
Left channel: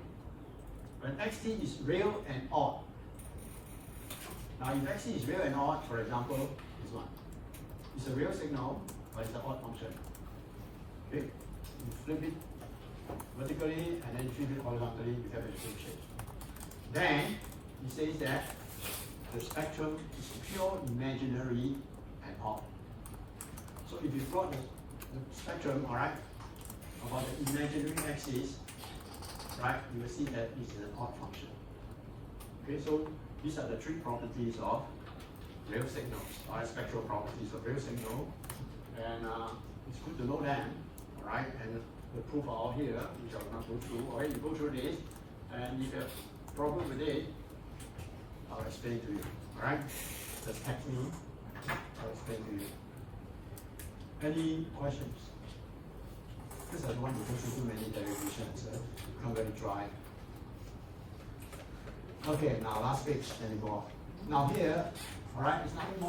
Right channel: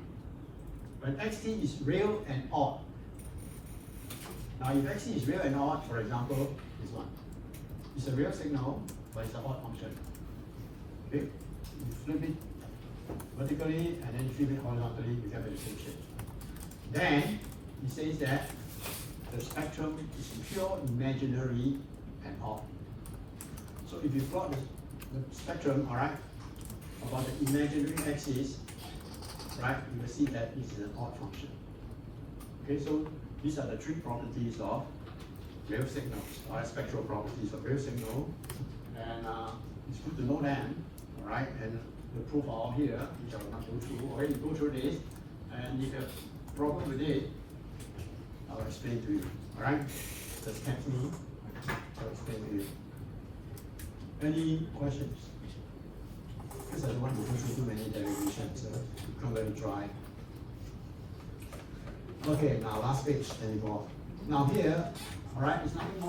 when xt is real and odd. Now if xt is real and odd, for example, this one. It's a real signal, but it's an odd function. Okay? You flip it vertically and then you flip it horizontally, you get the same shape. Then it says that the spectrum is pure imaginary and odd. So if you plot the spectrum, alright, about the imaginary axis, right, you will see that it's an odd function. Okay, so these are the 3 properties of real signals, spectral properties of real signal, and it's good to know them, alright, and the proof are all here, which I will not go through. Already go through this, and if you have problem with it, I'll explain to you. Alright? the technique I'll explain to you. Any questions? Because I don't want to go through too many derivations, so it become very dry. Okay, now last page anymore. Now here, all right, it's nothing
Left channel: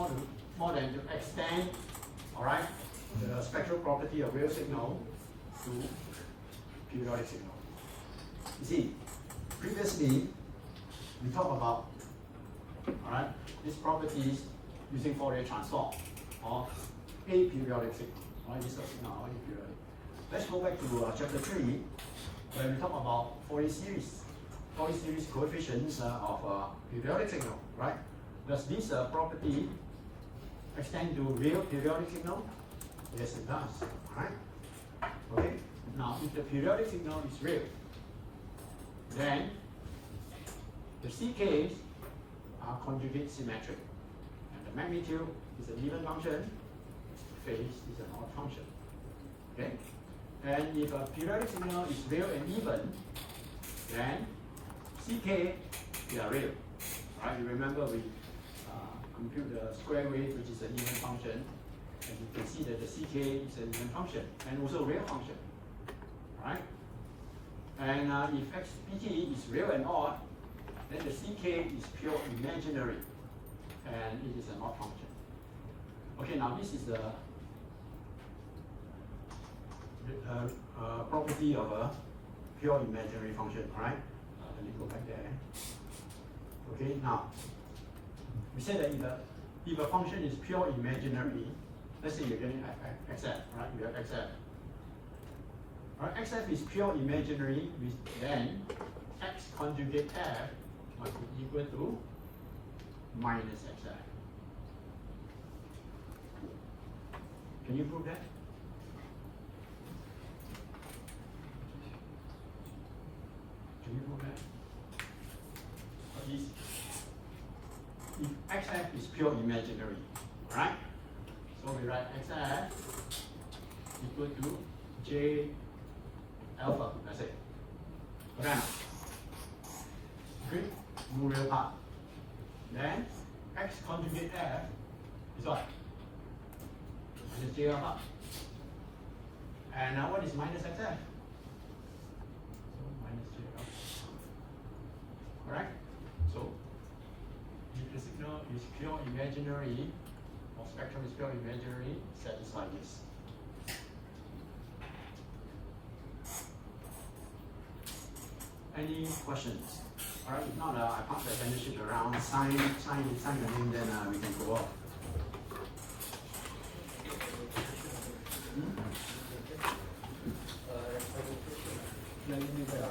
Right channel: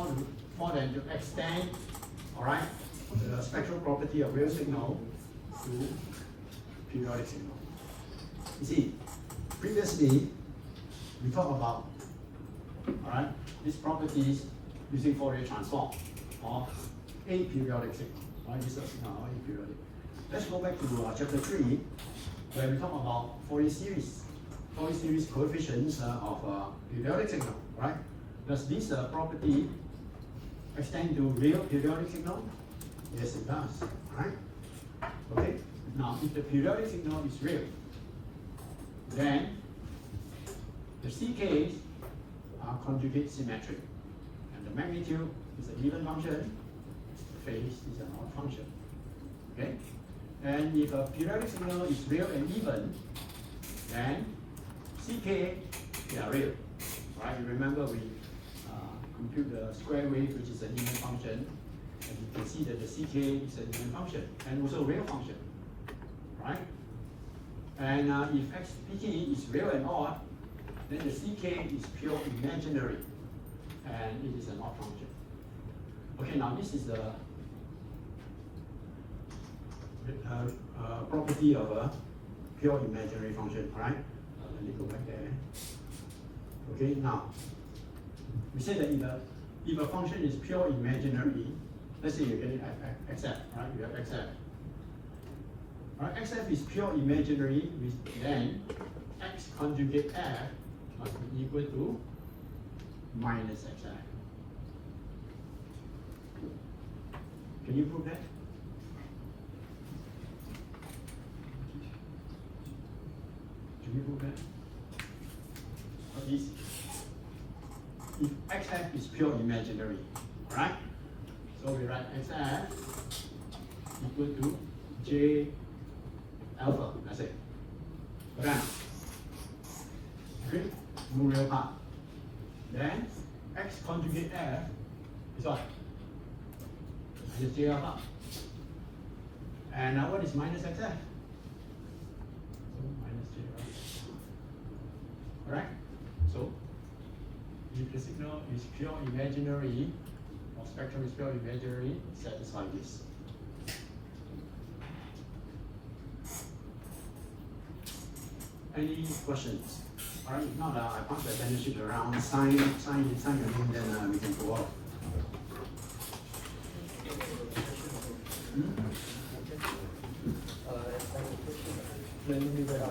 more than to extend, all right, the spectral property of real signal to periodic signal. You see, previously we talked about, all right, these properties using Fourier transform of a periodic signal. All right, this is now a periodic. Let's go back to chapter 3, where we talk about Fourier series coefficients of periodic signal, right? Does this property extend to real periodic signal? Yes, it does, right? Okay, now if the periodic signal is real, then the CKs are conjugate symmetric, and the magnitude is an even function, phase is an odd function, okay? And if a periodic signal is real and even, then CK, they are real, right? You remember we compute the square wave, which is an even function, and you can see that the CK is an even function, and also a real function, right? And if XPT is real and odd, then the CK is pure imaginary, and it is an odd function. Okay, now this is the property of a pure imaginary function, right? Let me go back there. Okay, now we say that if a function is pure imaginary, let's say you're getting XF, right? You have XF. Right, XF is pure imaginary, then X conjugate F must be equal to minus XF. Can you prove that? Can you prove that? If XF is pure imaginary, right? So we write XF equal to J alpha, let's say. Okay. Okay, no real part. Then X conjugate F is what? Is J alpha. And now what is minus XF? So minus J alpha. Correct? So if the signal is pure imaginary, or spectrum is pure imaginary, satisfy this. Any questions? All right, if not, I pass the benefit around, sign the name, then we can go off. Let me do that.